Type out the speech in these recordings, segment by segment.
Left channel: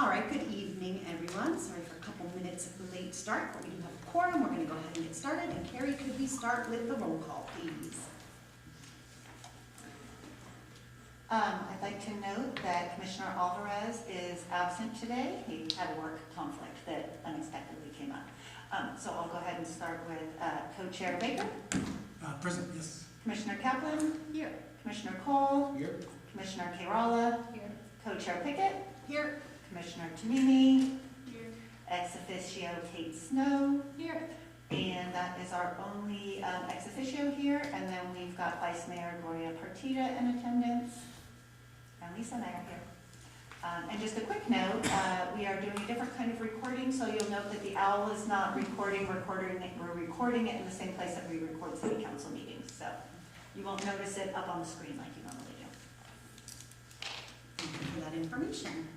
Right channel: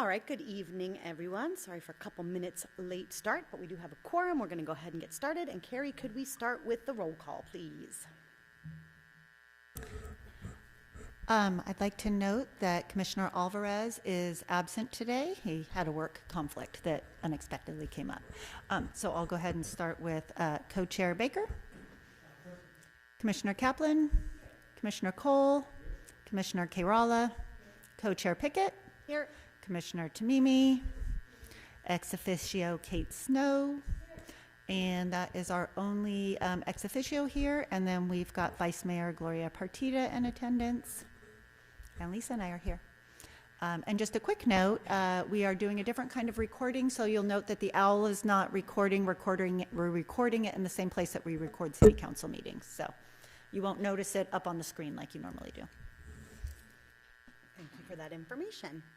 All right, good evening, everyone. Sorry for a couple minutes late start, but we do have a quorum. We're going to go ahead and get started. And Carrie, could we start with the roll call, please? I'd like to note that Commissioner Alvarez is absent today. He had a work conflict that unexpectedly came up. So I'll go ahead and start with Co-Chair Baker. Present, yes. Commissioner Kaplan. Here. Commissioner Cole. Here. Commissioner Kerala. Here. Co-Chair Pickett. Here. Commissioner Tamimi. Here. Ex officio Kate Snow. Here. And that is our only ex officio here. And then we've got Vice Mayor Gloria Partida in attendance. And Lisa and I are here. And just a quick note, we are doing a different kind of recording, so you'll note that the OWL is not we're recording it in the same place that we record city council meetings. So you won't notice it up on the screen like you normally do. Thank you for that information.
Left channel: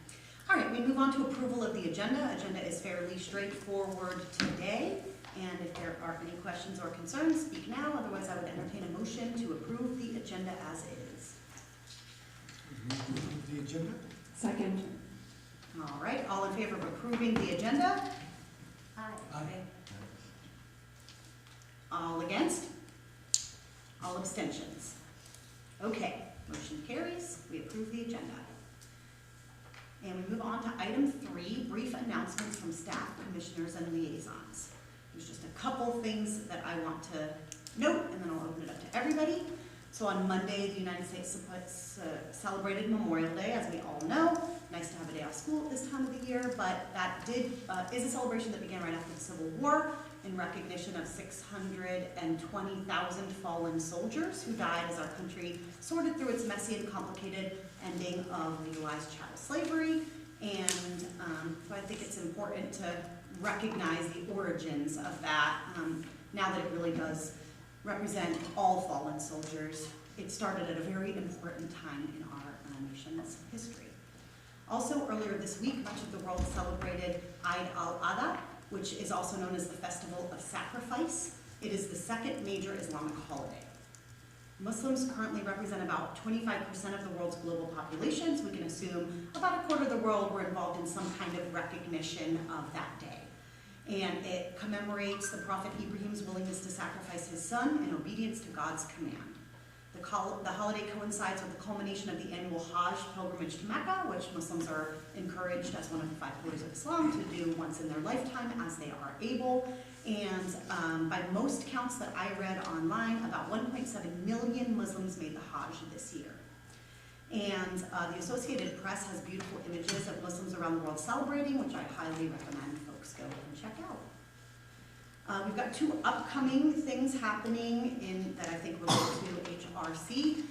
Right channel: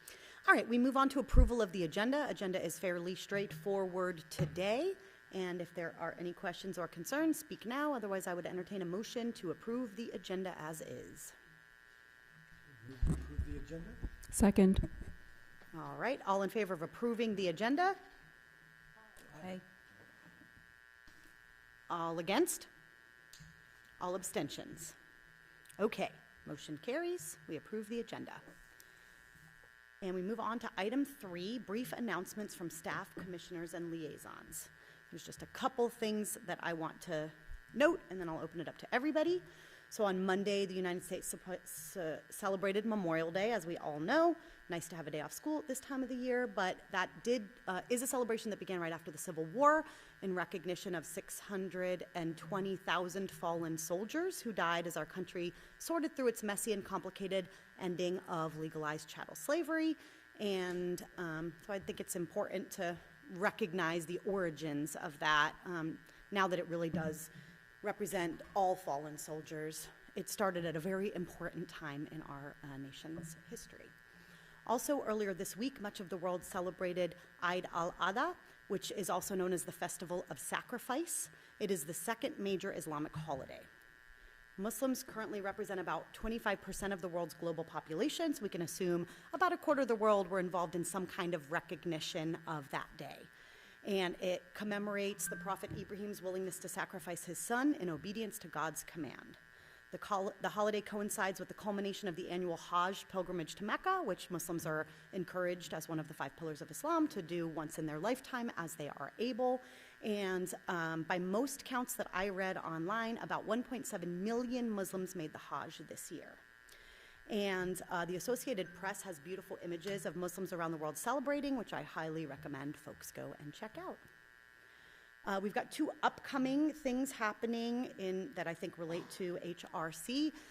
All right, we move on to approval of the agenda. Agenda is fairly straightforward today. And if there are any questions or concerns, speak now. Otherwise, I would entertain a motion to approve the agenda as is. The agenda? Second. All right, all in favor of approving the agenda? Aye. All against? All abstentions? Okay, motion carries. We approve the agenda. And we move on to item 3, brief announcements from staff, commissioners, and liaisons. There's just a couple things that I want to note, and then I'll open it up to everybody. So on Monday, the United States celebrated Memorial Day, as we all know. Nice to have a day off school at this time of the year, but that is a celebration that began right after the Civil War in recognition of 620,000 fallen soldiers who died as our country sorted through its messy and complicated ending of legalized chattel slavery. And so I think it's important to recognize the origins of that now that it really does represent all fallen soldiers. It started at a very important time in our nation's history. Also, earlier this week, much of the world celebrated Eid al-Adha, which is also known as the Festival of Sacrifice. It is the second major Islamic holiday. Muslims currently represent about 25% of the world's global population, so we can assume about a quarter of the world were involved in some kind of recognition of that day. And it commemorates the Prophet Ibrahim's willingness to sacrifice his son in obedience to God's command. The holiday coincides with the culmination of the annual Hajj pilgrimage to Mecca, which Muslims are encouraged as one of the 5 pillars of Islam to do once in their lifetime as they are able. And by most counts that I read online, about 1.7 million Muslims made the Hajj this year. And the Associated Press has beautiful images of Muslims around the world celebrating, which I highly recommend folks go and check out. We've got 2 upcoming things happening that I think relate to HRC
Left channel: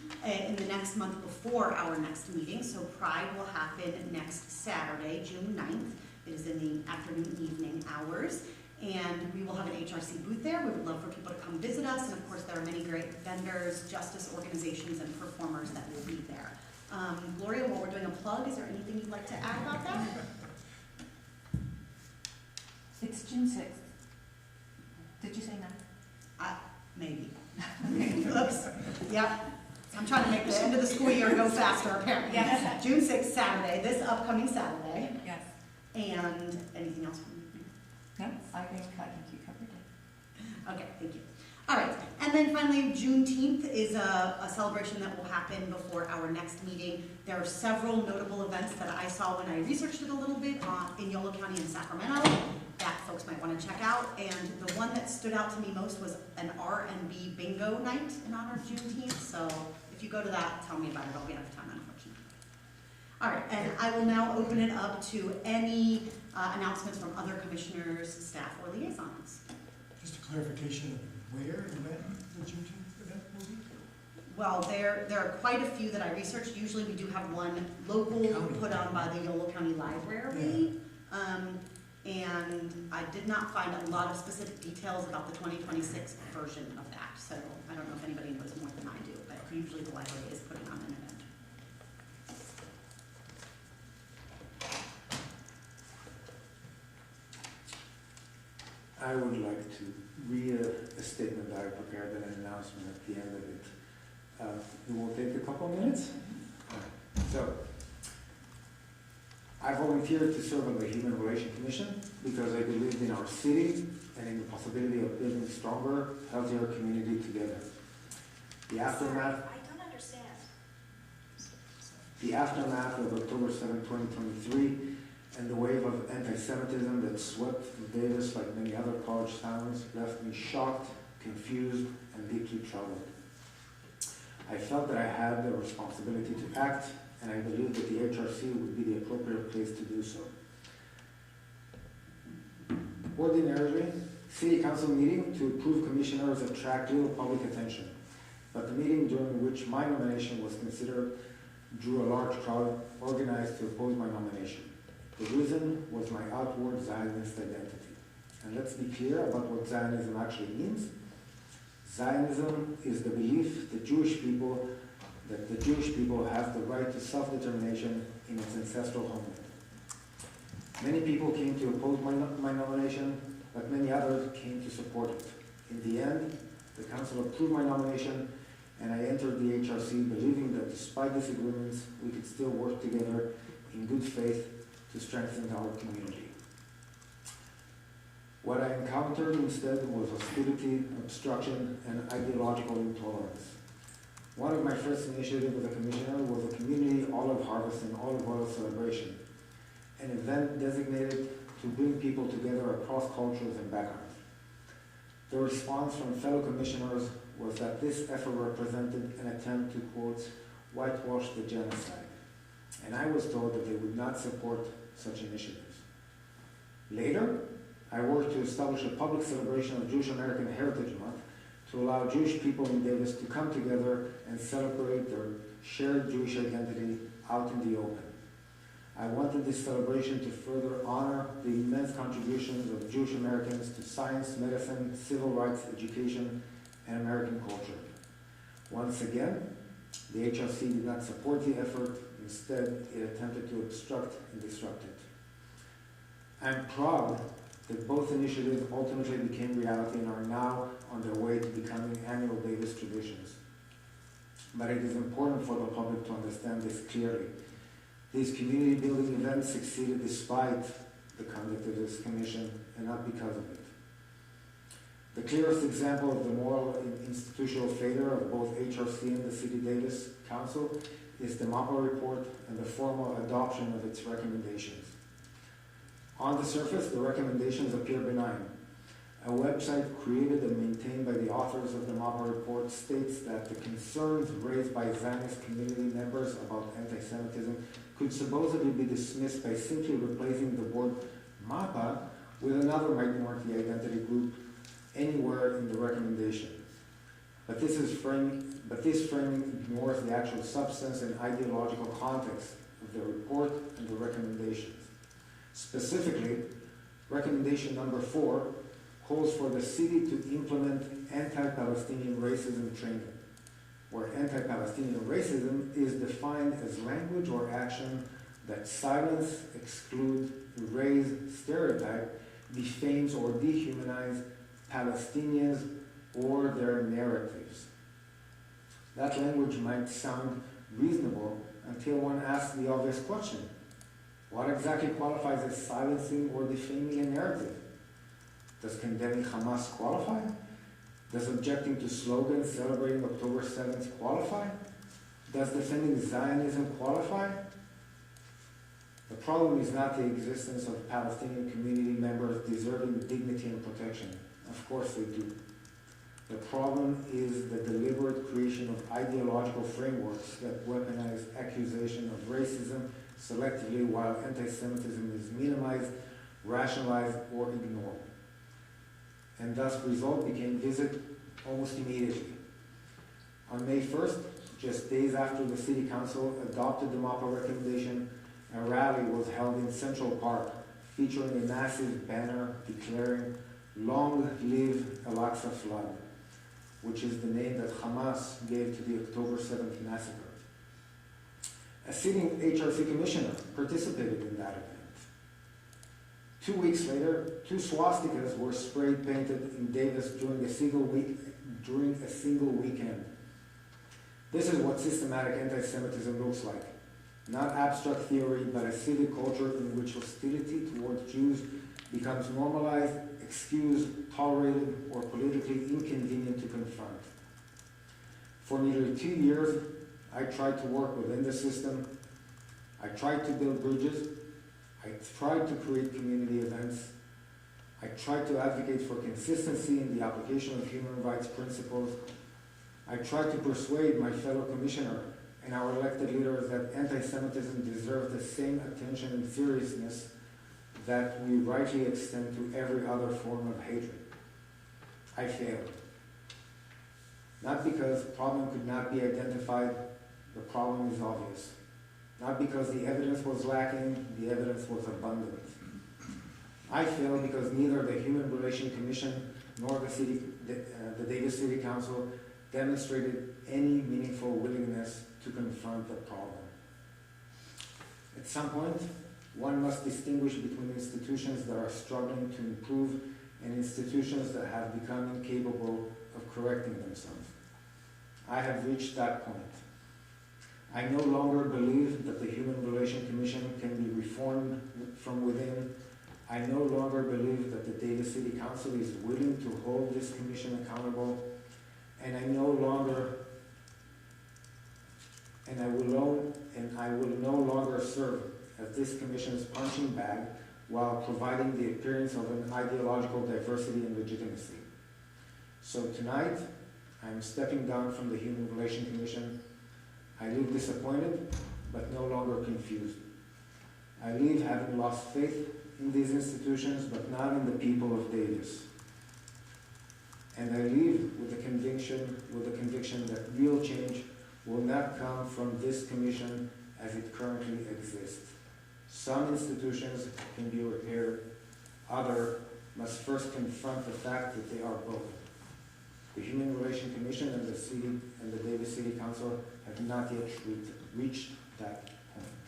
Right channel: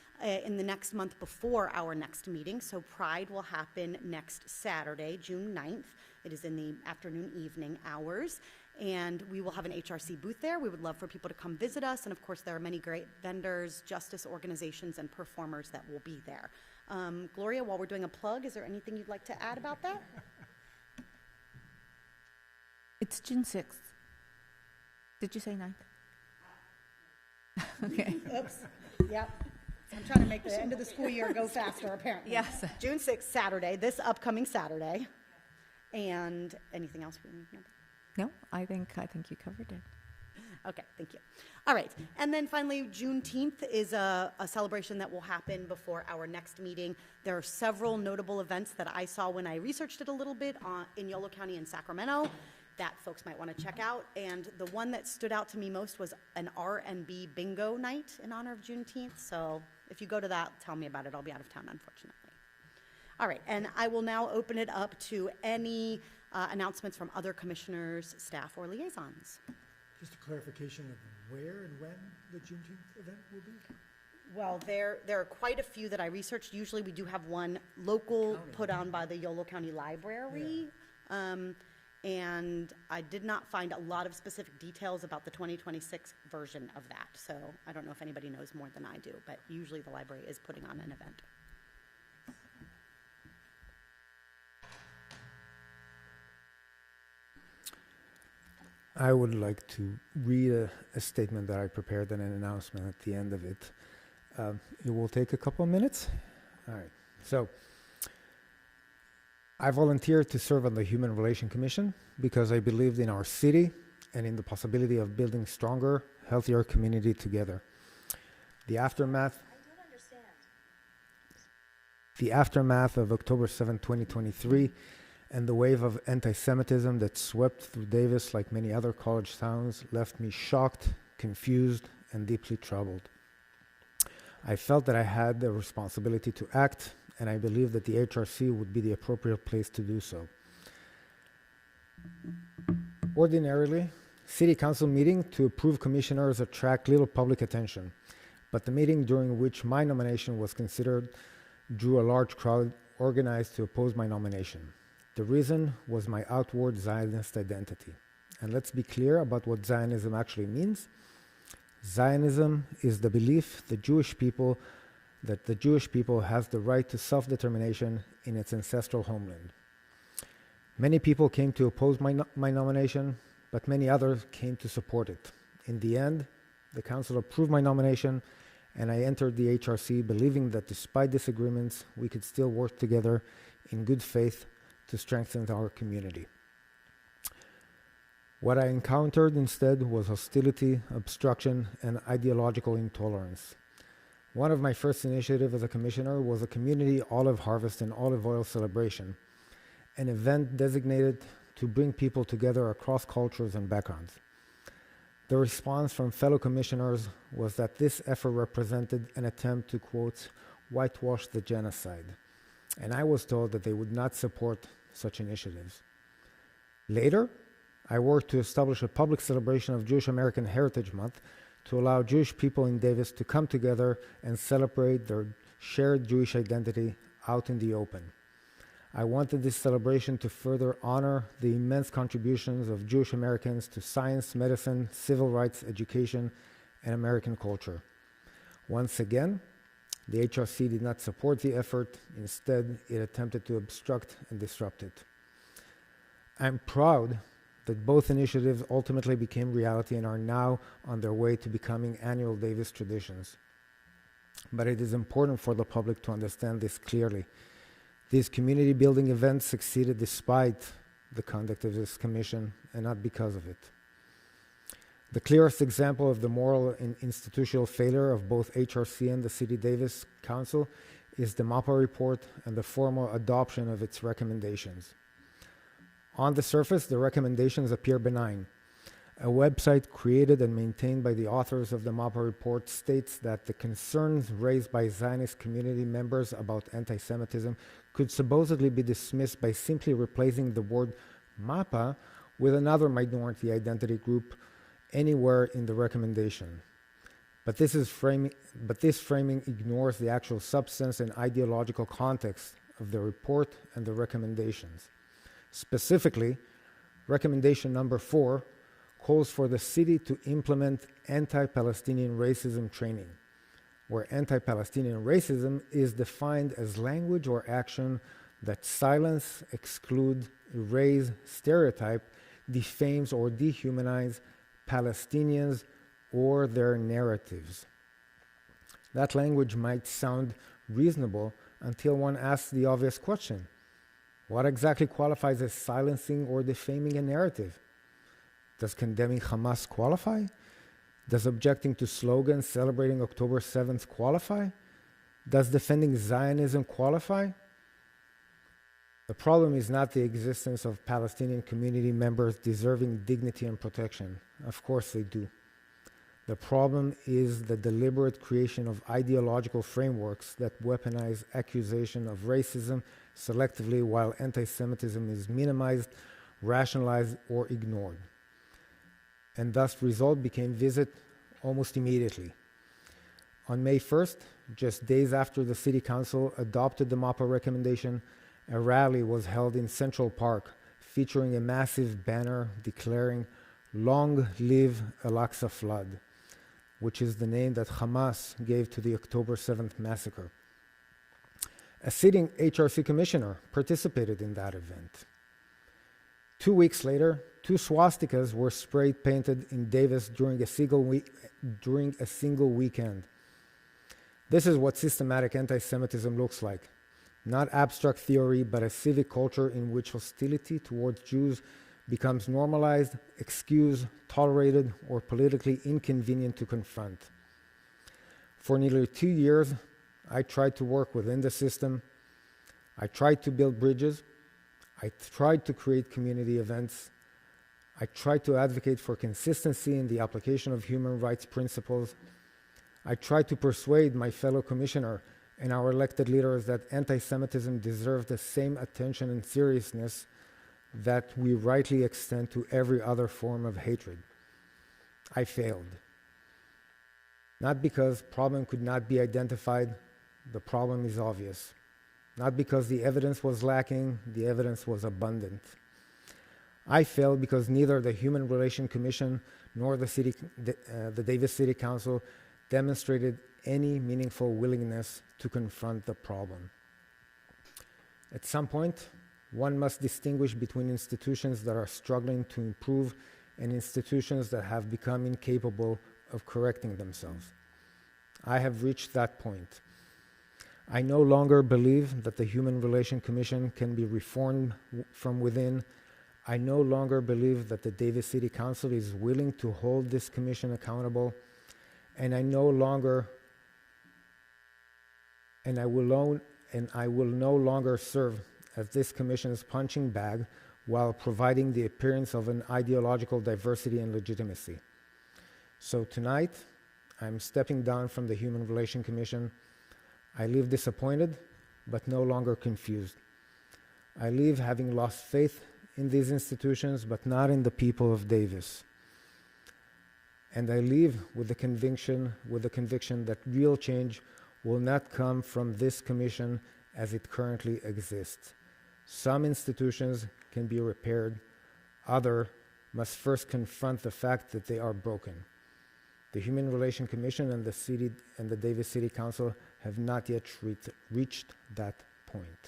in the next month before our next meeting. So Pride will happen next Saturday, June 9th. It is in the afternoon, evening hours. And we will have an HRC booth there. We would love for people to come visit us. And of course, there are many great vendors, justice organizations, and performers that will be there. Gloria, while we're doing a plug, is there anything you'd like to add about that? It's June 6th. Did you say 9? Maybe. Oops. Yep. I'm trying to make the end of the school year go faster, apparently. Yes. June 6th, Saturday, this upcoming Saturday. Yes. And anything else? No, I think you covered it. Okay, thank you. All right, and then finally, Juneteenth is a celebration that will happen before our next meeting. There are several notable events that I saw when I researched it a little bit in Yolo County and Sacramento that folks might want to check out. And the one that stood out to me most was an R&B bingo night in honor of Juneteenth. So if you go to that, tell me about it. I'll be out of town, unfortunately. All right, and I will now open it up to any announcements from other commissioners, staff, or liaisons. Just a clarification of where and when the Juneteenth event will be? Well, there are quite a few that I researched. Usually we do have one local put on by the Yolo County Library. And I did not find a lot of specific details about the 2026 version of that. So I don't know if anybody knows more than I do, but usually the library is putting on an event. I would like to read a statement that I prepared and an announcement at the end of it. It will take a couple of minutes. All right. So, I volunteered to serve on the Human Relations Commission because I believed in our city and in the possibility of building stronger, healthier community together. The aftermath of October 7, 2023, and the wave of anti-Semitism that swept through Davis like many other college towns left me shocked, confused, and deeply troubled. I felt that I had a responsibility to act, and I believed that the HRC would be the appropriate place to do so. Ordinarily, city council meetings to approve commissioners attract little public attention, but the meeting during which my nomination was considered drew a large crowd organized to oppose my nomination. The reason was my outward Zionist identity. And let's be clear about what Zionism actually means. Zionism is the belief that the Jewish people has the right to self-determination in its ancestral homeland. Many people came to oppose my nomination, but many others came to support it. In the end, the council approved my nomination, and I entered the HRC believing that despite disagreements, we could still work together in good faith to strengthen our community. What I encountered instead was hostility, obstruction, and ideological intolerance. One of my first initiatives as a commissioner was a community olive harvest and olive oil celebration, an event designated to bring people together across cultures and backgrounds. The response from fellow commissioners was that this effort represented an attempt to, quote, whitewash the genocide, and I was told that they would not support such initiatives. Later, I worked to establish a public celebration of Jewish American Heritage Month to allow Jewish people in Davis to come together and celebrate their shared Jewish identity out in the open. I wanted this celebration to further honor the immense contributions of Jewish Americans to science, medicine, civil rights, education, and American culture. Once again, the HRC did not support the effort. Instead, it attempted to obstruct and disrupt it. I'm proud that both initiatives ultimately became reality and are now on their way to becoming annual Davis traditions. But it is important for the public to understand this clearly. These community building events succeeded despite the conduct of this commission and not because of it. The clearest example of the moral and institutional failure of both HRC and the City Davis Council is the MAPA report and the formal adoption of its recommendations. On the surface, the recommendations appear benign. A website created and maintained by the authors of the MAPA report states that the concerns raised by Zionist community members about anti-Semitism could supposedly be dismissed by simply replacing the word MAPA with another minority identity group anywhere in the recommendation. But this framing ignores the actual substance and ideological context of the report and the recommendations. Specifically, recommendation number 4 calls for the city to implement anti-Palestinian racism training, where anti-Palestinian racism is defined as language or action that silence, exclude, erase, stereotype, defames, or dehumanize Palestinians or their narratives. That language might sound reasonable until one asks the obvious question: what exactly qualifies as silencing or defaming a narrative? Does condemning Hamas qualify? Does objecting to slogans celebrating October 7th qualify? Does defending Zionism qualify? The problem is not the existence of Palestinian community members deserving dignity and protection. Of course they do. The problem is the deliberate creation of ideological frameworks that weaponize accusation of racism selectively while anti-Semitism is minimized, rationalized, or ignored. And thus result became visible almost immediately. On May 1st, just days after the City Council adopted the MAPA recommendation, a rally was held in Central Park featuring a massive banner declaring "Long live Al-Aqsa Flood," which is the name that Hamas gave to the October 7th massacre. A sitting HRC commissioner participated in that event. 2 weeks later, 2 swastikas were spray painted in Davis during a single weekend. This is what systematic anti-Semitism looks like. not abstract theory, but a civic culture in which hostility towards Jews becomes normalized, excused, tolerated, or politically inconvenient to confront. For nearly 2 years, I tried to work within the system. I tried to build bridges. I tried to create community events. I tried to advocate for consistency in the application of human rights principles. I tried to persuade my fellow commissioner and our elected leaders that anti-Semitism deserves the same attention and seriousness that we rightly extend to every other form of hatred. I failed. Not because problem could not be identified, the problem is obvious. Not because the evidence was lacking, the evidence was abundant. I failed because neither the Human Relations Commission nor the Davis City Council demonstrated any meaningful willingness to confront the problem. At some point, one must distinguish between institutions that are struggling to improve and institutions that have become incapable of correcting themselves. I have reached that point. I no longer believe that the Human Relations Commission can be reformed from within. I no longer believe that the Davis City Council is willing to hold this commission accountable, and I will no longer serve as this commission's punching bag while providing the appearance of an ideological diversity and legitimacy. So tonight, I'm stepping down from the Human Relations Commission. I leave disappointed, but no longer confused. I leave having lost faith in these institutions, but not in the people of Davis. And I leave with the conviction that real change will not come from this commission as it currently exists. Some institutions can be repaired, others must first confront the fact that they are broken. The Human Relations Commission and the Davis City Council have not yet reached that point.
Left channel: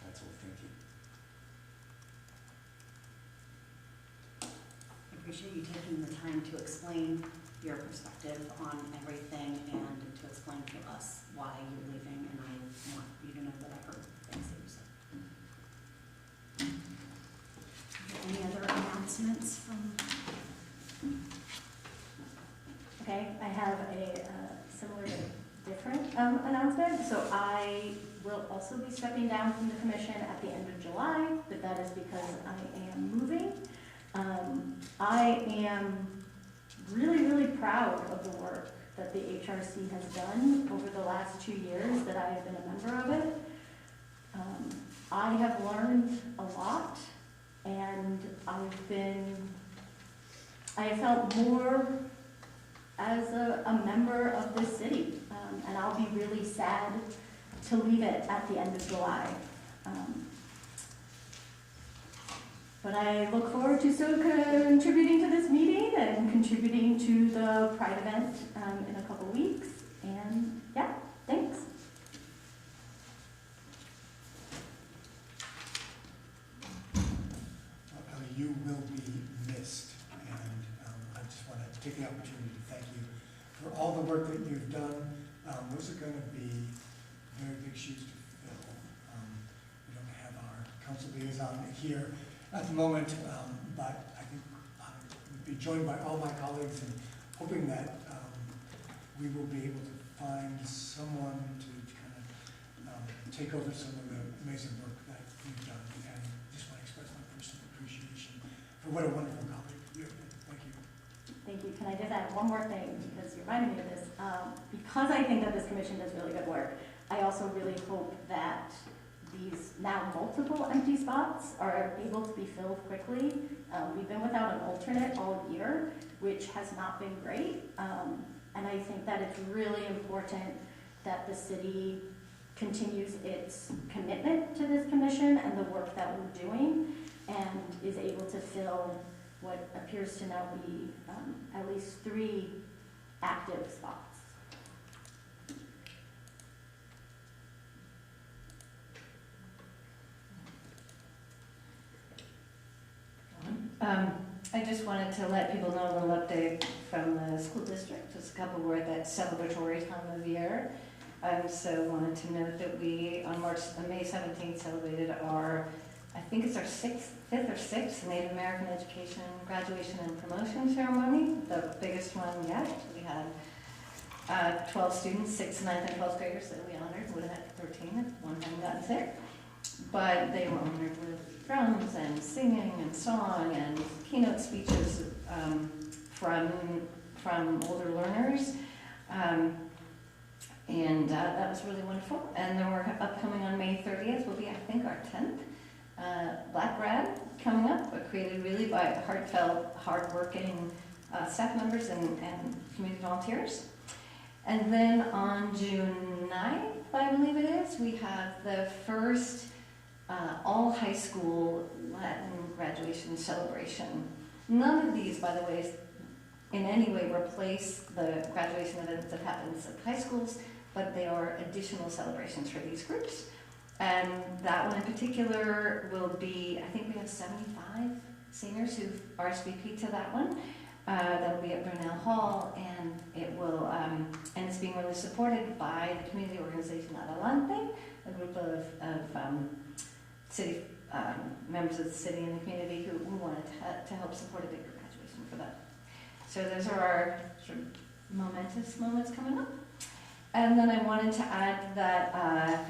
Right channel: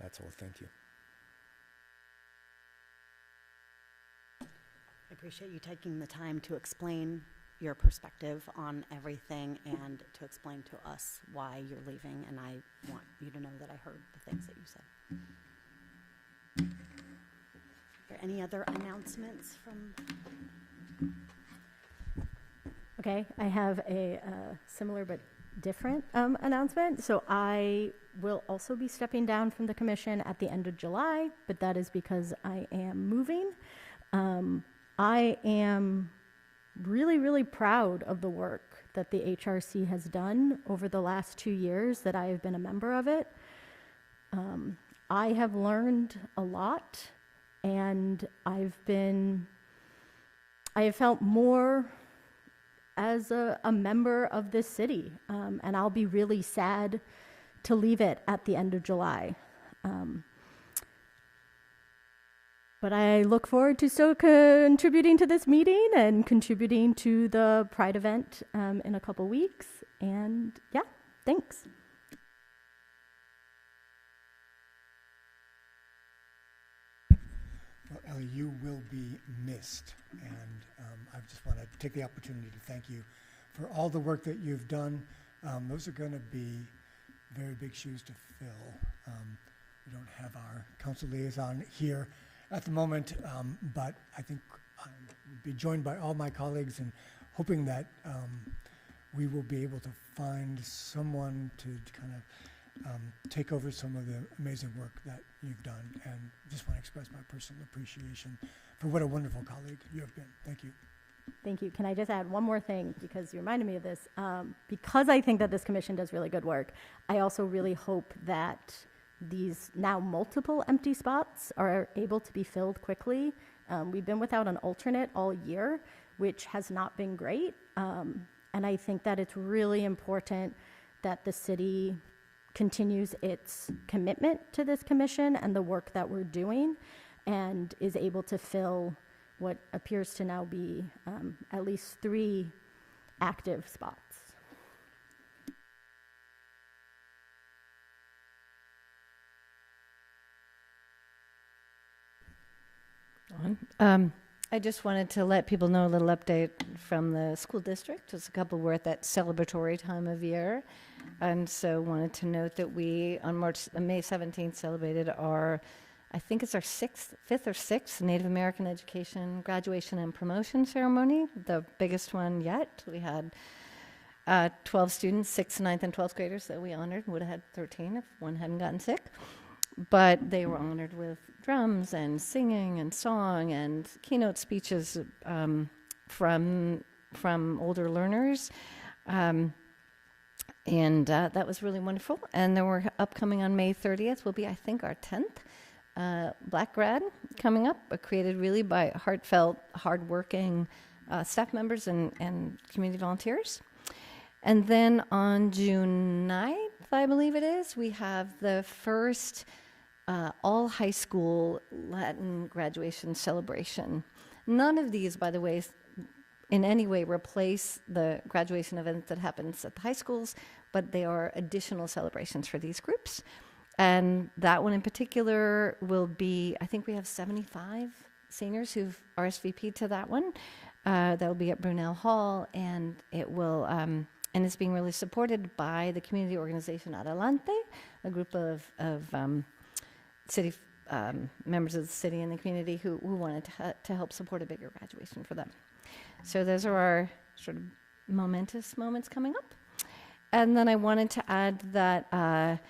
That's all. Thank you. I appreciate you taking the time to explain your perspective on everything and to explain to us why you're leaving, and I want you to know that I heard the things that you said. Any other announcements from? Okay, I have a similar but different announcement. So I will also be stepping down from the commission at the end of July, but that is because I am moving. I am really, really proud of the work that the HRC has done over the last 2 years that I have been a member of it. I have learned a lot, and I have felt more as a member of this city, and I'll be really sad to leave it at the end of July. But I look forward to still contributing to this meeting and contributing to the Pride event in a couple weeks. And yeah, thanks. Well, Ellie, you will be missed, and I just want to take the opportunity to thank you for all the work that you've done. Those are going to be very big shoes to fill. We don't have our council liaison here at the moment, but I think we'll be joined by all my colleagues in hoping that we will be able to find someone to kind of take over some of the amazing work that you've done. And just want to express my personal appreciation for what a wonderful colleague you have been. Thank you. Thank you. Can I just add one more thing, because you reminded me of this? Because I think that this commission does really good work, I also really hope that these now multiple empty spots are able to be filled quickly. We've been without an alternate all year, which has not been great. And I think that it's really important that the city continues its commitment to this commission and the work that we're doing, and is able to fill what appears to now be at least 3 active spots. I just wanted to let people know a little update from the school district. Just a couple, we're at that celebratory time of year. So wanted to note that we, on May 17th, celebrated our, I think it's our fifth or sixth Native American Education graduation and promotion ceremony, the biggest one yet. We had 12 students, 6th, 9th, and 12th graders that we honored. Would have had 13 if one hadn't gotten sick. But they were honored with drums and singing and song and keynote speeches from older learners. And that was really wonderful. And then we're upcoming on May 30th will be, I think, our 10th Black Grad coming up, created really by heartfelt, hardworking staff members and community volunteers. And then on June 9th, I believe it is, we have the first all high school Latin graduation celebration. None of these, by the way, in any way replace the graduation events that happens at high schools, but they are additional celebrations for these groups. And that one in particular will be, I think we have 75 seniors who've RSVP'd to that one. That'll be at Brunel Hall, and it will, and it's being really supported by the community organization Adelante, a group of city members of the city and the community who wanted to help support a bigger graduation for that. So those are our sort of momentous moments coming up. And then I wanted to add that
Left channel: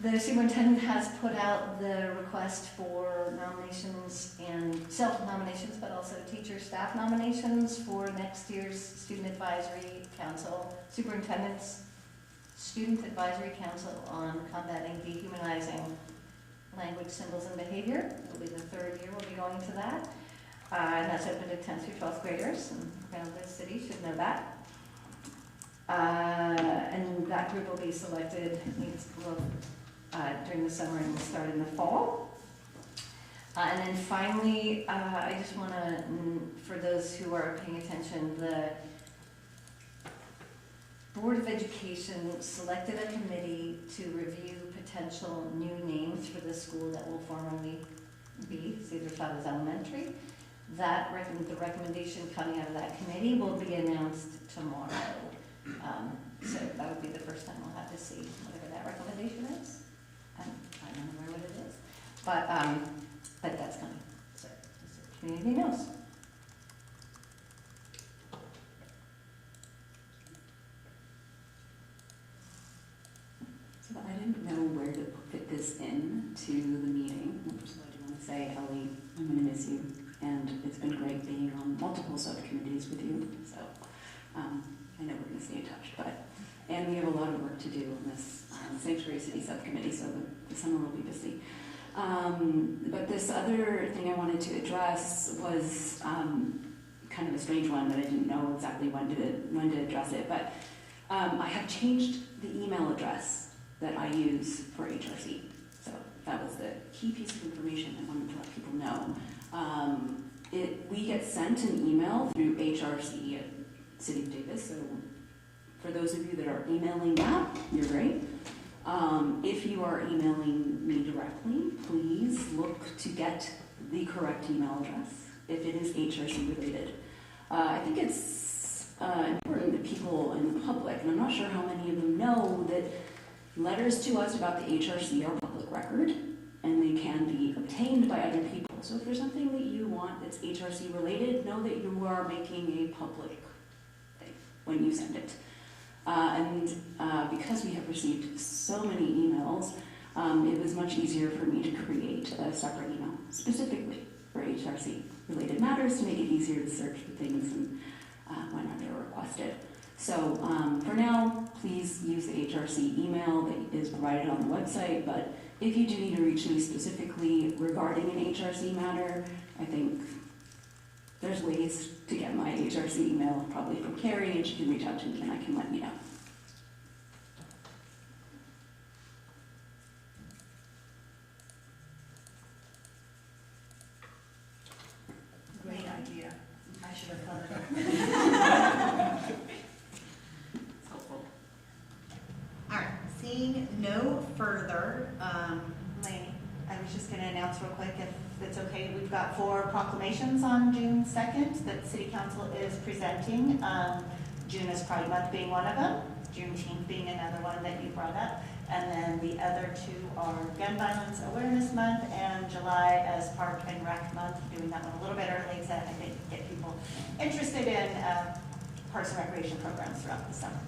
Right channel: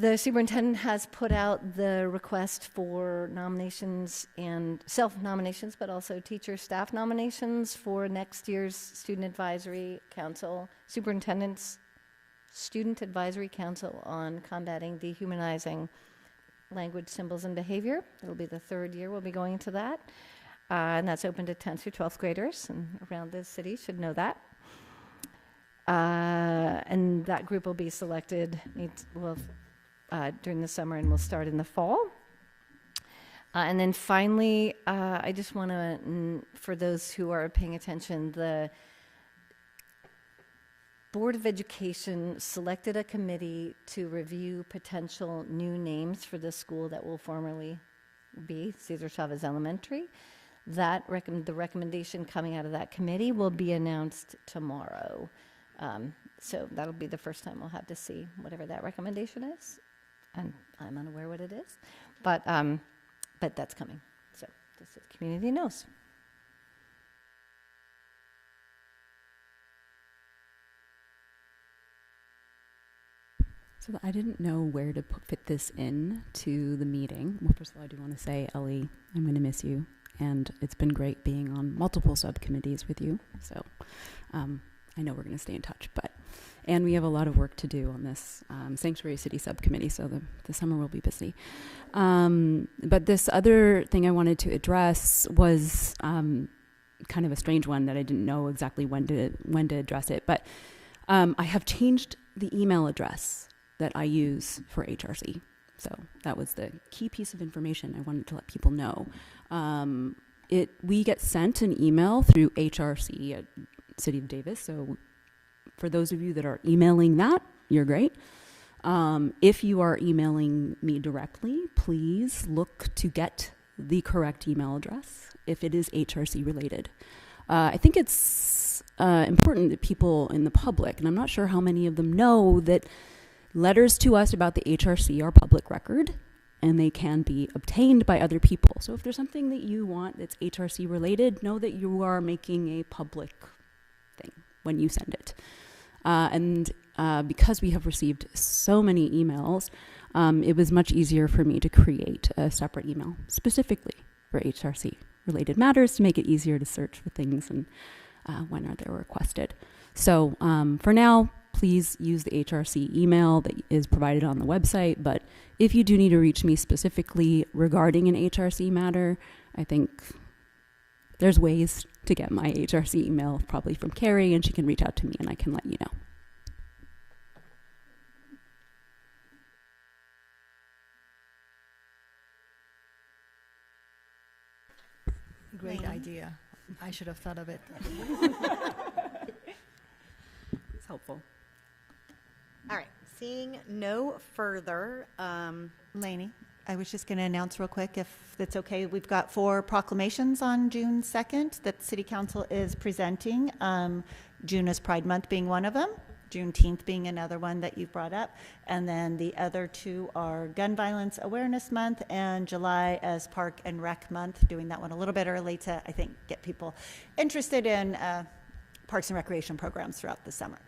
the superintendent has put out the request for nominations and self-nominations, but also teacher staff nominations for next year's Student Advisory Council, Superintendent's Student Advisory Council on combating dehumanizing language, symbols, and behavior. It'll be the 3rd year we'll be going to that. And that's open to 10th through 12th graders, and around the city should know that. And that group will be selected during the summer, and will start in the fall. And then finally, I just want to, for those who are paying attention, the Board of Education selected a committee to review potential new names for the school that will formerly be Cesar Chavez Elementary. The recommendation coming out of that committee will be announced tomorrow. So that would be the first time we'll have to see whatever that recommendation is. I'm unaware what it is, but that's coming. So the community knows. So I didn't know where to fit this in to the meeting. Well, first of all, I do want to say, Ellie, I'm going to miss you, and it's been great being on multiple subcommittees with you. So I know we're going to stay in touch, and we have a lot of work to do on this Sanctuary City subcommittee, so the summer will be busy. But this other thing I wanted to address was kind of a strange one that I didn't know exactly when to address it, but I have changed the email address that I use for HRC. So that was the key piece of information I wanted to let people know. We get sent an email through HRC at City of Davis, so for those of you that are emailing that, you're great. If you are emailing me directly, please look to get the correct email address if it is HRC related. I think it's important that people in the public, and I'm not sure how many of them know, that letters to us about the HRC are public record, and they can be obtained by other people. So if there's something that you want that's HRC related, know that you are making a public thing when you send it. Because we have received so many emails, it was much easier for me to create a separate email specifically for HRC related matters to make it easier to search for things and whenever they're requested. So for now, please use the HRC email that is provided on the website, but if you do need to reach me specifically regarding an HRC matter, I think there's ways to get my HRC email, probably from Carrie, and she can reach out to me and I can let you know. Great idea. I should have thought of it. It's helpful. All right, seeing no further, Lainey, I was just going to announce real quick, if it's okay, we've got 4 proclamations on June 2nd that City Council is presenting. June is Pride Month being one of them. Juneteenth being another one that you brought up. And then the other two are Gun Violence Awareness Month and July as Park and Rec Month, doing that one a little bit early to, I think, get people interested in parks and recreation programs throughout the summer.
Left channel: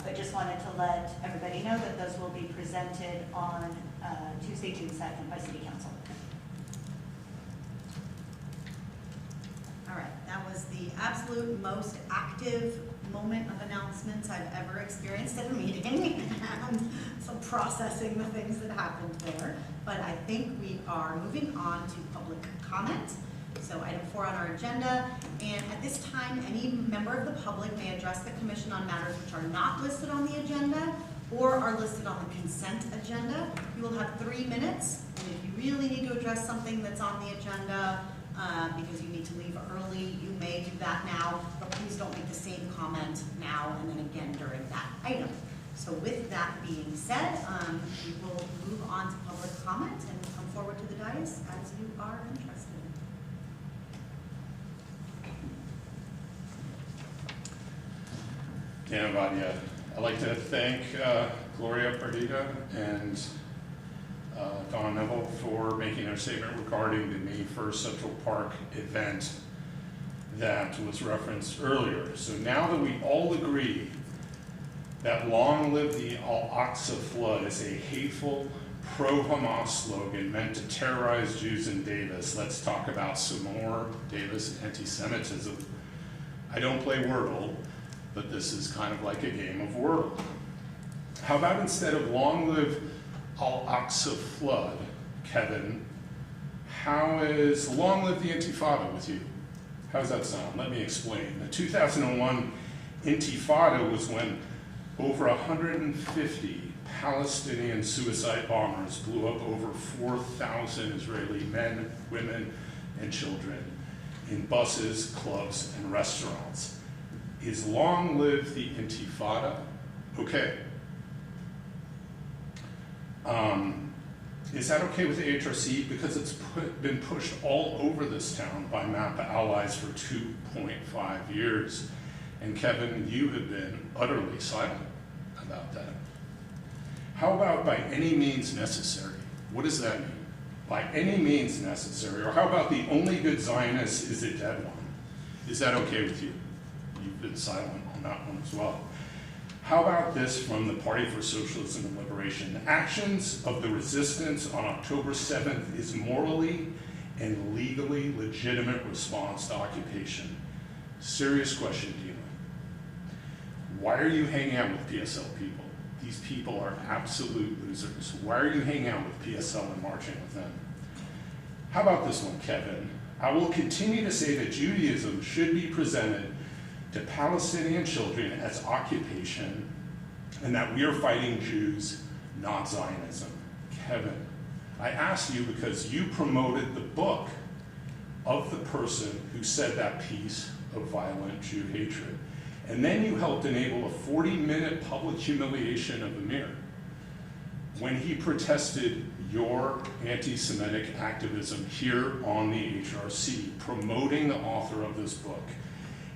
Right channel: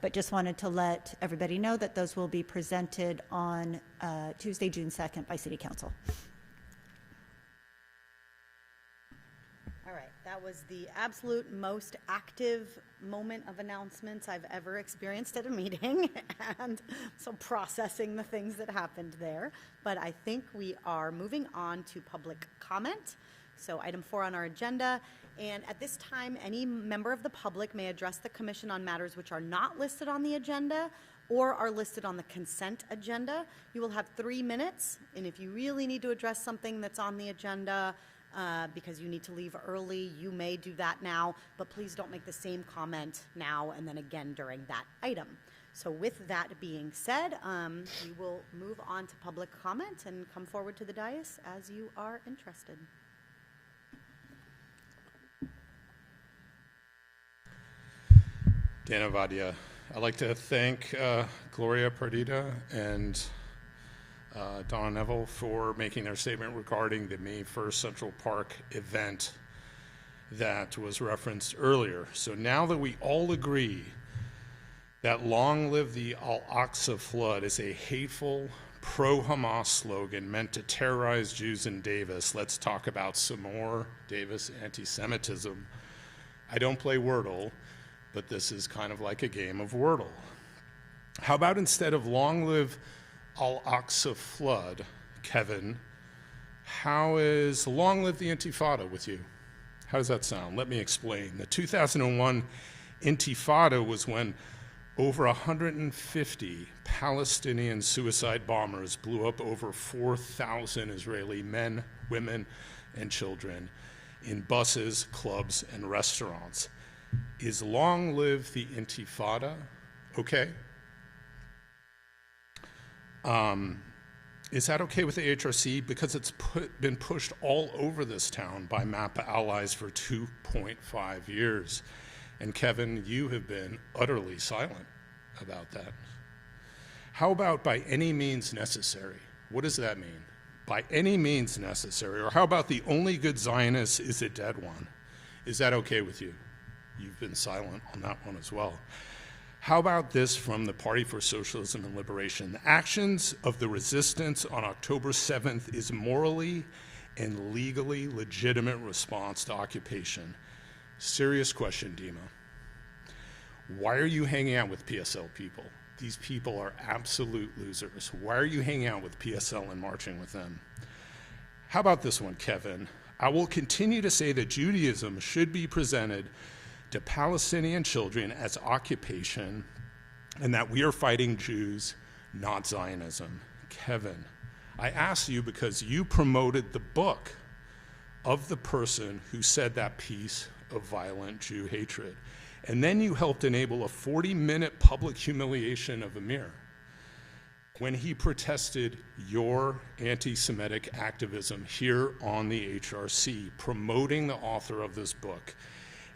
But just wanted to let everybody know that those will be presented on Tuesday, June 2nd by City Council. All right, that was the absolute most active moment of announcements I've ever experienced at a meeting, and so processing the things that happened there. But I think we are moving on to public comment. So item 4 on our agenda, and at this time, any member of the public may address the commission on matters which are not listed on the agenda or are listed on the consent agenda. You will have 3 minutes, and if you really need to address something that's on the agenda, because you need to leave early, you may do that now, but please don't make the same comment now and then again during that item. So with that being said, we will move on to public comment and come forward to the dais as you are interested. Dan Avadia. I'd like to thank Gloria Perdita and Donna Neville for making their statement regarding the May 1st Central Park event that was referenced earlier. So now that we all agree that long live the Al-Aqsa flood is a hateful pro-Hamas slogan meant to terrorize Jews in Davis, let's talk about some more Davis anti-Semitism. I don't play Wordle, but this is kind of like a game of Wordle. How about instead of long live Al-Aqsa flood, Kevin, how is long live the Intifada with you? How does that sound? Let me explain. The 2001 Intifada was when over 150 Palestinian suicide bombers blew up over 4,000 Israeli men, women, and children in buses, clubs, and restaurants. Is long live the Intifada okay? Is that okay with AHRC? Because it's been pushed all over this town by MAPA allies for 2.5 years. And Kevin, you have been utterly silent about that. How about by any means necessary? What does that mean? By any means necessary. Or how about the only good Zionist is a dead one? Is that okay with you? You've been silent on that one as well. How about this from the Party for Socialism and Liberation? The actions of the resistance on October 7th is morally and legally legitimate response to occupation. Serious question, Dima. Why are you hanging out with PSL people? These people are absolute losers. Why are you hanging out with PSL and marching with them? How about this one, Kevin? I will continue to say that Judaism should be presented to Palestinian children as occupation and that we are fighting Jews, not Zionism. Kevin, I ask you because you promoted the book of the person who said that piece of violent Jew hatred. And then you helped enable a 40-minute public humiliation of Amir when he protested your anti-Semitic activism here on the HRC, promoting the author of this book.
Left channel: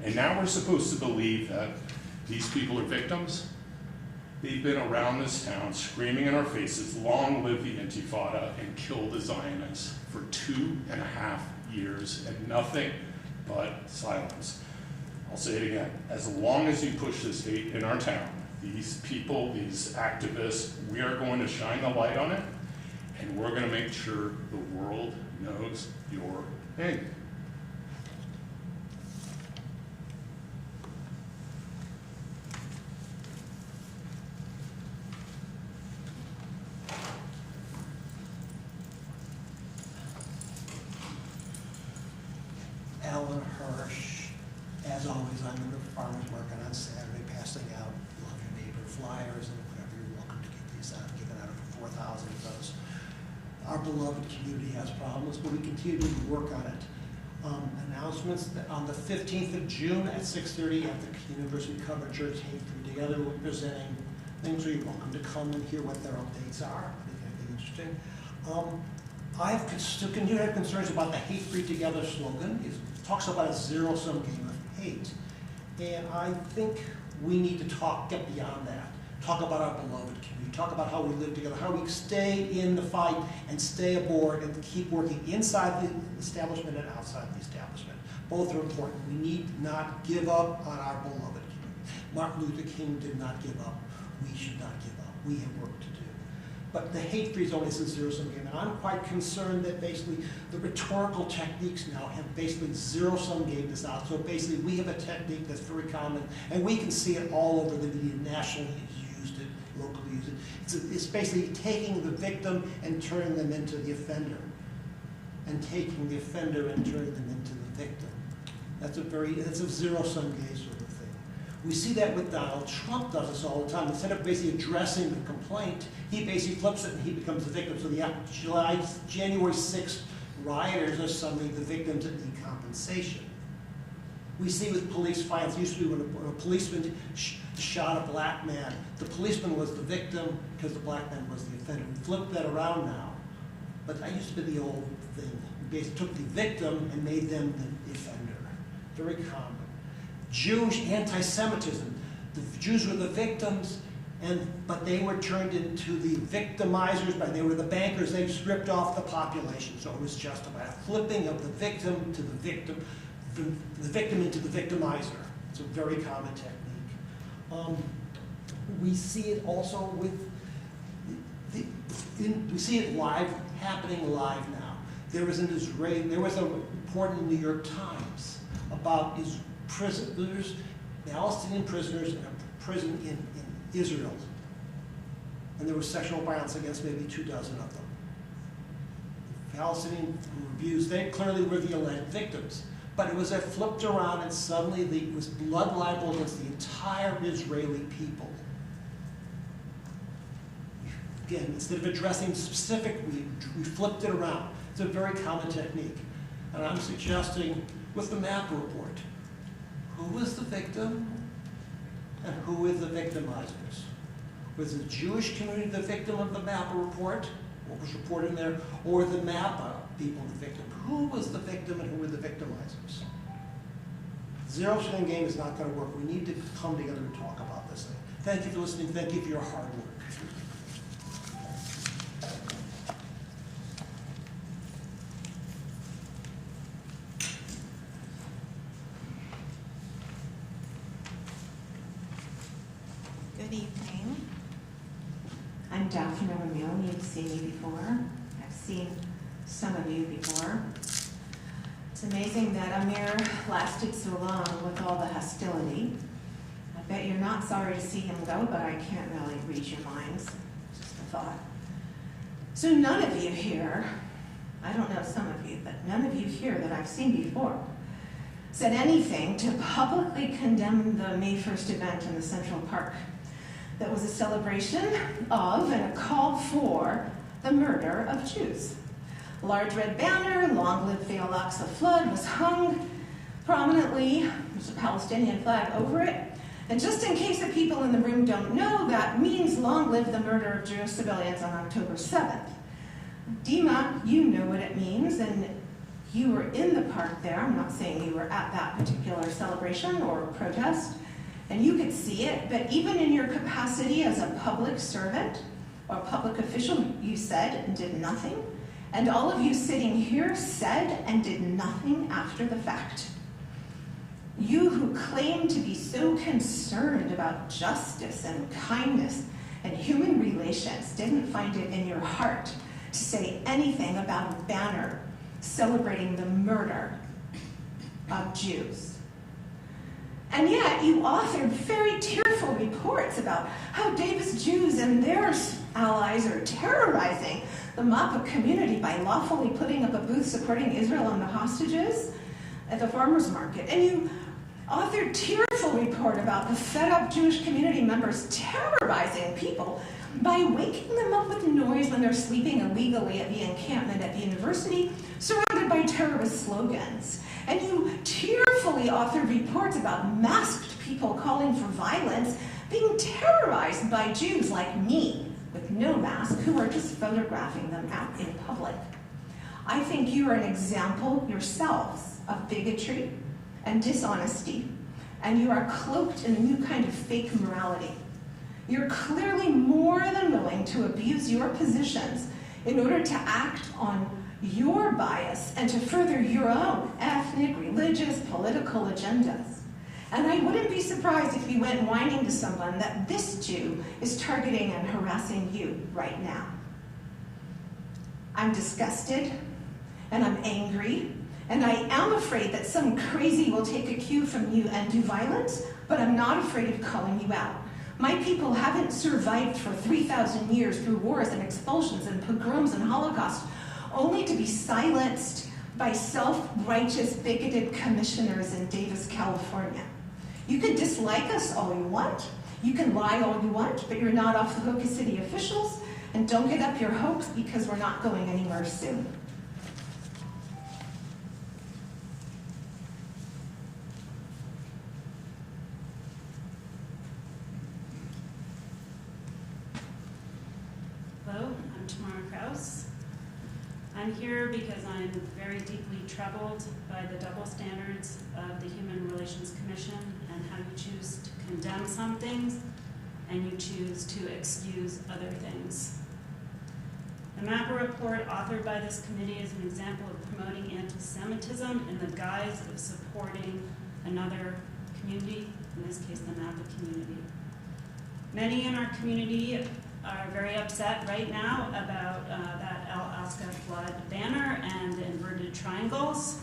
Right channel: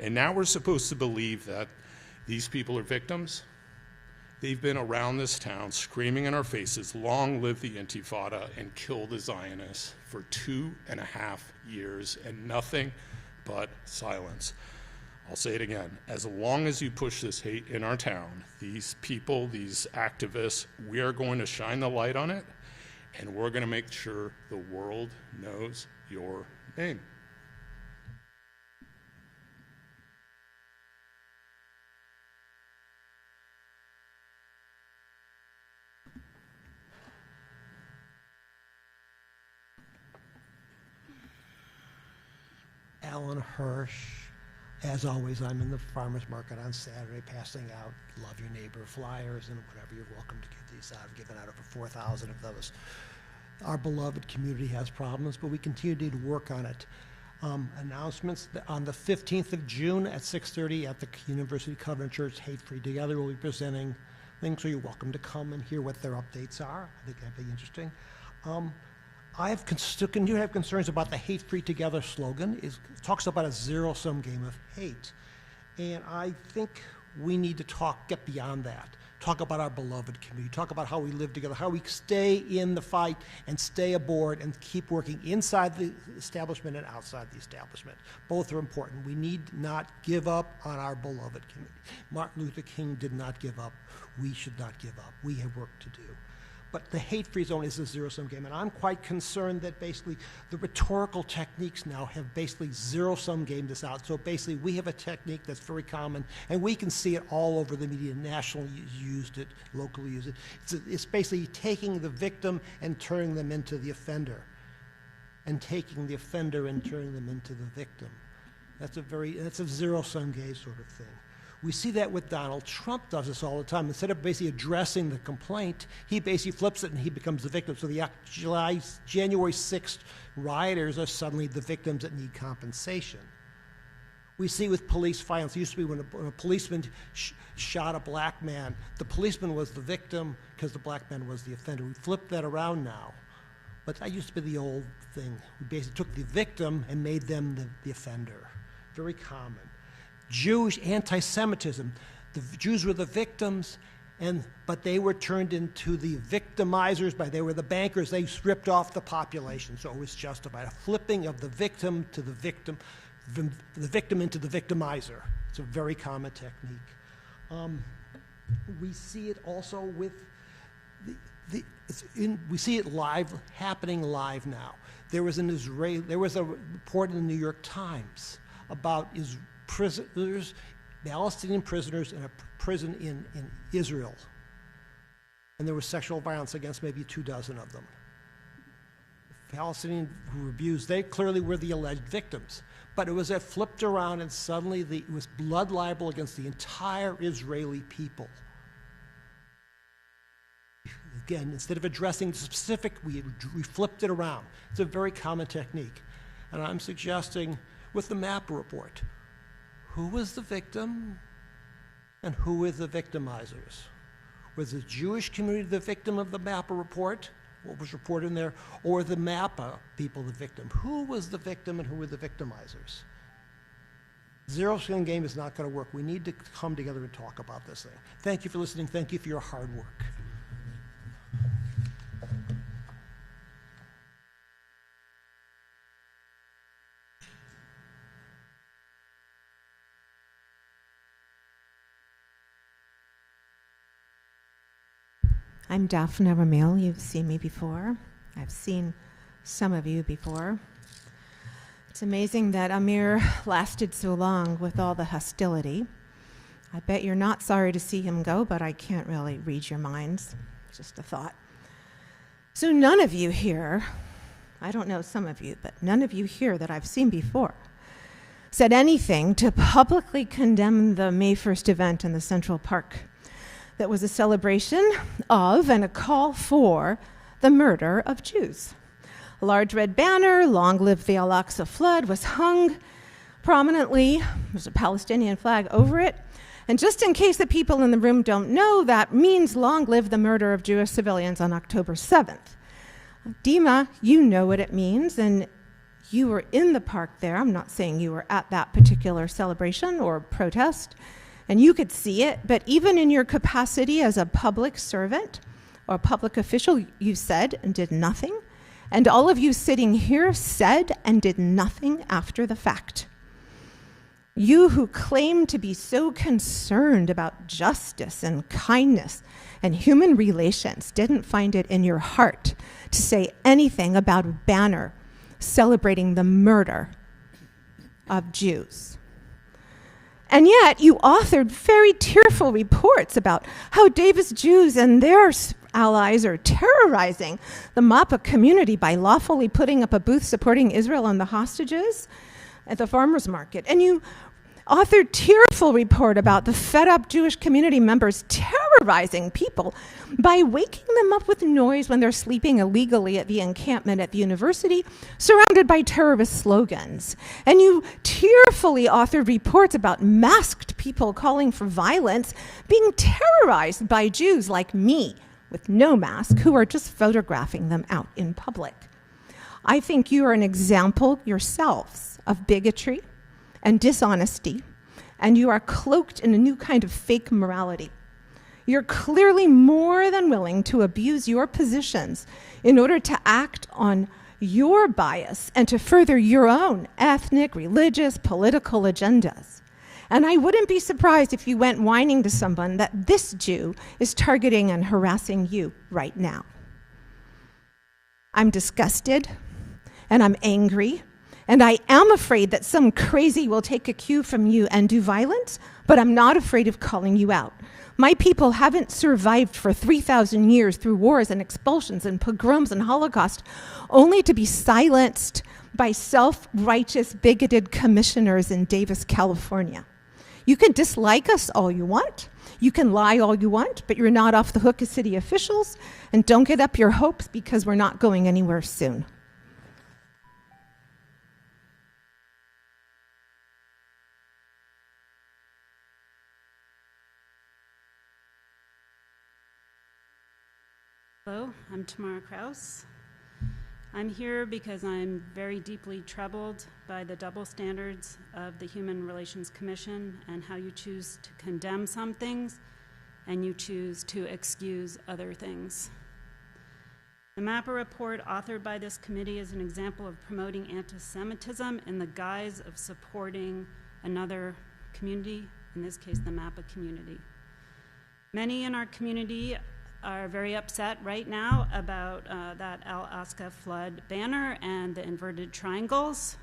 And now we're supposed to believe that these people are victims? They've been around this town screaming in our faces, long live the Intifada, and kill the Zionists for 2.5 years, and nothing but silence. I'll say it again. As long as you push this hate in our town, these people, these activists, we are going to shine the light on it, and we're going to make sure the world knows your name. Alan Hirsch. As always, I'm in the farmer's market on Saturday passing out Love Your Neighbor flyers and whatever. You're welcome to get these out, given out over 4,000 of those. Our beloved community has problems, but we continue to work on it. Announcements on the 15th of June at 6:30 at the University Covenant Church Hate Free Together. We'll be presenting things, so you're welcome to come and hear what their updates are. I think that'd be interesting. I continue to have concerns about the Hate Free Together slogan. It talks about a zero-sum game of hate. And I think We need to get beyond that. Talk about our beloved community. Talk about how we live together, how we stay in the fight and stay aboard and keep working inside the establishment and outside the establishment. Both are important. We need not give up on our beloved community. Martin Luther King did not give up. We should not give up. We have work to do. But the hate-free zone is a zero-sum game, and I'm quite concerned that basically the rhetorical techniques now have basically zero-sum game this out. So basically we have a technique that's very common, and we can see it all over the media. Nationally used it, locally used it. It's basically taking the victim and turning them into the offender, and taking the offender and turning them into the victim. That's a zero-sum game sort of thing. We see that with Donald Trump does this all the time. Instead of basically addressing the complaint, he basically flips it and he becomes the victim. So the January 6th rioters are suddenly the victims that need compensation. We see with police violence, it used to be when a policeman shot a black man, the policeman was the victim because the black man was the offender. We flip that around now, but that used to be the old thing. We basically took the victim and made them the offender. Very common. Jewish anti-Semitism. The Jews were the victims, but they were turned into the victimizers. They were the bankers. They stripped off the population, so it was justified. A flipping of the victim to the victim, from the victim into the victimizer. It's a very common technique. We see it also with we see it happening live now. There was a report in the New York Times about prisoners, Palestinian prisoners in a prison in Israel. And there was sexual violence against maybe 24 of them. Palestinian reviews, they clearly were the alleged victims. But it was flipped around and suddenly it was blood libel against the entire Israeli people. Again, instead of addressing the specific, we flipped it around. It's a very common technique. And I'm suggesting with the MAP report, who was the victim and who were the victimizers? Was the Jewish community the victim of the MAPA report, what was reported in there, or the MAPA people the victim? Who was the victim and who were the victimizers? Zero-sum game is not going to work. We need to come together and talk about this thing. Thank you for listening. Thank you for your hard work. Good evening. I'm Daphne Ramil. You've seen me before. I've seen some of you before. It's amazing that Amir lasted so long with all the hostility. I bet you're not sorry to see him go, but I can't really read your minds. Just a thought. So none of you here, I don't know some of you, but none of you here that I've seen before said anything to publicly condemn the May 1st event in the Central Park that was a celebration of and a call for the murder of Jews. A large red banner, "Long live the Al-Aqsa flood," was hung prominently. There's a Palestinian flag over it. And just in case the people in the room don't know, that means long live the murder of Jewish civilians on October 7th. Dima, you know what it means, and you were in the park there. I'm not saying you were at that particular celebration or protest, and you could see it, but even in your capacity as a public servant or public official, you said and did nothing. And all of you sitting here said and did nothing after the fact. You who claim to be so concerned about justice and kindness and human relations didn't find it in your heart to say anything about a banner celebrating the murder of Jews. And yet you authored very tearful reports about how Davis Jews and their allies are terrorizing the MAPA community by lawfully putting up a booth supporting Israel and the hostages at the farmers market. And you authored tearful report about the fed-up Jewish community members terrorizing people by waking them up with noise when they're sleeping illegally at the encampment at the university, surrounded by terrorist slogans. And you tearfully authored reports about masked people calling for violence being terrorized by Jews like me, with no mask, who are just photographing them out in public. I think you are an example yourselves of bigotry and dishonesty and you are cloaked in a new kind of fake morality. You're clearly more than willing to abuse your positions in order to act on your bias and to further your own ethnic, religious, political agendas. And I wouldn't be surprised if you went whining to someone that this Jew is targeting and harassing you right now. I'm disgusted, and I'm angry, and I am afraid that some crazy will take a cue from you and do violence, but I'm not afraid of calling you out. My people haven't survived for 3,000 years through wars and expulsions and pogroms and Holocaust, only to be silenced by self-righteous, bigoted commissioners in Davis, California. You can dislike us all you want, you can lie all you want, but you're not off the hook as city officials, and don't get up your hopes because we're not going anywhere soon. Hello, I'm Tamara Kraus. I'm here because I'm very deeply troubled by the double standards of the Human Relations Commission and how you choose to condemn some things and you choose to excuse other things. The MAPA report authored by this committee is an example of promoting anti-Semitism in the guise of supporting another community, in this case the MAPA community. Many in our community are very upset right now about that Al-Aqsa flood banner and the inverted triangles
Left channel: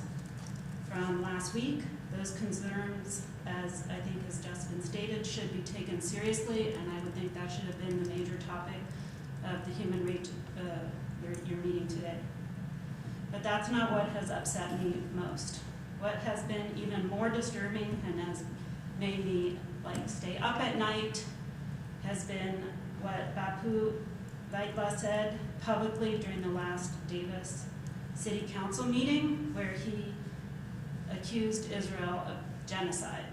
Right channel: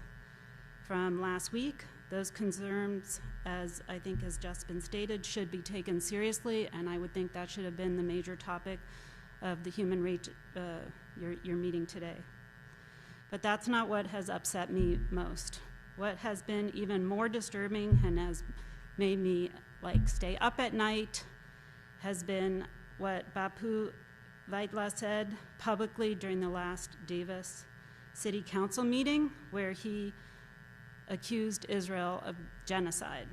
from last week. Those concerns, as I think has just been stated, should be taken seriously, and I would think that should have been the major topic of the your meeting today. But that's not what has upset me most. What has been even more disturbing and has made me stay up at night has been what Bapu Vaigla said publicly during the last Davis City Council meeting, where he accused Israel of genocide.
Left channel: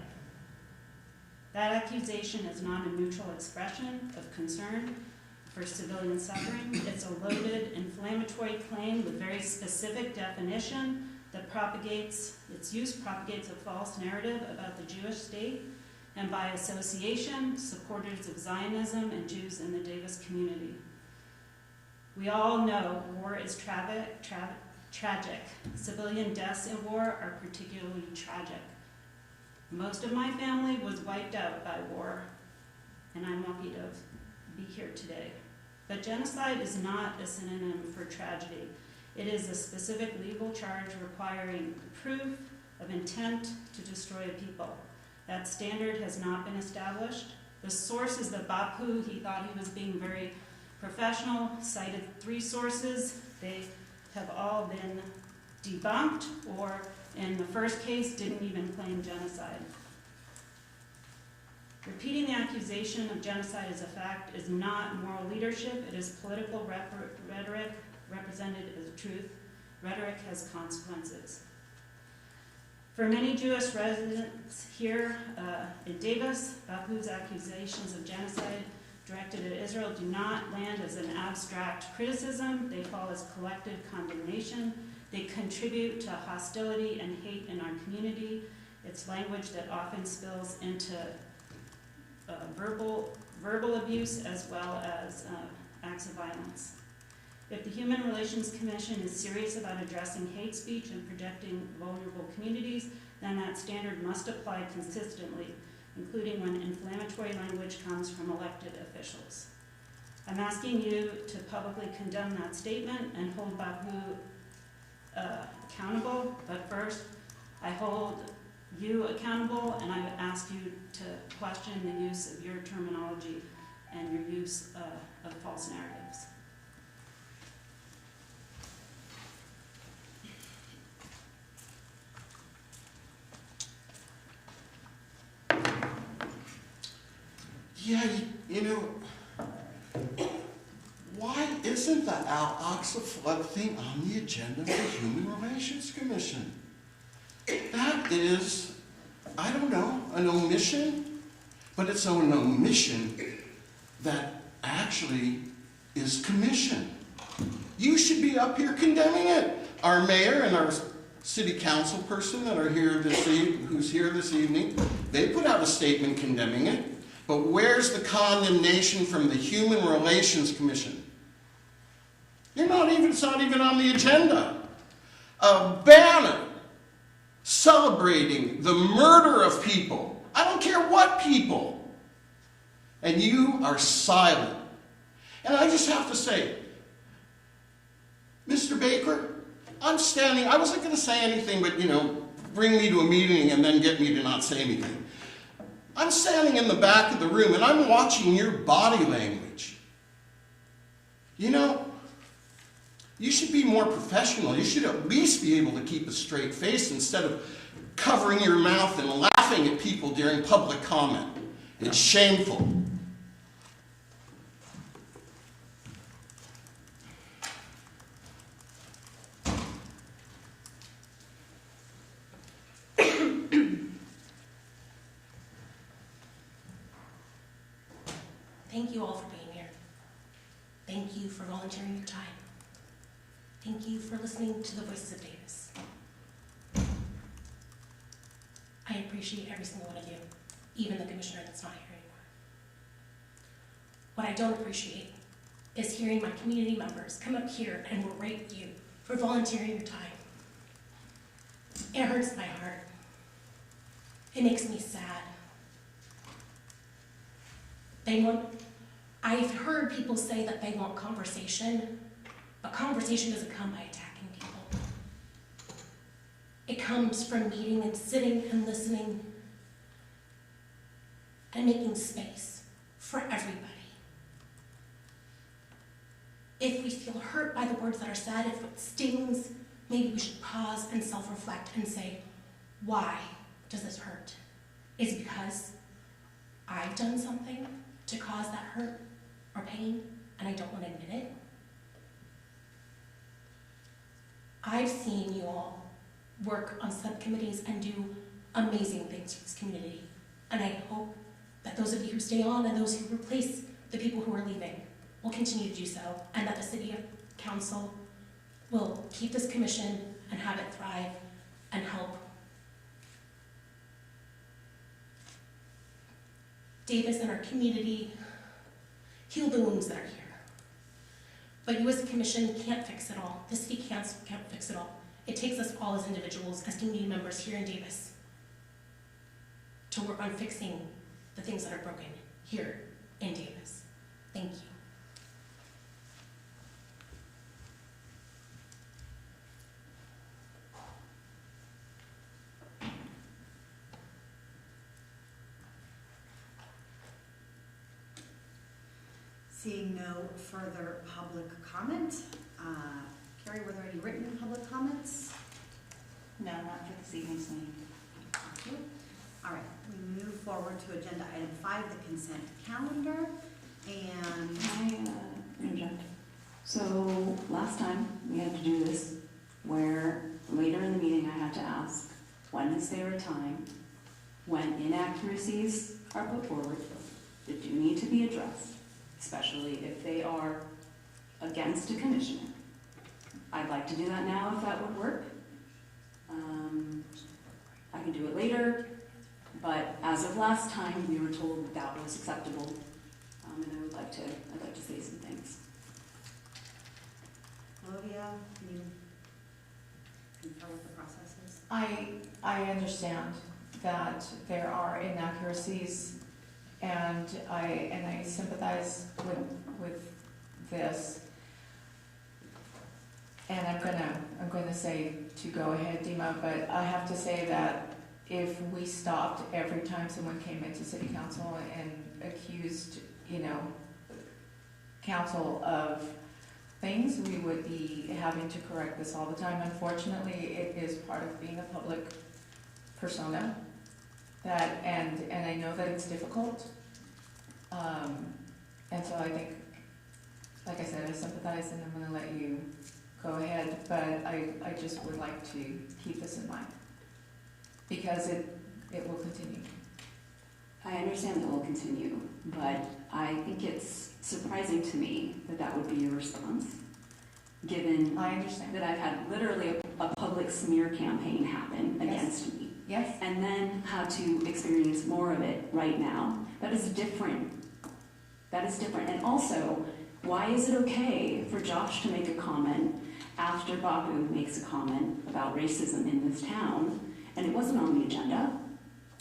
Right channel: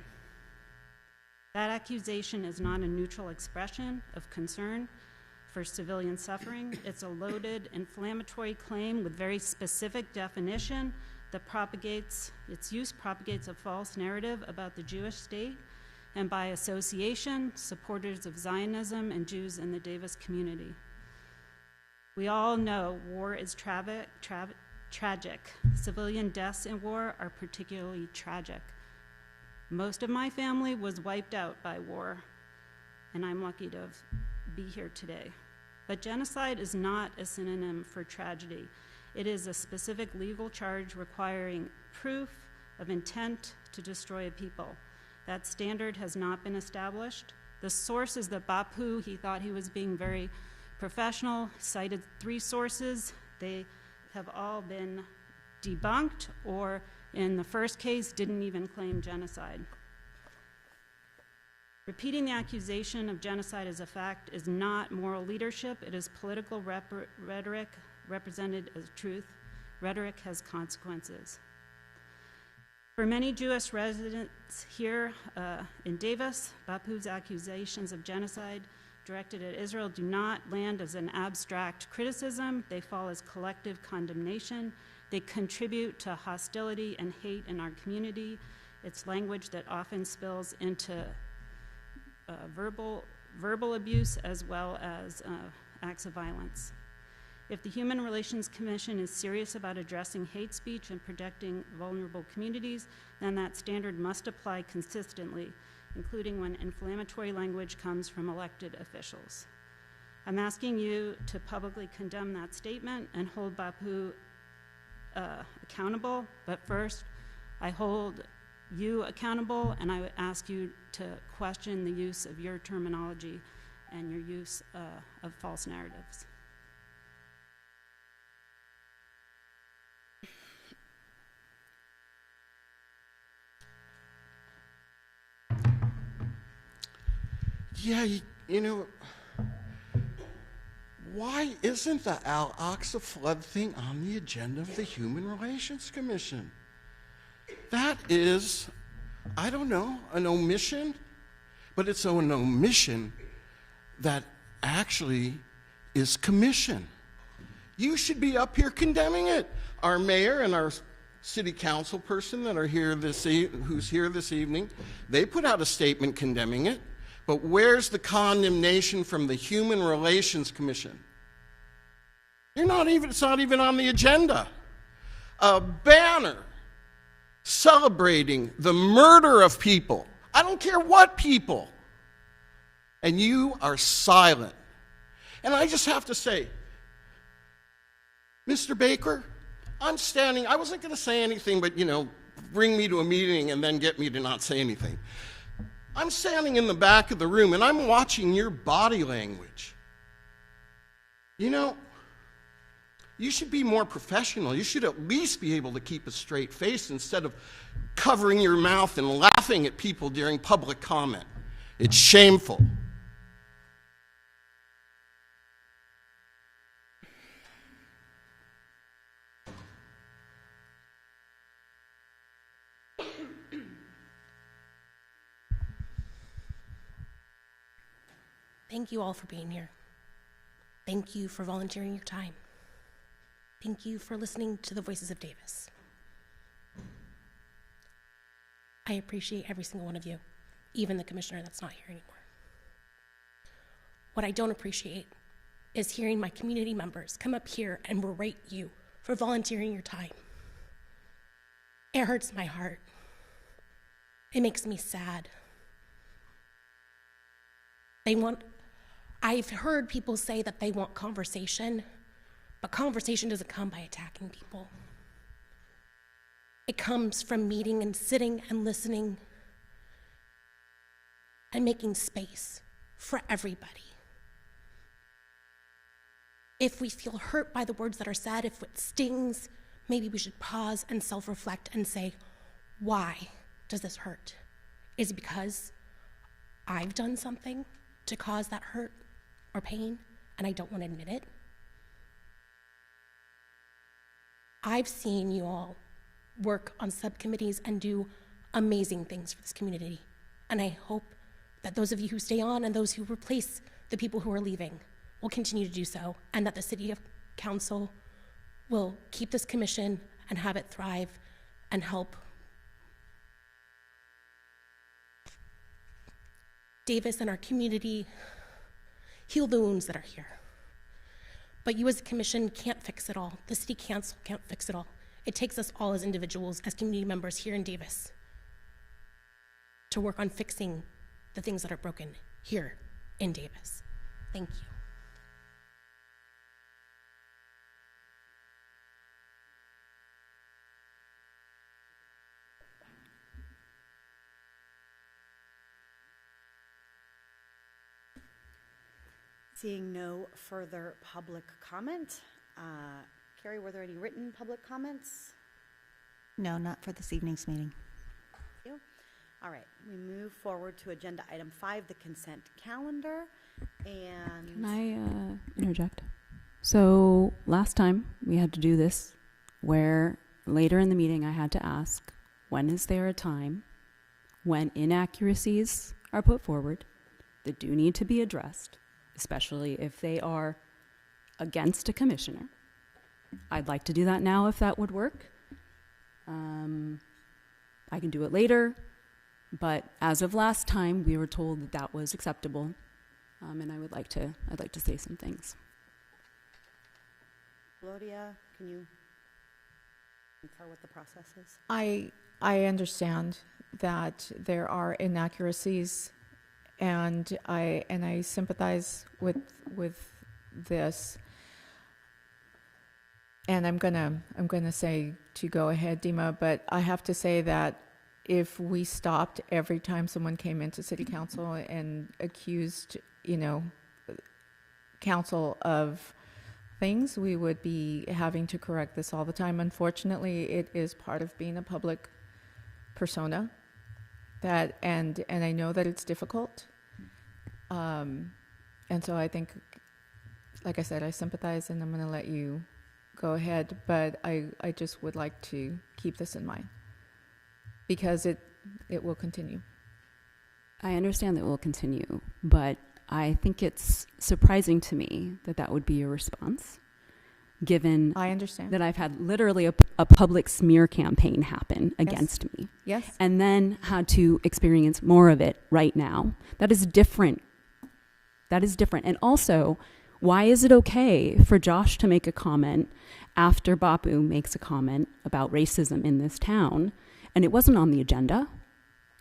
That accusation is not a neutral expression of concern for civilian suffering. It's a loaded, inflammatory claim with very specific definition that its use propagates a false narrative about the Jewish state, and by association, supporters of Zionism and Jews in the Davis community. We all know war is tragic. Civilian deaths in war are particularly tragic. Most of my family was wiped out by war, and I'm lucky to be here today. But genocide is not a synonym for tragedy. It is a specific legal charge requiring proof of intent to destroy a people. That standard has not been established. The sources that Bapu, he thought he was being very professional, cited 3 sources. They have all been debunked, or in the first case, didn't even claim genocide. Repeating the accusation of genocide as a fact is not moral leadership. It is political rhetoric represented as truth. Rhetoric has consequences. For many Jewish residents here in Davis, Bapu's accusations of genocide directed at Israel do not land as an abstract criticism. They fall as collective condemnation. They contribute to hostility and hate in our community. It's language that often spills into verbal abuse as well as acts of violence. If the Human Relations Commission is serious about addressing hate speech and protecting vulnerable communities, then that standard must apply consistently, including when inflammatory language comes from elected officials. I'm asking you to publicly condemn that statement and hold Bapu accountable, but first, I hold you accountable, and I would ask you to question the use of your terminology and your use of false narratives. Yeah, you know, why isn't the Al-Aqsa flood thing on the agenda of the Human Relations Commission? That is, I don't know, an omission, but it's an omission that actually is commission. You should be up here condemning it. Our mayor and our city council person that are here who's here this evening. They put out a statement condemning it. But where's the condemnation from the Human Relations Commission? It's not even on the agenda. A banner celebrating the murder of people. I don't care what people. And you are silent. And I just have to say, Mr. Baker, I wasn't going to say anything, but, bring me to a meeting and then get me to not say anything. I'm standing in the back of the room and I'm watching your body language. You should be more professional. You should at least be able to keep a straight face instead of covering your mouth and laughing at people during public comment. It's shameful. Thank you all for being here. Thank you for volunteering your time. Thank you for listening to the voices of Davis. I appreciate every single one of you, even the commissioner that's not here anymore. What I don't appreciate is hearing my community members come up here and berate you for volunteering your time. It hurts my heart. It makes me sad. I've heard people say that they want conversation, but conversation doesn't come by attacking people. It comes from meeting and sitting and listening and making space for everybody. If we feel hurt by the words that are said, if it stings, maybe we should pause and self-reflect and say, why does this hurt? Is it because I've done something to cause that hurt or pain and I don't want to admit it? I've seen you all work on subcommittees and do amazing things for this community. And I hope that those of you who stay on and those who replace the people who are leaving will continue to do so, and that the city council will keep this commission and have it thrive and help Davis and our community heal the wounds that are here. But you as a commission can't fix it all. The city can't fix it all. It takes us all as individuals, as community members here in Davis, to work on fixing the things that are broken here in Davis. Thank you. Seeing no further public comment, Carrie, were there any written public comments? No, not for this evening's meeting. Thank you. All right, we move forward to agenda item 5, the consent calendar, and... Can I interject? So last time we had to do this where later in the meeting I had to ask, when is there a time when inaccuracies are put forward that do need to be addressed, especially if they are against a commissioner? I'd like to do that now if that would work. I can do it later, but as of last time, we were told that was acceptable, and I'd like to say some things. Claudia, can you confirm what the process is? I understand that there are inaccuracies, and I sympathize with this. And I'm gonna say to go ahead, Dima, but I have to say that if we stopped every time someone came into city council and accused, council of things, we would be having to correct this all the time. Unfortunately, it is part of being a public persona, and I know that it's difficult. And so I think, like I said, I sympathize, and I'm gonna let you go ahead, but I just would like to keep this in mind, because it will continue. I understand that it will continue, but I think it's surprising to me that that would be your response. given I understand. that I've had literally a public smear campaign happen against me, Yes? and then had to experience more of it right now. That is different. That is different. And also, why is it okay for Josh to make a comment after Bapu makes a comment about racism in this town, and it wasn't on the agenda?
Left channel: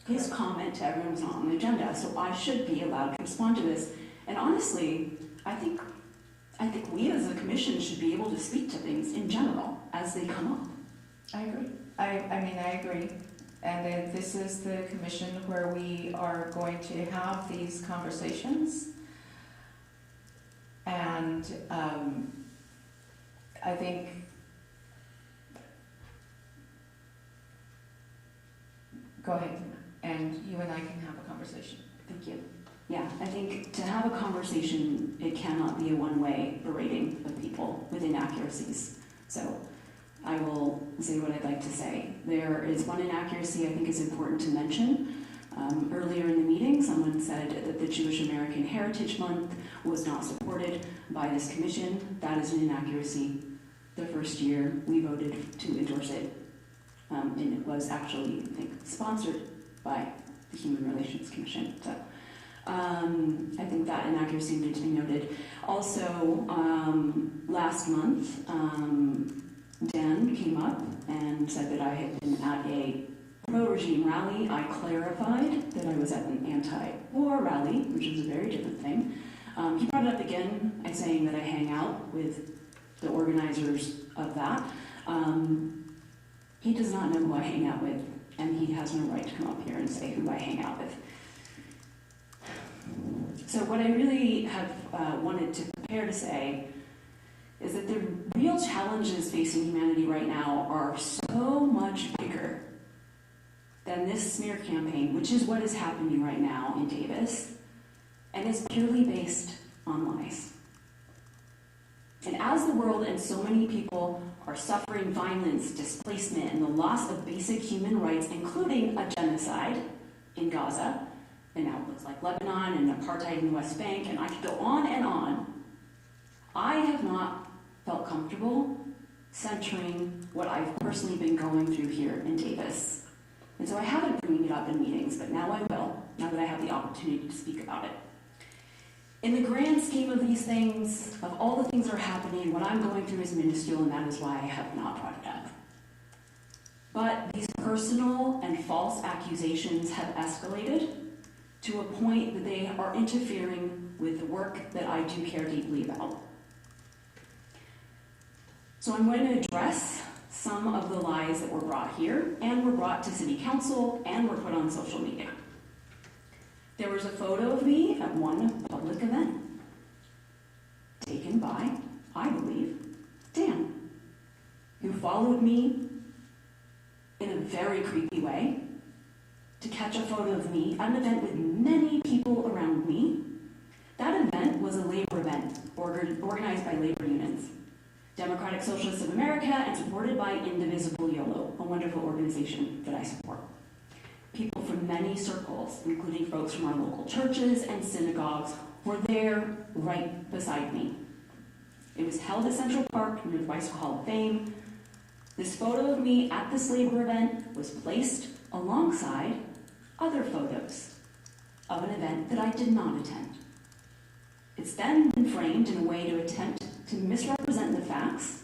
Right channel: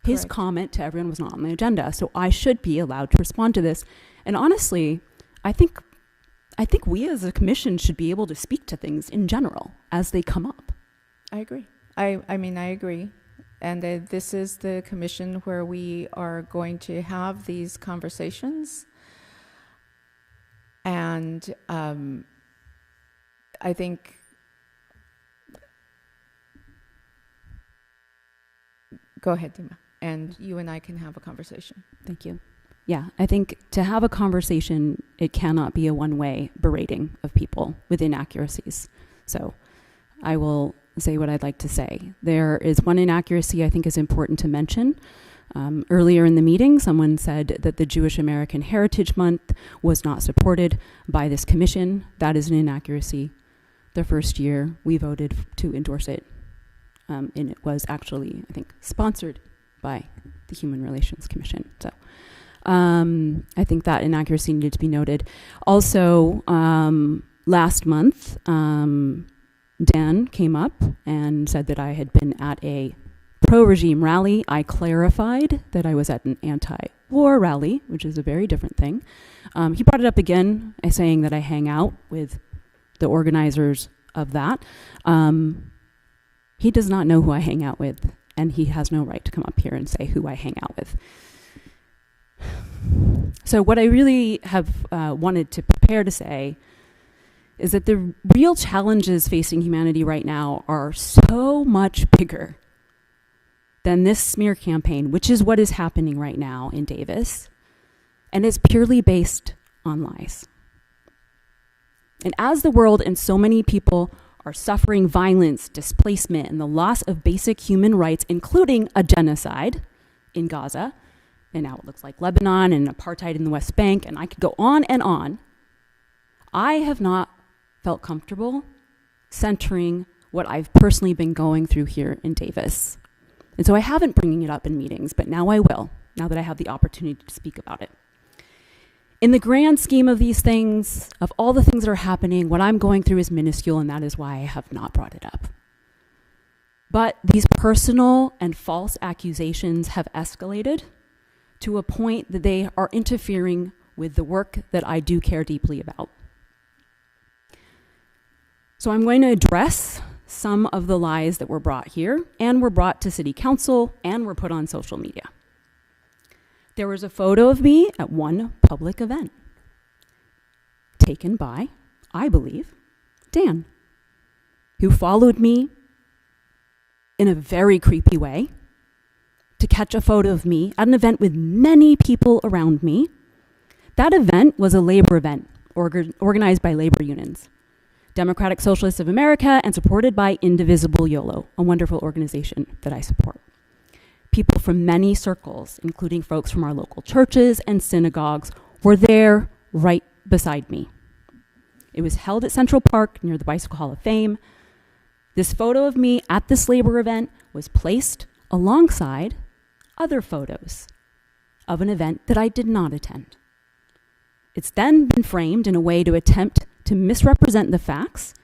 His Correct. comment to everyone was not on the agenda, so I should be allowed to respond to this. And honestly, I think we as a commission should be able to speak to things in general as they come up. I agree. I mean, I agree. And this is the commission where we are going to have these conversations. And I think go ahead, Tina, and you and I can have a conversation. Thank you. Yeah, I think to have a conversation, it cannot be a one-way berating of people with inaccuracies. So I will say what I'd like to say. There is one inaccuracy I think is important to mention. Earlier in the meeting, someone said that the Jewish American Heritage Month was not supported by this commission. That is an inaccuracy. The first year we voted to endorse it, and it was actually, I think, sponsored by the Human Relations Commission. So I think that inaccuracy needed to be noted. Also, last month, Dan came up and said that I had been at a pro-regime rally. I clarified that I was at an anti-war rally, which is a very different thing. He brought it up again, saying that I hang out with the organizers of that. He does not know who I hang out with, and he has no right to come up here and say who I hang out with. So what I really have wanted to prepare to say is that the real challenges facing humanity right now are so much bigger than this smear campaign, which is what is happening right now in Davis, and it's purely based on lies. And as the world and so many people are suffering violence, displacement, and the loss of basic human rights, including a genocide in Gaza, and now it looks like Lebanon and apartheid in the West Bank, and I could go on and on, I have not felt comfortable centering what I've personally been going through here in Davis. And so I haven't bringing it up in meetings, but now I will, now that I have the opportunity to speak about it. In the grand scheme of these things, of all the things that are happening, what I'm going through is minuscule, and that is why I have not brought it up. But these personal and false accusations have escalated to a point that they are interfering with the work that I do care deeply about. So I'm going to address some of the lies that were brought here, and were brought to City Council, and were put on social media. There was a photo of me at one public event, taken by, I believe, Dan, who followed me in a very creepy way to catch a photo of me at an event with many people around me. That event was a labor event organized by labor unions, Democratic Socialists of America, and supported by Indivisible YOLO, a wonderful organization that I support. People from many circles, including folks from our local churches and synagogues, were there right beside me. It was held at Central Park near the Bicycle Hall of Fame. This photo of me at this labor event was placed alongside other photos of an event that I did not attend. It's then been framed in a way to attempt to misrepresent the facts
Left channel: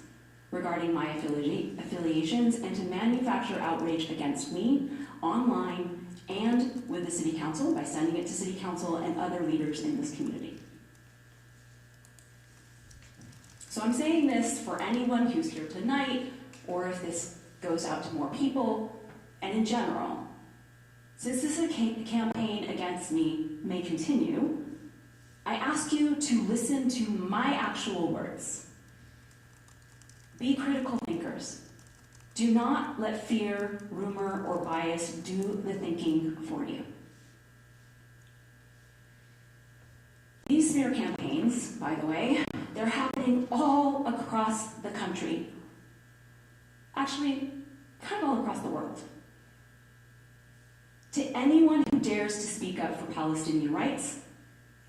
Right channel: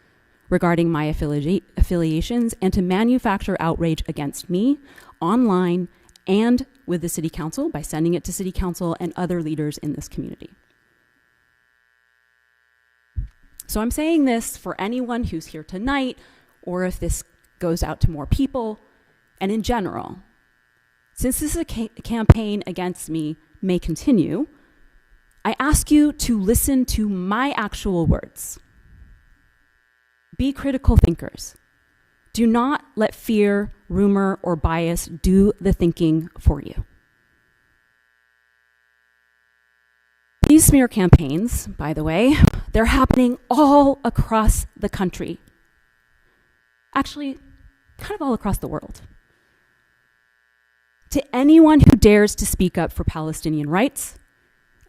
regarding my affiliations and to manufacture outrage against me online and with the City Council by sending it to City Council and other leaders in this community. So I'm saying this for anyone who's here tonight, or if this goes out to more people, and in general. Since this campaign against me may continue, I ask you to listen to my actual words. Be critical thinkers. Do not let fear, rumor, or bias do the thinking for you. These smear campaigns, by the way, they're happening all across the country. Actually, kind of all across the world. To anyone who dares to speak up for Palestinian rights,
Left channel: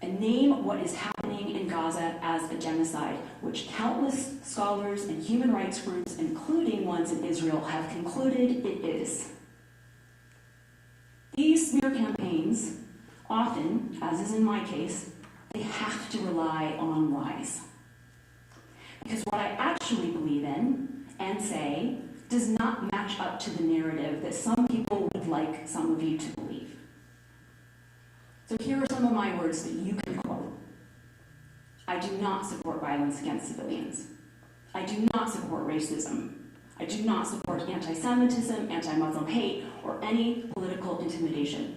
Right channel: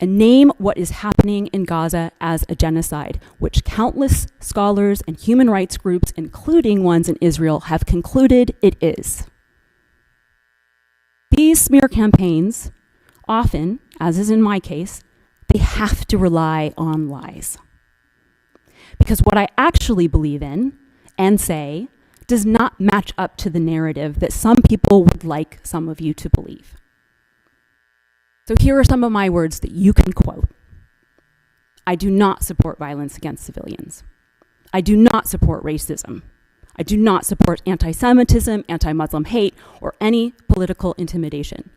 and name what is happening in Gaza as a genocide, which countless scholars and human rights groups, including ones in Israel, have concluded it is. These smear campaigns often, as is in my case, they have to rely on lies. Because what I actually believe in and say does not match up to the narrative that some people would like some of you to believe. So here are some of my words that you can quote. I do not support violence against civilians. I do not support racism. I do not support anti-Semitism, anti-Muslim hate, or any political intimidation.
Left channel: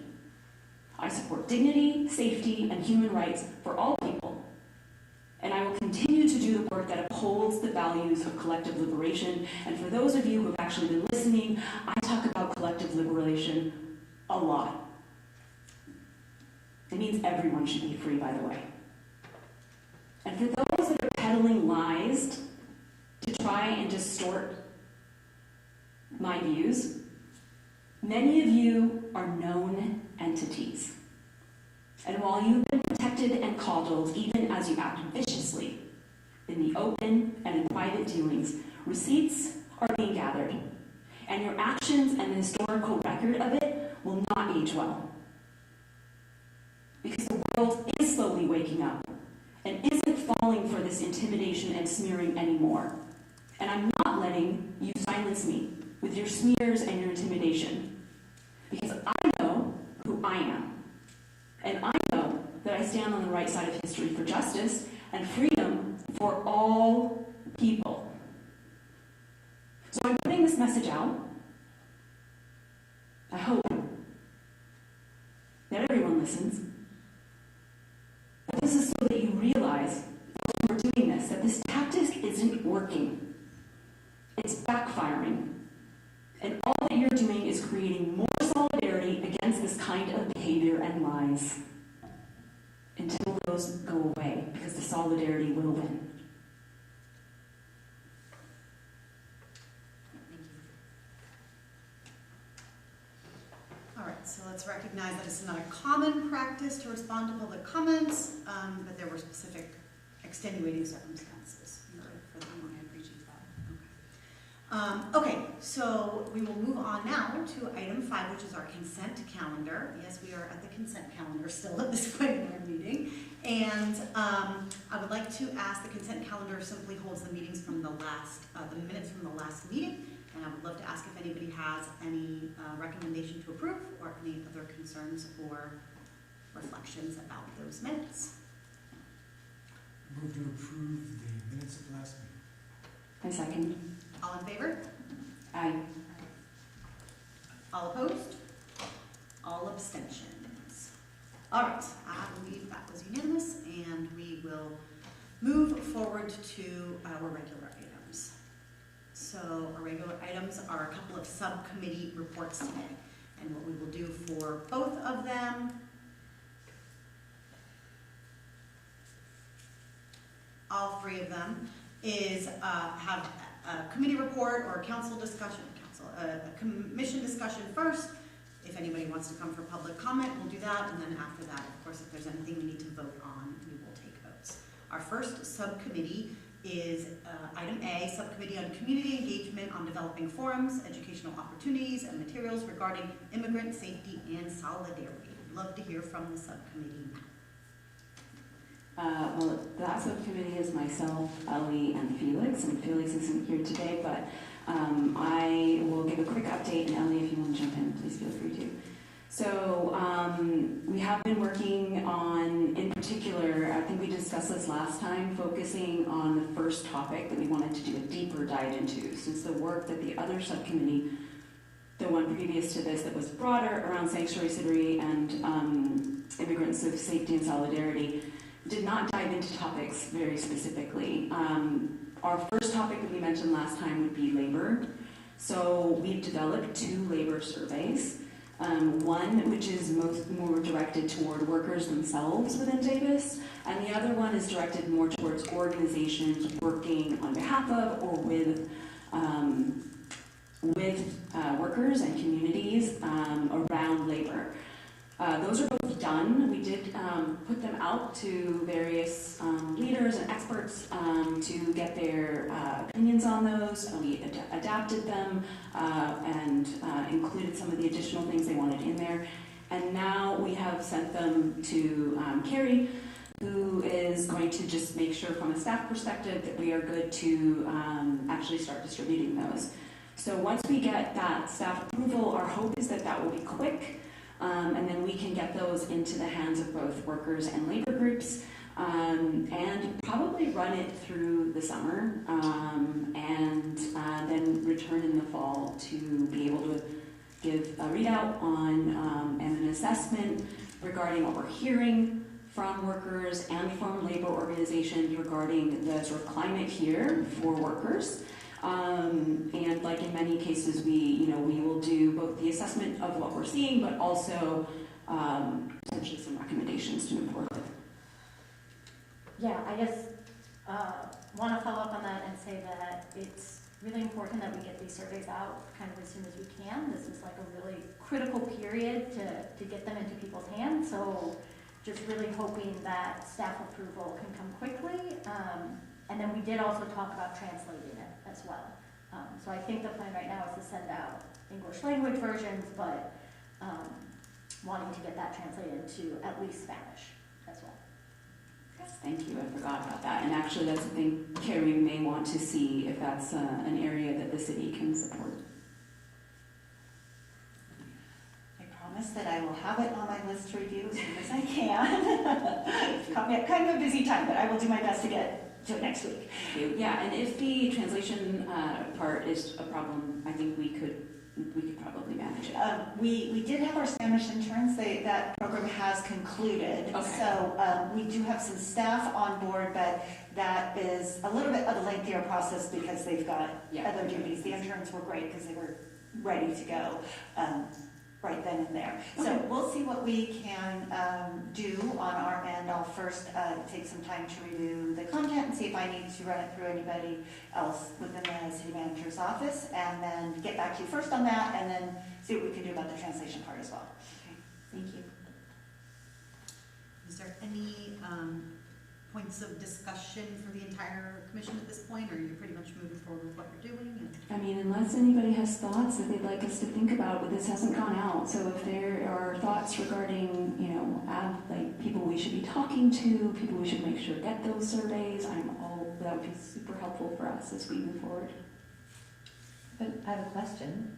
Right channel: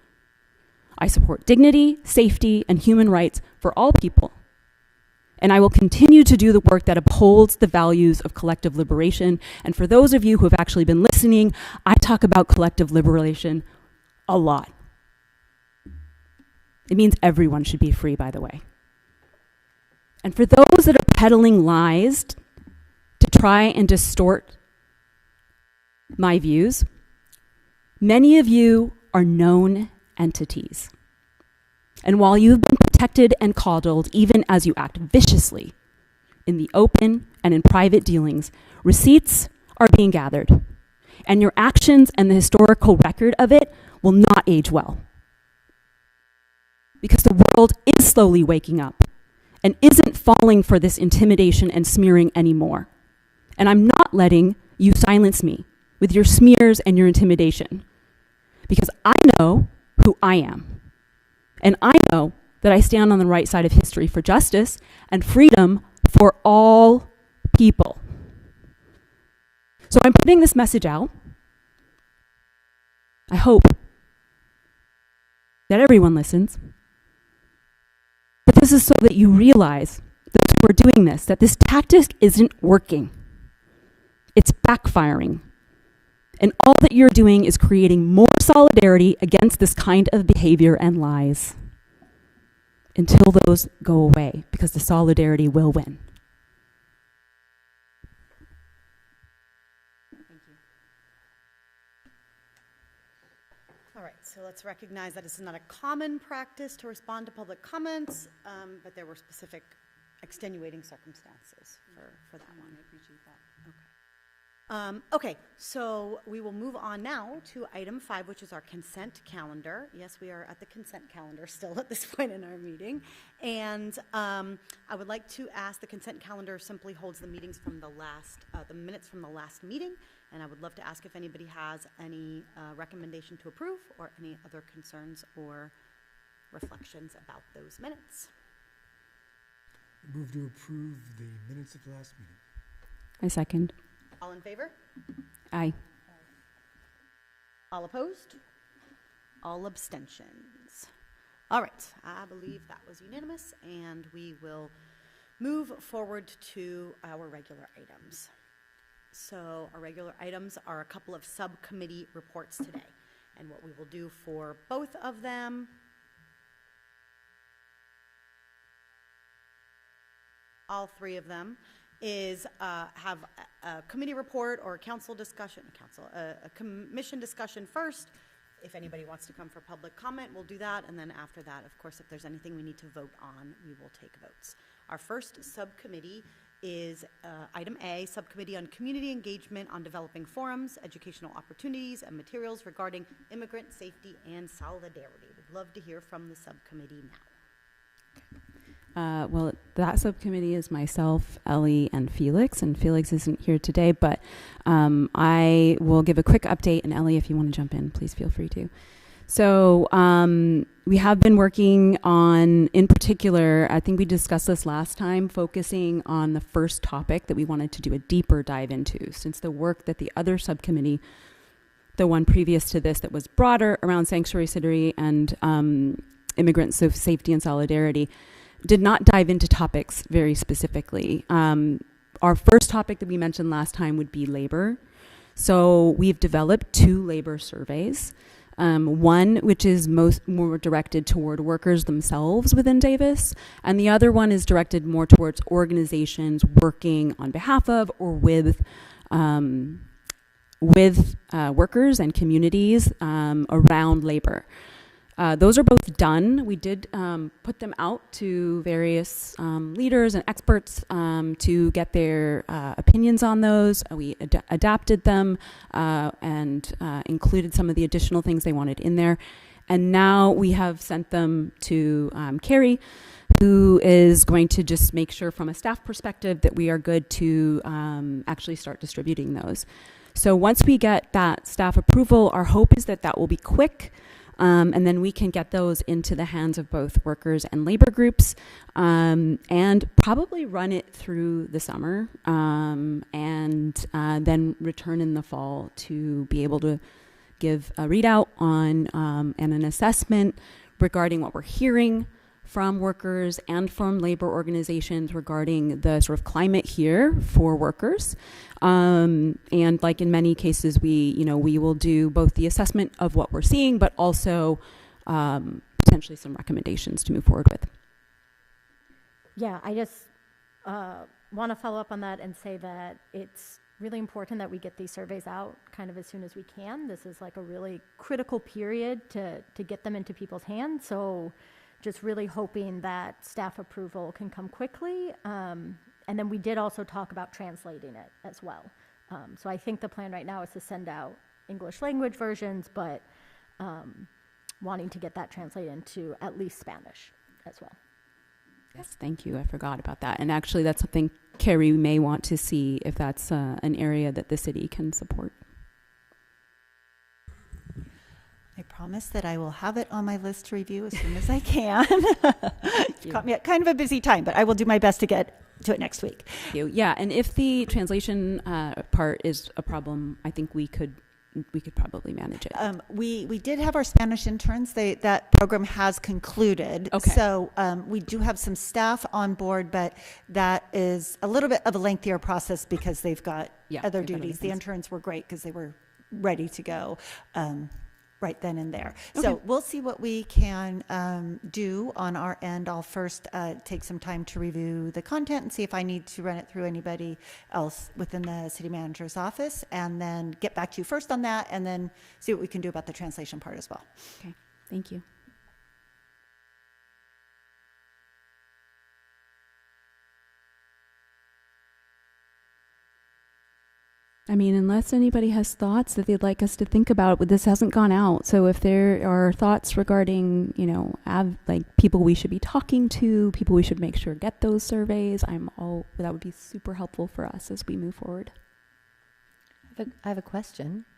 I support dignity, safety, and human rights for all people. And I will continue to do the work that upholds the values of collective liberation. And for those of you who have actually been listening, I talk about collective liberation a lot. It means everyone should be free, by the way. And for those that are peddling lies to try and distort my views, many of you are known entities. And while you've been protected and coddled, even as you act viciously in the open and in private dealings, receipts are being gathered. And your actions and the historical record of it will not age well. Because the world is slowly waking up and isn't falling for this intimidation and smearing anymore. And I'm not letting you silence me with your smears and your intimidation. Because I know who I am. And I know that I stand on the right side of history for justice and freedom for all people. So I'm putting this message out. I hope that everyone listens. But this is so that you realize, those who are doing this, that this tactic isn't working. It's backfiring. And all that you're doing is creating more solidarity against this kind of behavior and lies until those go away, because the solidarity will win. All right, so let's recognize that this is not a common practice to respond to public comments, but there were specific extenuating circumstances for the one I appreciate that. Okay, so we will move on now to item 5, which is our consent calendar. Yes, we are at the consent calendar still at this point in our meeting. And I would like to ask, the consent calendar simply holds the meetings from the minutes from the last meeting. And I would love to ask if anybody has any recommendation to approve or any other concerns or reflections about those minutes. Move to approve the minutes of the last meeting. I second. All in favor? Aye. All opposed? All abstentions. All right, I believe that was unanimous, and we will move forward to our regular items. So our regular items are a couple of subcommittee reports today. And what we will do for both of them, all 3 of them, is have a committee report or a council discussion, a commission discussion first. If anybody wants to come for public comment, we'll do that. And then after that, of course, if there's anything we need to vote on, we will take votes. Our first subcommittee is item A, Subcommittee on Community Engagement on Developing Forums, Educational Opportunities, and Materials Regarding Immigrant Safety and Solidarity. We'd love to hear from the subcommittee now. Well, that subcommittee is myself, Ellie, and Felix isn't here today, but I will give a quick update, and Ellie, if you want to jump in, please feel free to. So we have been working on, in particular, I think we discussed this last time, focusing on the first topic that we wanted to do a deeper dive into, since the work that the other subcommittee, the one previous to this that was broader around sanctuary city and immigrant safety and solidarity, did not dive into topics very specifically. Our first topic that we mentioned last time would be labor. So we've developed 2 labor surveys. One which is more directed toward workers themselves within Davis, and the other one is directed more towards organizations working on behalf of or with workers and communities around labor. Those are both done. We did put them out to various leaders and experts to get their opinions on those. We adapted them and included some of the additional things they wanted in there. And now we have sent them to Carrie, who is going to just make sure from a staff perspective that we are good to actually start distributing those. So once we get that staff approval, our hope is that that will be quick, and then we can get those into the hands of both workers and labor groups, and probably run it through the summer, and then return in the fall to be able to give a readout on and an assessment regarding what we're hearing from workers and from labor organizations regarding the sort of climate here for workers. And like in many cases, we will do both the assessment of what we're seeing, but also potentially some recommendations to move forward with. Yeah, I just want to follow up on that and say that it's really important that we get these surveys out kind of as soon as we can. This is like a really critical period to get them into people's hands. So just really hoping that staff approval can come quickly. And then we did also talk about translating it as well. So I think the plan right now is to send out English language versions, but wanting to get that translated into at least Spanish as well. Yes, thank you. I forgot about that. And actually, that's something Carrie may want to see if that's an area that the city can support. I promise that I will have it on my list to review as soon as I can. It's caught me at kind of a busy time, but I will do my best to get to it next week. Yeah, and if the translation part is a problem, I think we could probably manage it. We did have our Spanish interns. That program has concluded. Okay. So we do have some staff on board, but that is a little bit of a lengthier process because they've got other duties. The interns were great because they were ready to go right then and there. Okay. So we'll see what we can do on our end. I'll first take some time to review the content and see if I need to run it through anybody else within the city manager's office, and then get back to you first on that, and then see what we can do about the translation part as well. Okay, thank you. Is there any points of discussion for the entire commission at this point, or are you pretty much moving forward with what you're doing? I mean, unless anybody has thoughts that they'd like us to think about, but this hasn't gone out. So if there are thoughts regarding, like people we should be talking to, people we should make sure get those surveys, that would be super helpful for us as we move forward. But I have a question.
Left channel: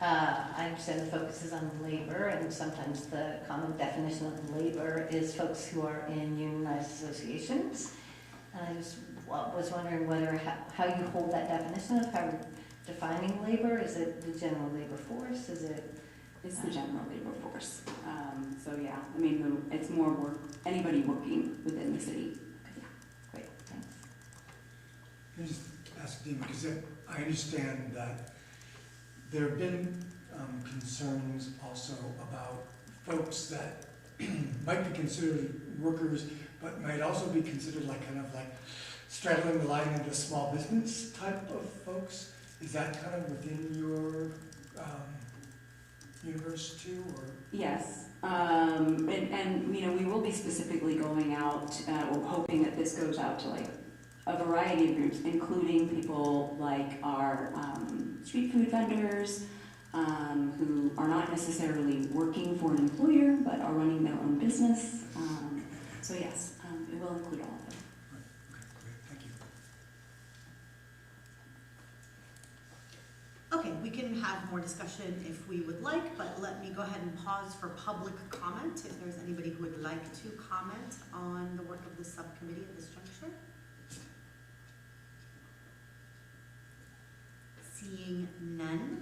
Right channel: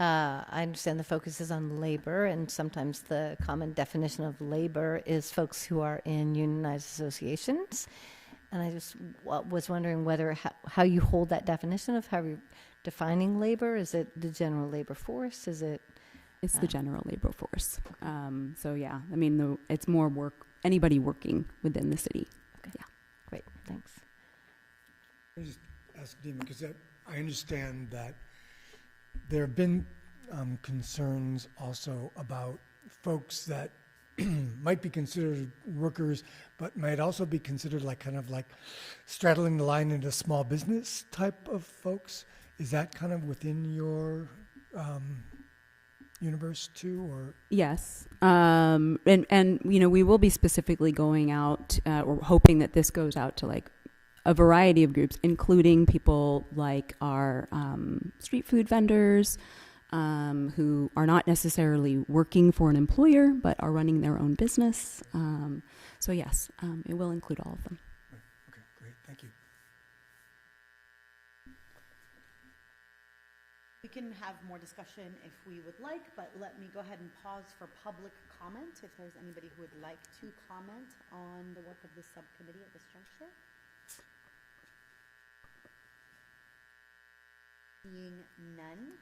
I understand the focus is on labor, and sometimes the common definition of labor is folks who are in unionized associations. And I just was wondering how you hold that definition of how you're defining labor. Is it the general labor force? Is it? It's the general labor force. So yeah, I mean, it's more work. Anybody working within the city. Okay. Yeah. Great. Thanks. Let me just ask Dean, because I understand that there have been concerns also about folks that might be considered workers, but might also be considered like straddling the line into small business type of folks. Is that kind of within your universe too, or? Yes, and we will be specifically going out, or hoping that this goes out to like a variety of groups, including people like our street food vendors, who are not necessarily working for an employer, but are running their own business. So yes, it will include all of them. Great, thank you. Okay, we can have more discussion if we would like, but let me go ahead and pause for public comment if there's anybody who would like to comment on the work of this subcommittee at this juncture. Seeing none.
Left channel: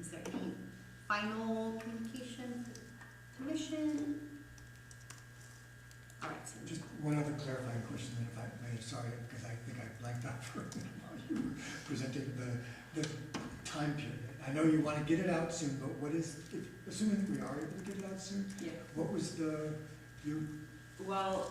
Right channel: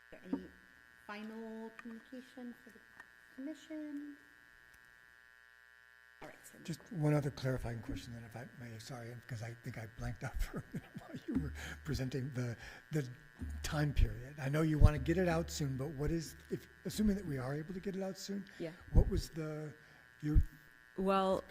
Is there any final communication for the commission? All right, so Just one other clarifying question, and if I may, sorry, because I think I blanked out for a minute while you were presenting the time period. I know you want to get it out soon, but what is, assuming that we are able to get it out soon, what was Well,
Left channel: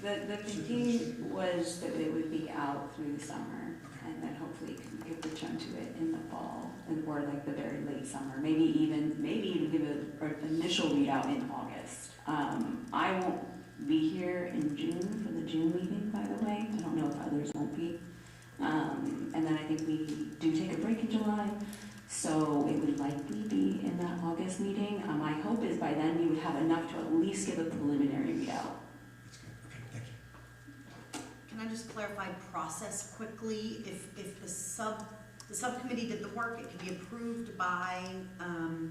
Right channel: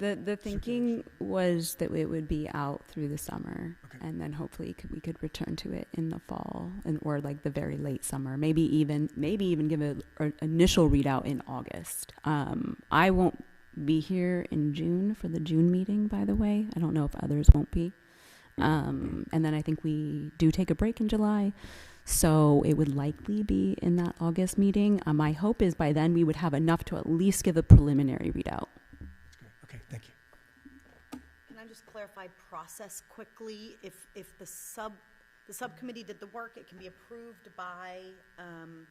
the thinking was that it would be out through the summer. Okay. and then hopefully we could return to it in the fall or like the very late summer. Maybe even give an initial readout in August. I won't be here in June for the June meeting, by the way. I don't know if others won't be. And then I think we do take a break in July. So it would likely be in that August meeting. My hope is by then we would have enough to at least give a preliminary readout. That's good. Okay, thank you. Can I just clarify process quickly? If the subcommittee did the work, it can be approved by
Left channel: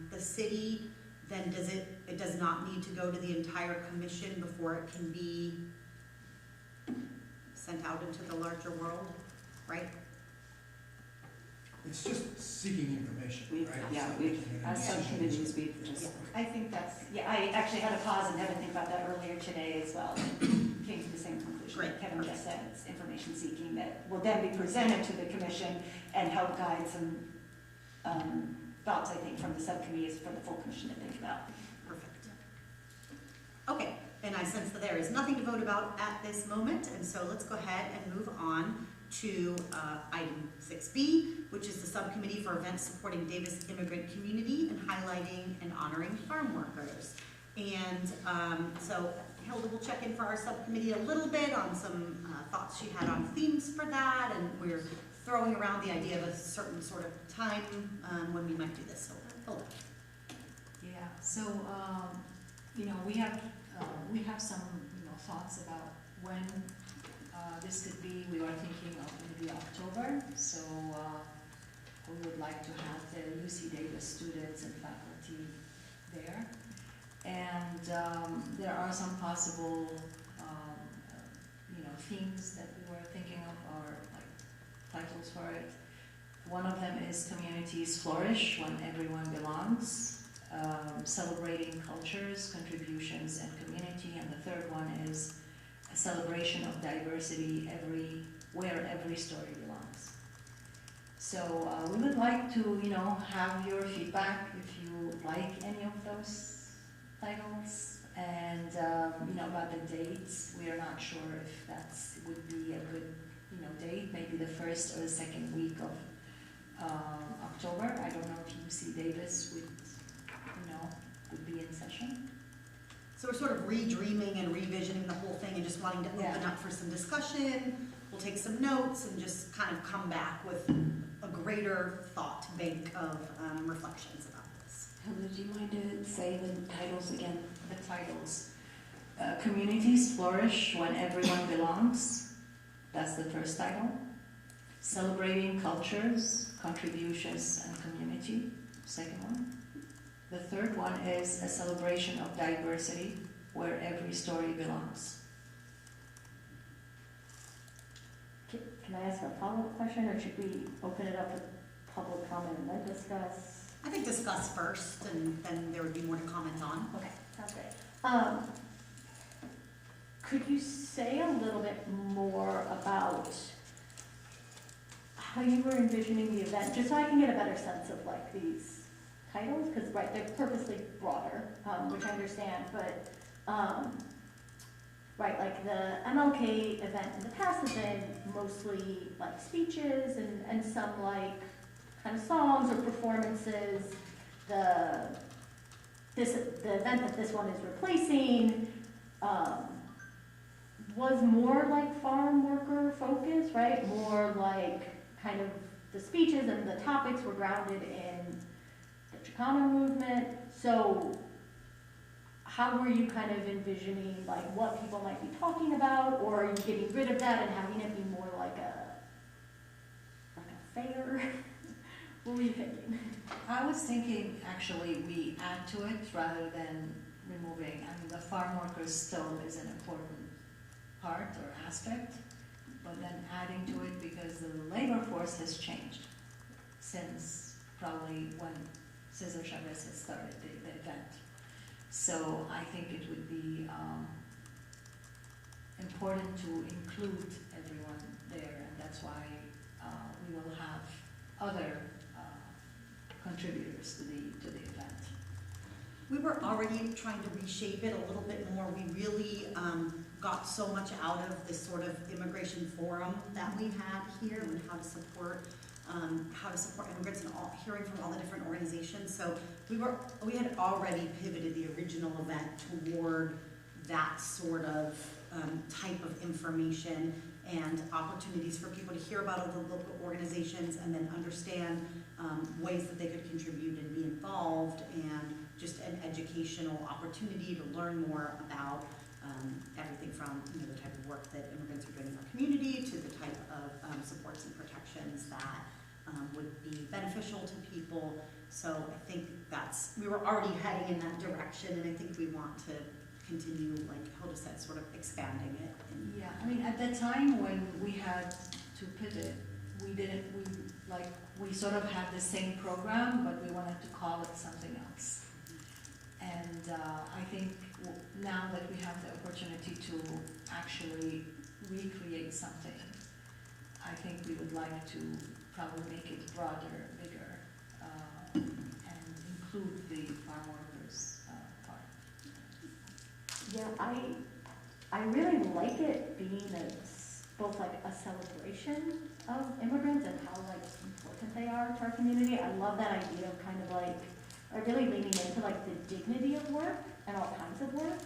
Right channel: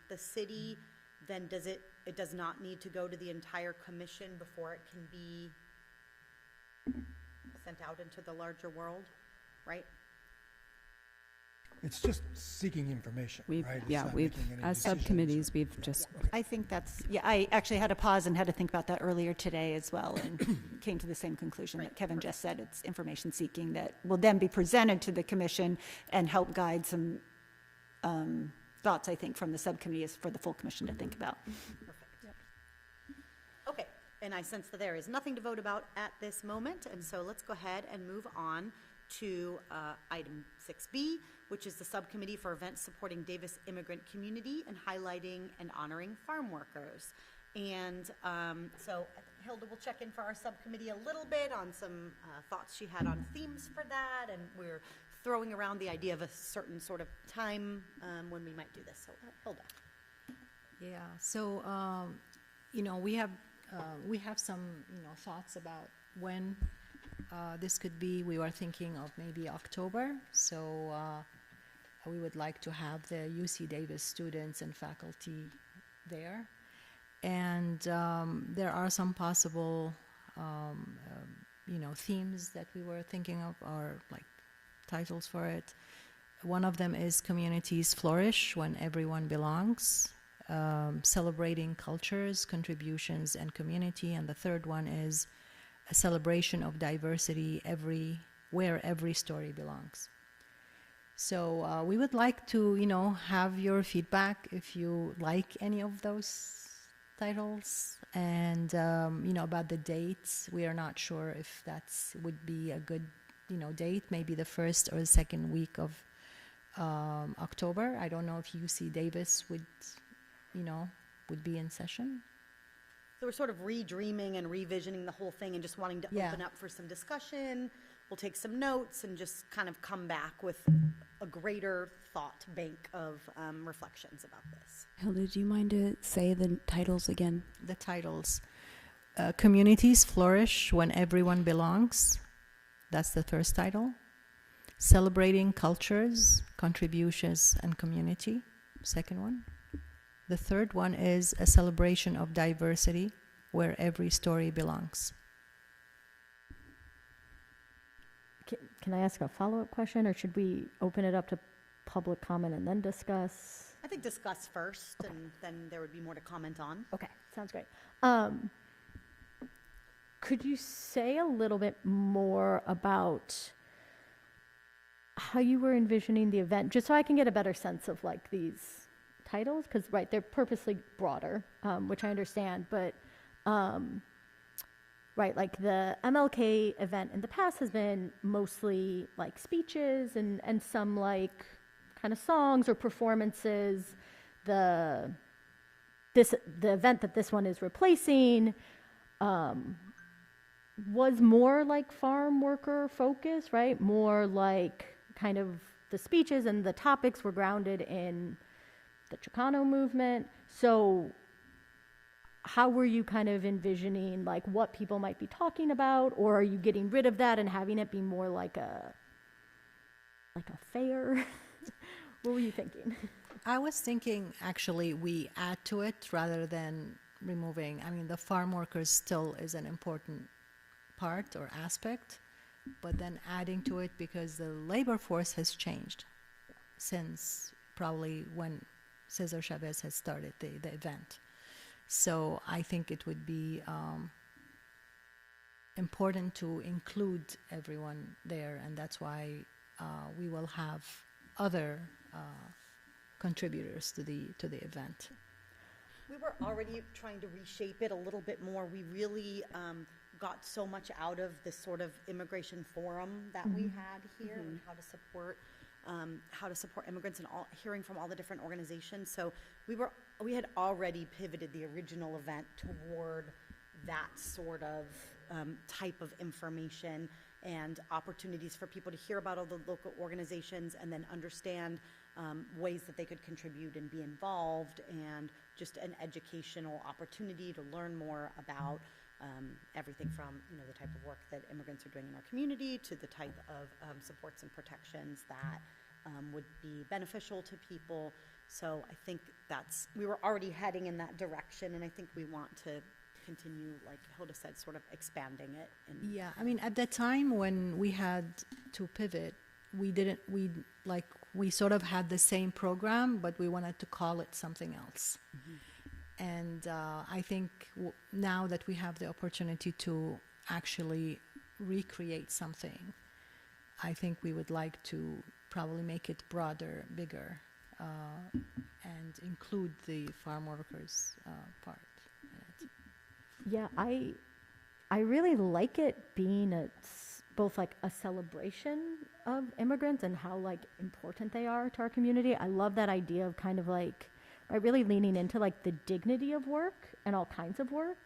the city, then it does not need to go to the entire commission before it can be sent out into the larger world, right? It's just seeking information, right? It's not making any As decisions. subcommittees, we've just, I think I actually had to pause and had to think about that earlier today as well, and came to the same conclusion that Kevin just said. It's information seeking that will then be presented to the commission and help guide some thoughts, I think, from the subcommittees for the full commission to think about. Perfect. Okay, and I sense that there is nothing to vote about at this moment, and so let's go ahead and move on to item 6B, which is the subcommittee for events supporting Davis immigrant community and highlighting and honoring farm workers. And so Hilda will check in for our subcommittee a little bit on some thoughts she had on themes for that, and we're throwing around the idea of a certain sort of time when we might do this. So Hilda. Yeah, so, we have some, thoughts about when this could be. We were thinking of maybe October, so we would like to have the UC Davis students and faculty there. And there are some possible, themes that we were thinking of, or like titles for it. One of them is Communities Flourish When Everyone Belongs, celebrating cultures, contributions, and community. And the third one is a celebration of diversity where every story belongs. So we would like to, have your feedback if you like any of those titles, and about the dates. We are not sure if would be a good, date. Maybe the first or the second week of October. I don't know if UC Davis would be in session. So we're sort of redreaming and revisioning the whole thing and just wanting to open up for some discussion. We'll take some notes and just kind of come back with a greater thought bank of reflections about this. Hilda, do you mind to say the titles again? The titles. Communities Flourish When Everyone Belongs. That's the first title. Celebrating Cultures, Contributions, and Community. Second one. The third one is a celebration of diversity where every story belongs. Can I ask a follow-up question, or should we open it up to public comment and then discuss? I think discuss first, and then there would be more to comment on. Okay, sounds great. Could you say a little bit more about how you were envisioning the event, just so I can get a better sense of like these titles, because they're purposely broader, which I understand, but like the MLK event in the past has been mostly like speeches and some like kind of songs or performances. The event that this one is replacing was more like farm worker focused, right? More like kind of the speeches and the topics were grounded in the Chicano movement. So how were you kind of envisioning like what people might be talking about, or are you getting rid of that and having it be more like a fair? What were you thinking? I was thinking actually we add to it rather than removing. I mean, the farm workers still is an important part or aspect, but then adding to it because the labor force has changed since probably when Cesar Chavez had started the event. So I think it would be important to include everyone there, and that's why we will have other contributors to the event. We were already trying to reshape it a little bit more. We really got so much out of this sort of immigration forum that we had here and how to support immigrants and hearing from all the different organizations. So we had already pivoted the original event toward that sort of type of information and opportunities for people to hear about all the local organizations and then understand ways that they could contribute and be involved, and just an educational opportunity to learn more about everything from the type of work that immigrants are doing in our community to the type of supports and protections that would be beneficial to people. So I think we were already heading in that direction, and I think we want to continue, like Hilda said, sort of expanding it. Yeah, I mean, at that time when we had to pivot, we sort of had the same program, but we wanted to call it something else. And I think now that we have the opportunity to actually recreate something, I think we would like to probably make it broader, bigger, and include the farm workers part. Yeah, I really like it being both like a celebration of immigrants and how like important they are to our community. I love that idea of kind of like by really leaning into like the dignity of work and all kinds of work,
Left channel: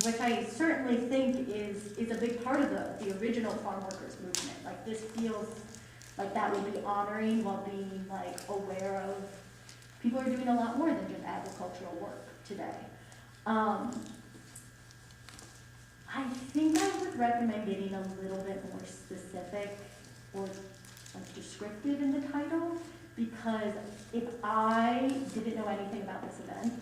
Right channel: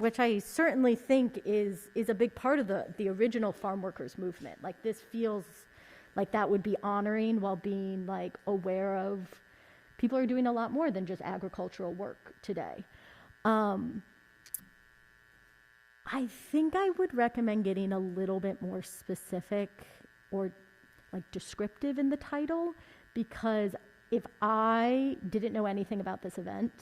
which I certainly think is a big part of the original farm workers movement. Like this feels like that would be honoring while being like aware of people are doing a lot more than just agricultural work today. I think I would recommend getting a little bit more specific or like descriptive in the title, because if I didn't know anything about this event,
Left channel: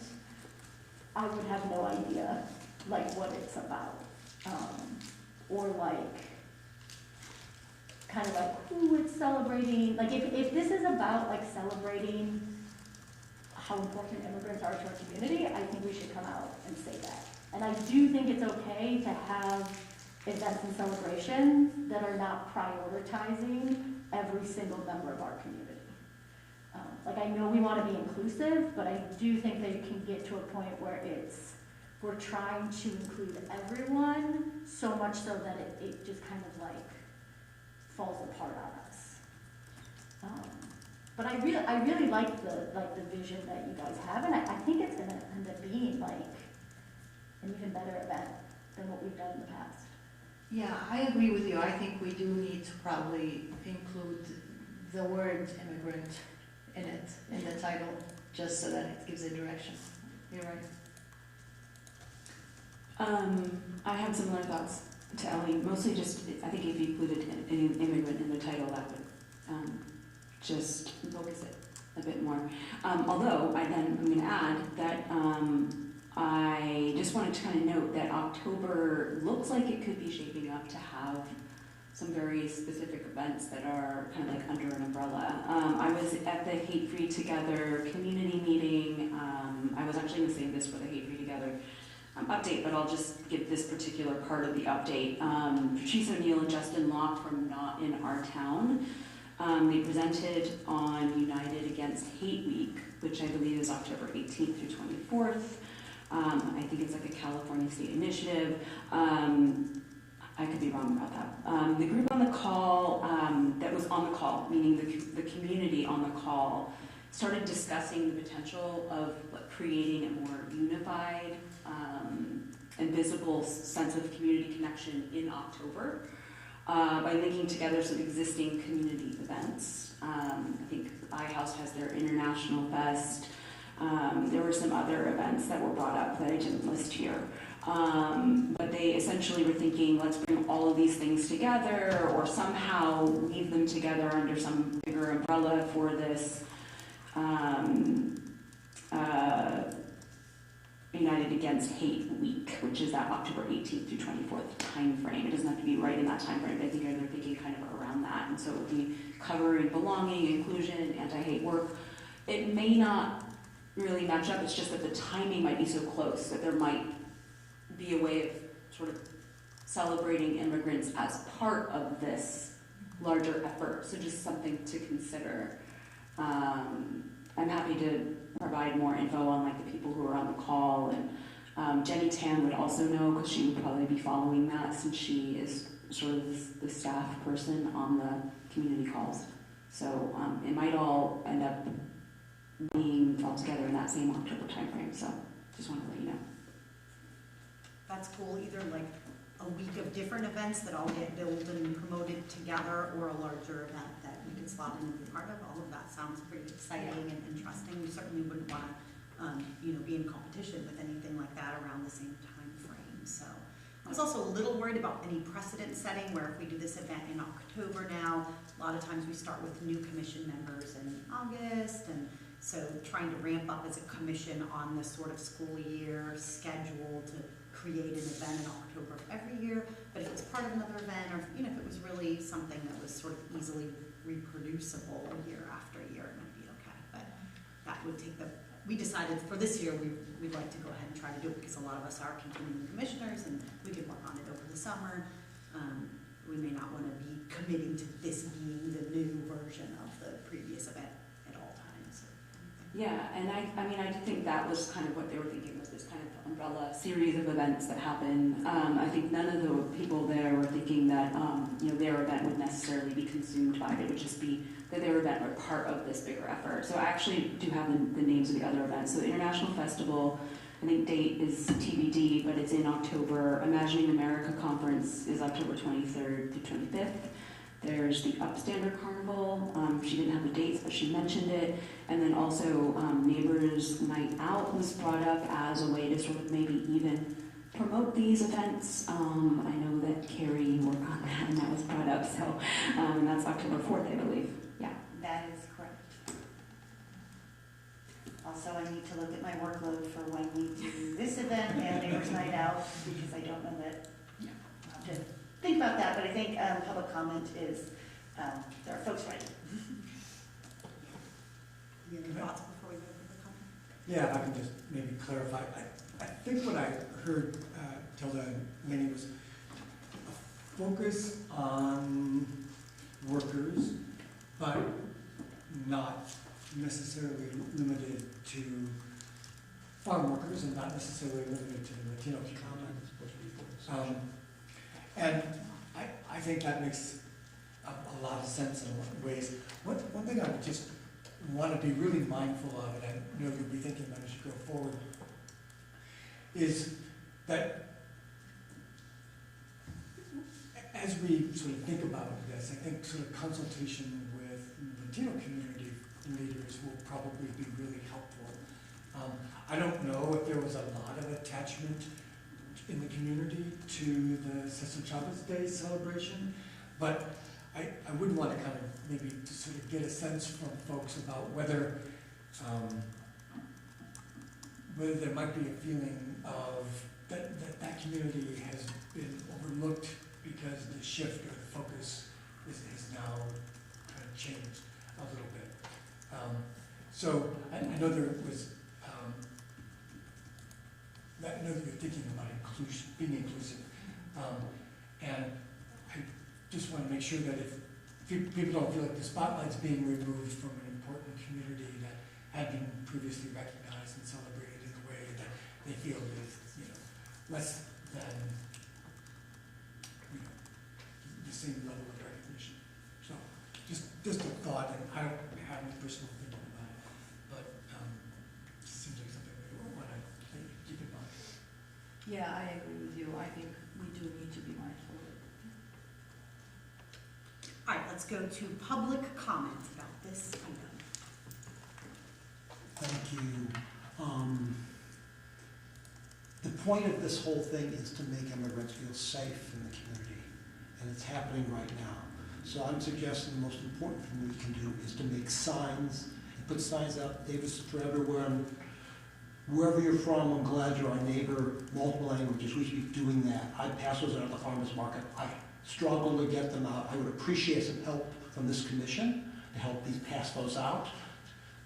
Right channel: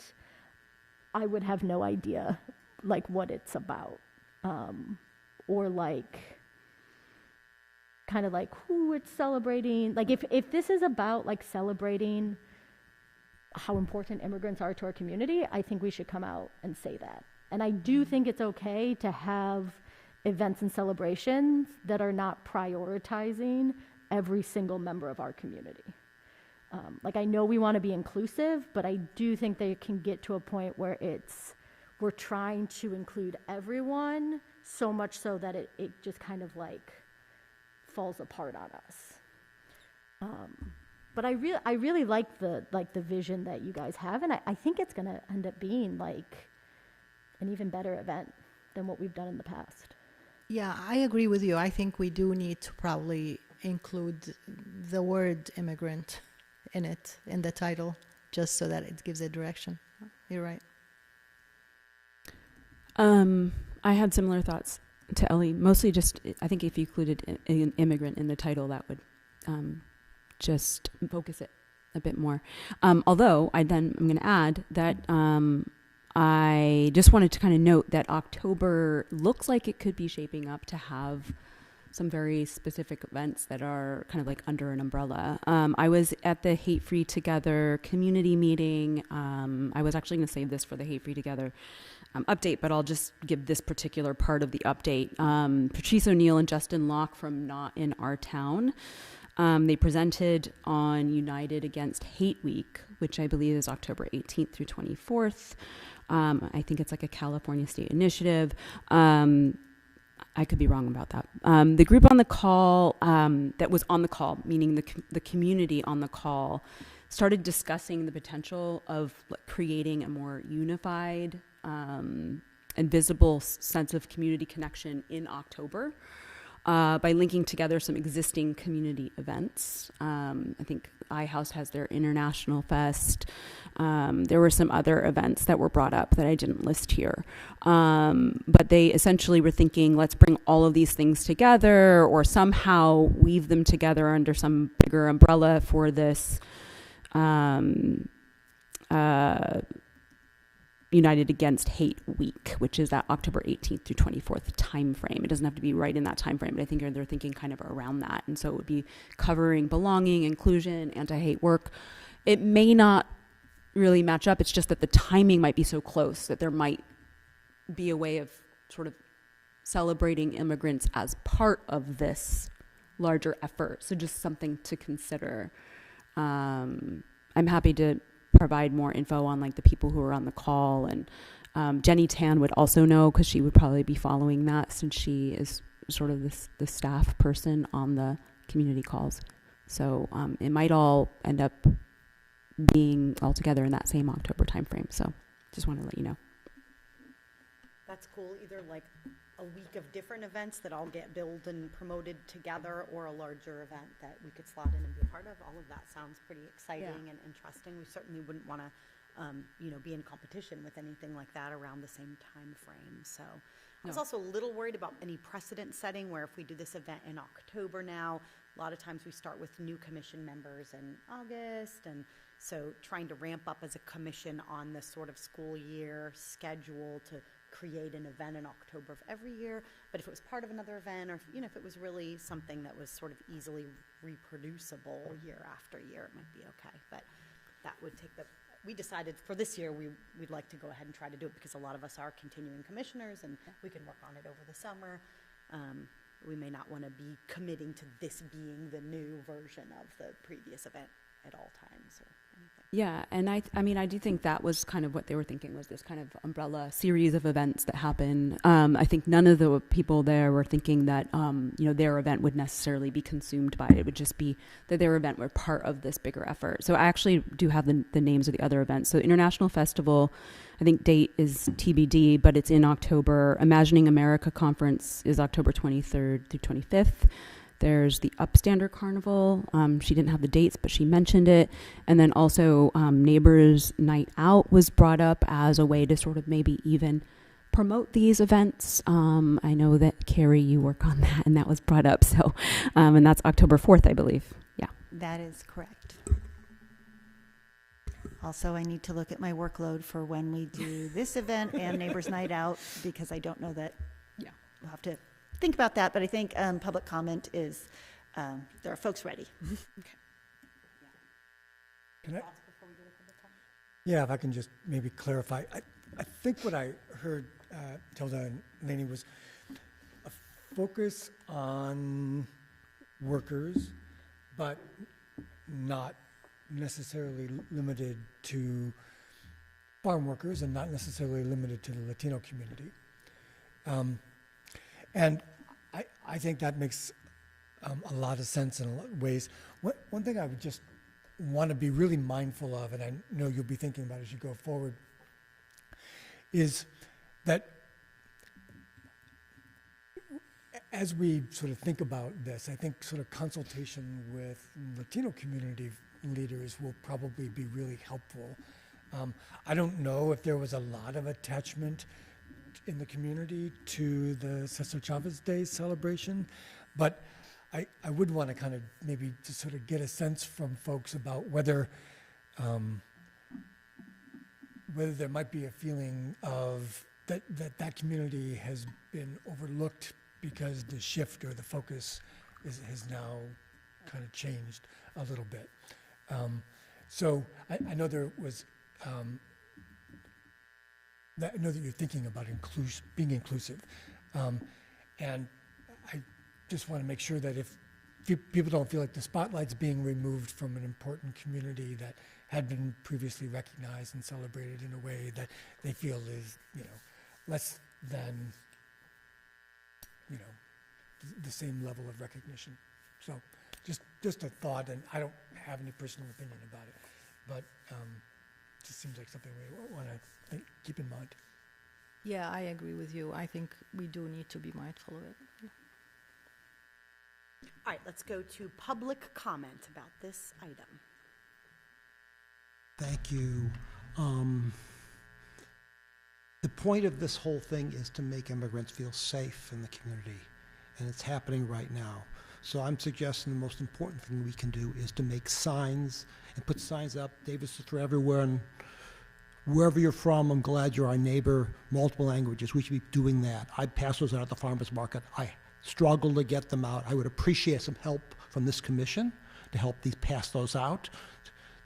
I would have no idea like what it's about, or like kind of like who it's celebrating. Like if this is about like celebrating how important immigrants are to our community, I think we should come out and say that. And I do think it's okay to have events and celebrations that are not prioritizing every single member of our community. Like I know we want to be inclusive, but I do think they can get to a point where we're trying to include everyone so much so that it just kind of like falls apart on us. But I really like the vision that you guys have, and I think it's gonna end up being like an even better event than what we've done in the past. Yeah, I agree with you. I think we do need to probably include the word immigrant in it, in the title, just so that it gives a direction. You're right. I had similar thoughts to Ellie. Mostly just, I think if you included an immigrant in the title, that would just focus it a bit more. Although I'm going to add that I just wanted to kind of note that October looks like it could be shaping up to have some very specific events that are kind of like under an umbrella. I was at the Hate Free Together community meeting. I was actually going to save this for the Hate Free Together update, but I'll just give this particular part of the update. Patrice O'Neill and Justin Locke from Not in Our Town, they presented on United Against Hate Week, which I believe is October 18th through 24th. I think it's like a California state initiative. I could be wrong about that. The group on the call, that was on the call, meaning the community on the call, started discussing the potential of creating a more unified and visible sense of community connection in October by linking together some existing community events. I think iHouse has their International Fest. There were some other events that were brought up that I didn't list here. But they essentially were thinking, let's bring all of these things together or somehow weave them together under some bigger umbrella for this United Against Hate Week, which is that October 18th through 24th time frame. It doesn't have to be right in that time frame, but I think they're thinking kind of around that. And so it would be covering belonging, inclusion, anti-hate work. It may not really match up. It's just that the timing might be so close that there might be a way of sort of celebrating immigrants as part of this larger effort. So just something to consider. I'm happy to provide more info on like the people who are on the call and Jenny Tan would also know because she would probably be following that since she is sort of the staff person on the community calls. So it might all end up being all together in that same October timeframe. So just want to let you know. That's cool, either like a week of different events that all get billed and promoted together, or a larger event that we could slot in and be part of. All of that sounds pretty exciting and interesting. We certainly wouldn't want to, be in competition with anything like that around the same time frame. So I was also a little worried about any precedent setting where if we do this event in October now, a lot of times we start with new commission members in August, and so trying to ramp up as a commission on this sort of school year schedule to create an event in October of every year. But if it was part of another event, or if it was really something that was sort of easily reproducible year after year, it might be okay. But that would take we decided for this year we'd like to go ahead and try to do it because a lot of us are continuing commissioners and we could work on it over the summer. We may not want to be committing to this being the new version of the previous event at all times. Yeah, and I do think that was kind of what they were thinking, was this kind of umbrella series of events that happen. I think none of the people there were thinking that their event would necessarily be consumed by it. It would just be that their event were part of this bigger effort. So I actually do have the names of the other events. So International Festival, I think date is TBD, but it's in October. Imagining America Conference is October 23rd through 25th. There's the Upstander Carnival. She didn't have the dates, but she mentioned it. And then also Neighbors Night Out was brought up as a way to sort of maybe even promote these events. I know that Carrie, you work on that, and that was brought up. So, and that's October 4th, I believe. Yeah. That is correct. Also, I need to look at my workload for when we do this event and Neighbors Night Out, because I don't know that. Yeah, we'll have to think about that, but I think public comment is, there are folks ready. Any thoughts before we go to public comment? Yeah, if I can just maybe clarify. I think what I heard Tilda and Lainey was a focus on workers, but not necessarily limited to farm workers and not necessarily limited to the Latino community. And I think that makes a lot of sense in a lot of ways. One thing I would just want to be really mindful of, and I know you'll be thinking about as you go forward, is that as we sort of think about this, I think sort of consultation with Latino community leaders will probably be really helpful. I don't know if there was a lot of attachment in the community to the Cesar Chavez Day celebration, but I would want to kind of maybe to sort of get a sense from folks about whether there might be a feeling of that community has been overlooked because the shift or the focus has now kind of changed a little bit. So I know there was, I know that you're thinking about being inclusive. And I just want to make sure that if people don't feel like the spotlight's being removed from an important community that had been previously recognized and celebrated in a way that they feel is, less than, the same level of recognition. So just a thought, and I don't have any personal opinion about it, but it seems like something we want to keep in mind. Yeah, I agree with you. I think we do need to be mindful of it. All right, let's go to public comment about this item. Thank you. The point of this whole thing is to make immigrants feel safe in the community, and it's happening right now. So I'm suggesting the most important thing we can do is to make signs and put signs up. Davis for everywhere, and wherever you're from, I'm glad you're our neighbor. Multiple languages, we should be doing that. I pass those out at the farmers market. I struggle to get them out. I would appreciate some help from this commission to help pass those out.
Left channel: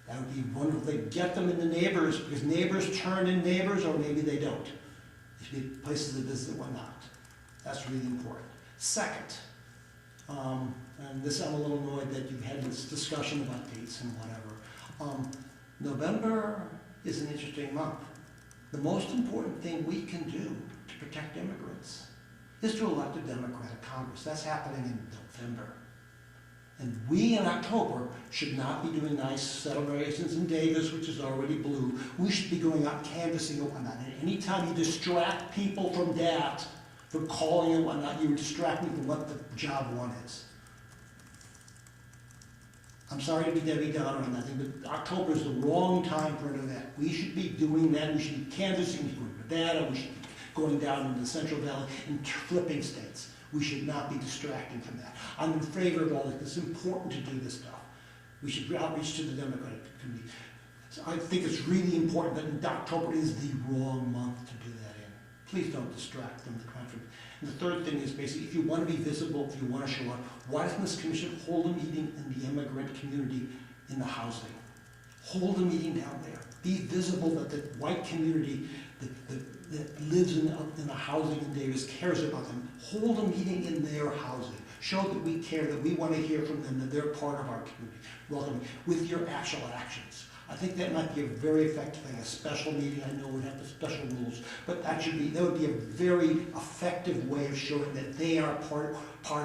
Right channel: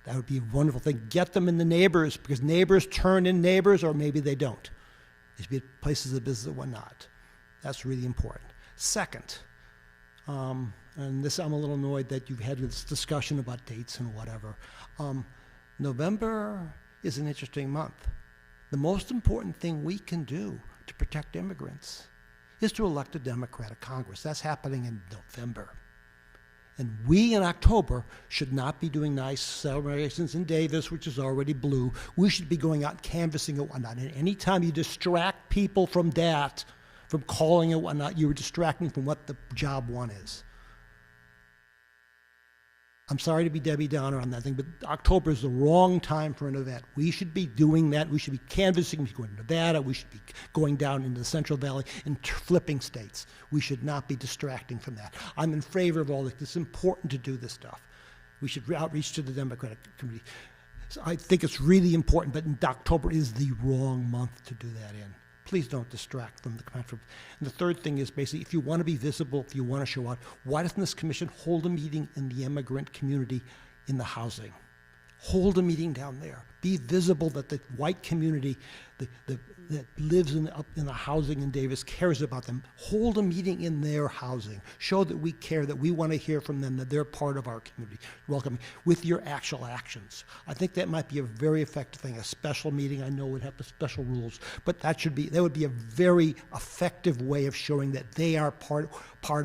That would be a wonderful thing. Get them in the neighbors, because neighbors turn in neighbors, or maybe they don't. There should be places of business and whatnot. That's really important. Second, and this I'm a little annoyed that you've had this discussion about dates and whatever. November is an interesting month. The most important thing we can do to protect immigrants is to elect a Democratic Congress. That's happening in November. And we in October should not be doing nice celebrations in Davis, which is already blue. We should be going out canvassing and whatnot. And anytime you distract people from that, from calling it whatnot, you're distracting from what the job one is. I'm sorry to be Debbie Downer on that thing, but October is the wrong time for an event. We should be doing that. We should be canvassing. We should be going to Nevada. We should be going down into the Central Valley and flipping states. We should not be distracting from that. I'm in favor of all this. It's important to do this stuff. We should outreach to the Democratic community. So I think it's really important, but October is the wrong month to do that in. Please don't distract from the conference. And the third thing is basically, if you want to be visible, if you want to show up, why doesn't this commission hold a meeting in the immigrant community in the housing? Hold a meeting down there. Be visible that the white community that lives in the housing in Davis cares about them. Hold a meeting in their housing. Show that we care, that we want to hear from them, that they're part of our community. Welcome with your actual actions. I think that might be a very effective thing. A special meeting, I know, would have the special rules, but that would be a very effective way of showing that they are part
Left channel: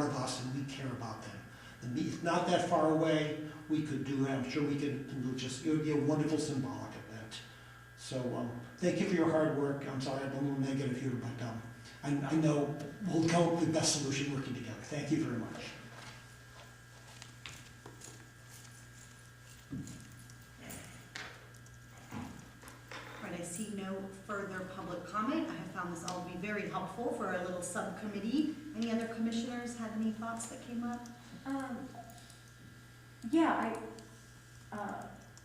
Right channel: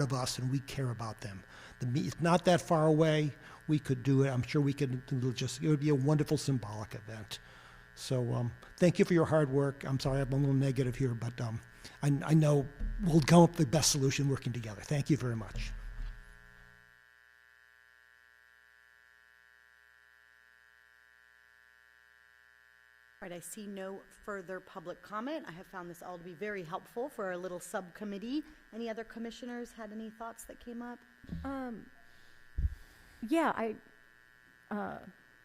of us and we care about them. It's not that far away. We could do it. I'm sure we could it would be a wonderful symbolic event. So thank you for your hard work. I'm sorry I'm a little negative here, but I know we'll come up with the best solution working together. Thank you very much. I see no further public comment. I have found this all to be very helpful for our little subcommittee. Any other commissioners had any thoughts that came up?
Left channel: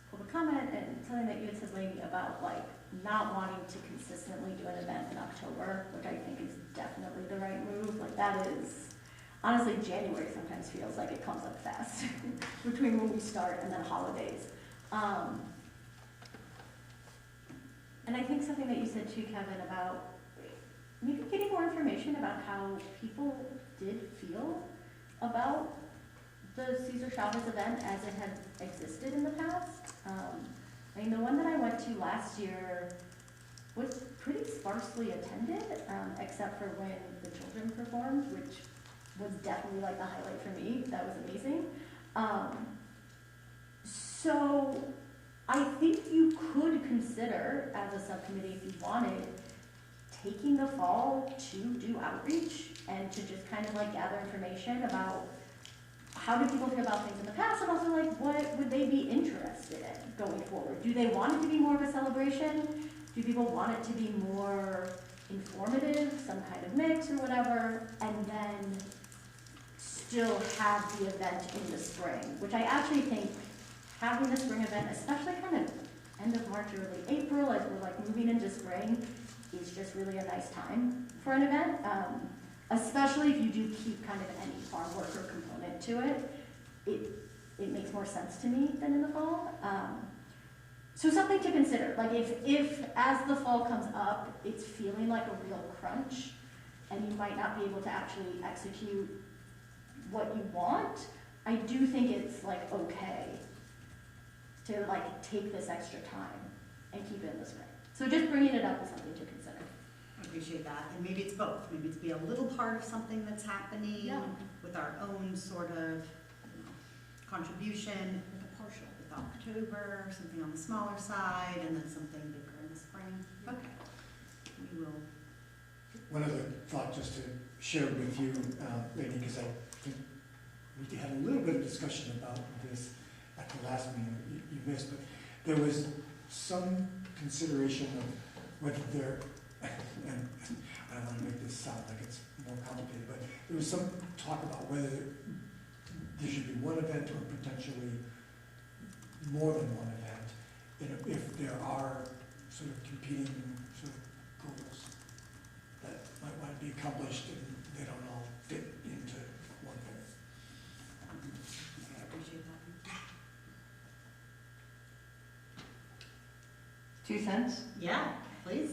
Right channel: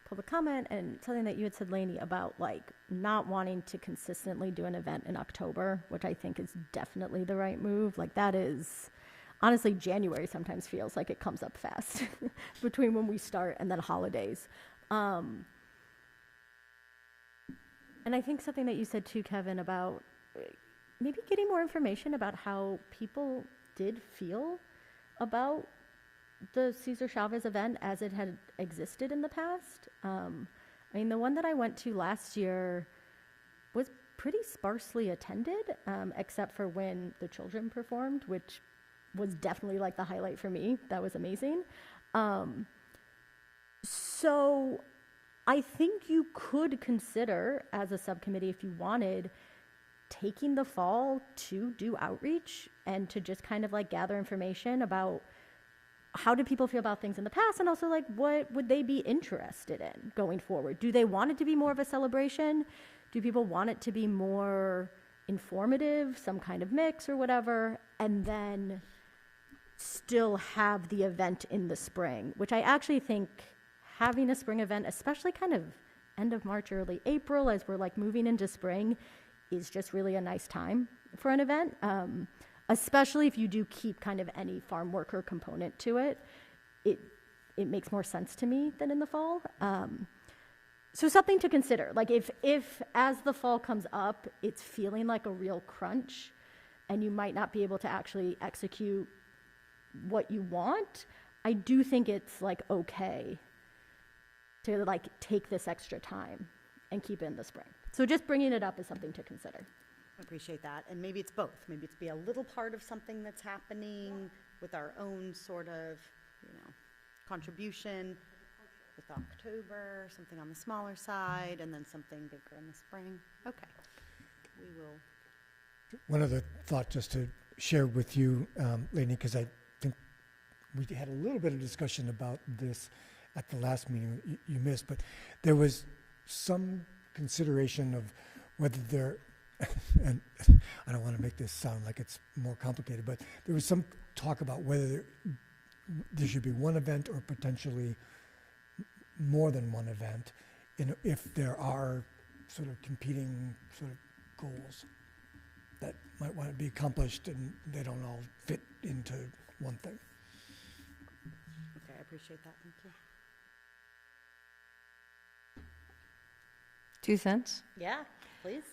Public comment and something that you had said, Lainey, about like not wanting to consistently do an event in October, which I think is definitely the right move. Like that is, honestly, January sometimes feels like it comes up fast between when we start and then holidays. And I think something that you said too, Kevin, about maybe getting more information about how people did feel about the Cesar Chavez event as it had existed in the past. I mean, the one that I went to last year was pretty sparsely attended, except for when the children performed, which was definitely like the highlight for me. That was amazing. So I think you could consider, as a subcommittee, if you wanted, taking the fall to do outreach and to just kind of like gather information about how do people feel about things in the past, and also like what would they be interested in going forward? Do they want it to be more of a celebration? Do people want it to be more informative, some kind of mix or whatever, and then still have the event in the spring, which I actually think having a spring event, especially kind of end of March, early April, as we're like moving into spring, is just really a nice time for an event. Especially if you do keep kind of any farm worker component to it, it makes more sense to me than in the fall. So something to consider. Like if as the fall comes up, it's feeling like a real crunch, and you might not be able to actually execute what you want, I do think it's like okay to like take this extra time and keep it in the spring. So just bringing it up is something to consider. I appreciate that. And maybe it's both. Maybe it's be a little part of something that's happening with our own sort of contribution with October, something on the smaller side, and then something bigger in the spring. Okay. We will. One other thought just to share with you, Lainey, because I think we had a little bit of discussion about this at the last meeting that you missed, but there was some consideration of whether there, and I don't want to make this sound like it's more complicated, but there was some talk about whether there should be one event or potentially more than one event, if there are sort of competing sort of goals that might want to be accomplished and they don't all fit into one thing. Okay, I appreciate that. 2 cents? Yeah, please.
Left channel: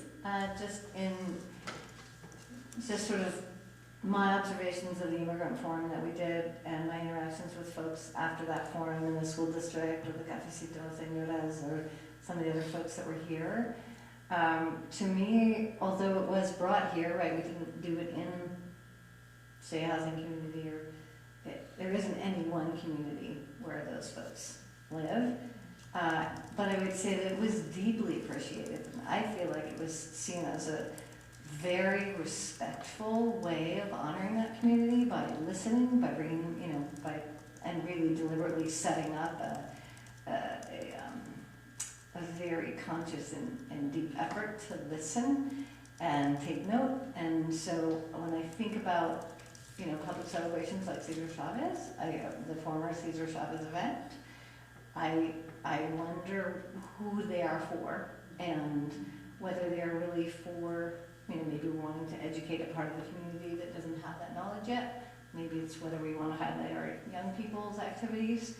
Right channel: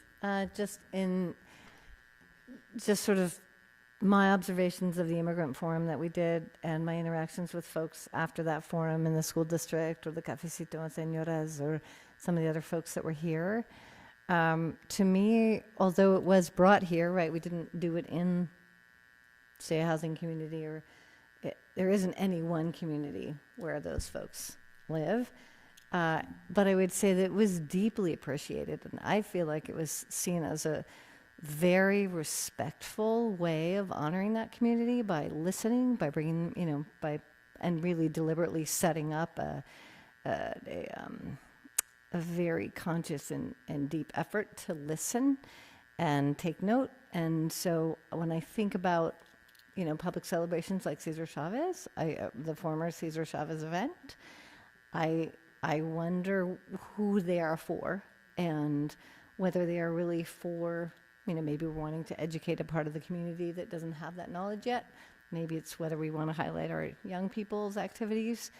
Just sort of my observations of the immigrant forum that we did and my interactions with folks after that forum in the school district or the Cafecito and Señoras or some of the other folks that were here, To me, although it was brought here, right, we didn't do it in, say, a housing community, or there isn't any one community where those folks live. But I would say that it was deeply appreciated, and I feel like it was seen as a very respectful way of honoring that community by listening, by bringing, and really deliberately setting up a very conscious and deep effort to listen and take note. And so when I think about, public celebrations like Cesar Chavez, the former Cesar Chavez event, I wonder who they are for, and whether they are really for, maybe we're wanting to educate a part of the community that doesn't have that knowledge yet. Maybe it's whether we want to highlight our young people's activities.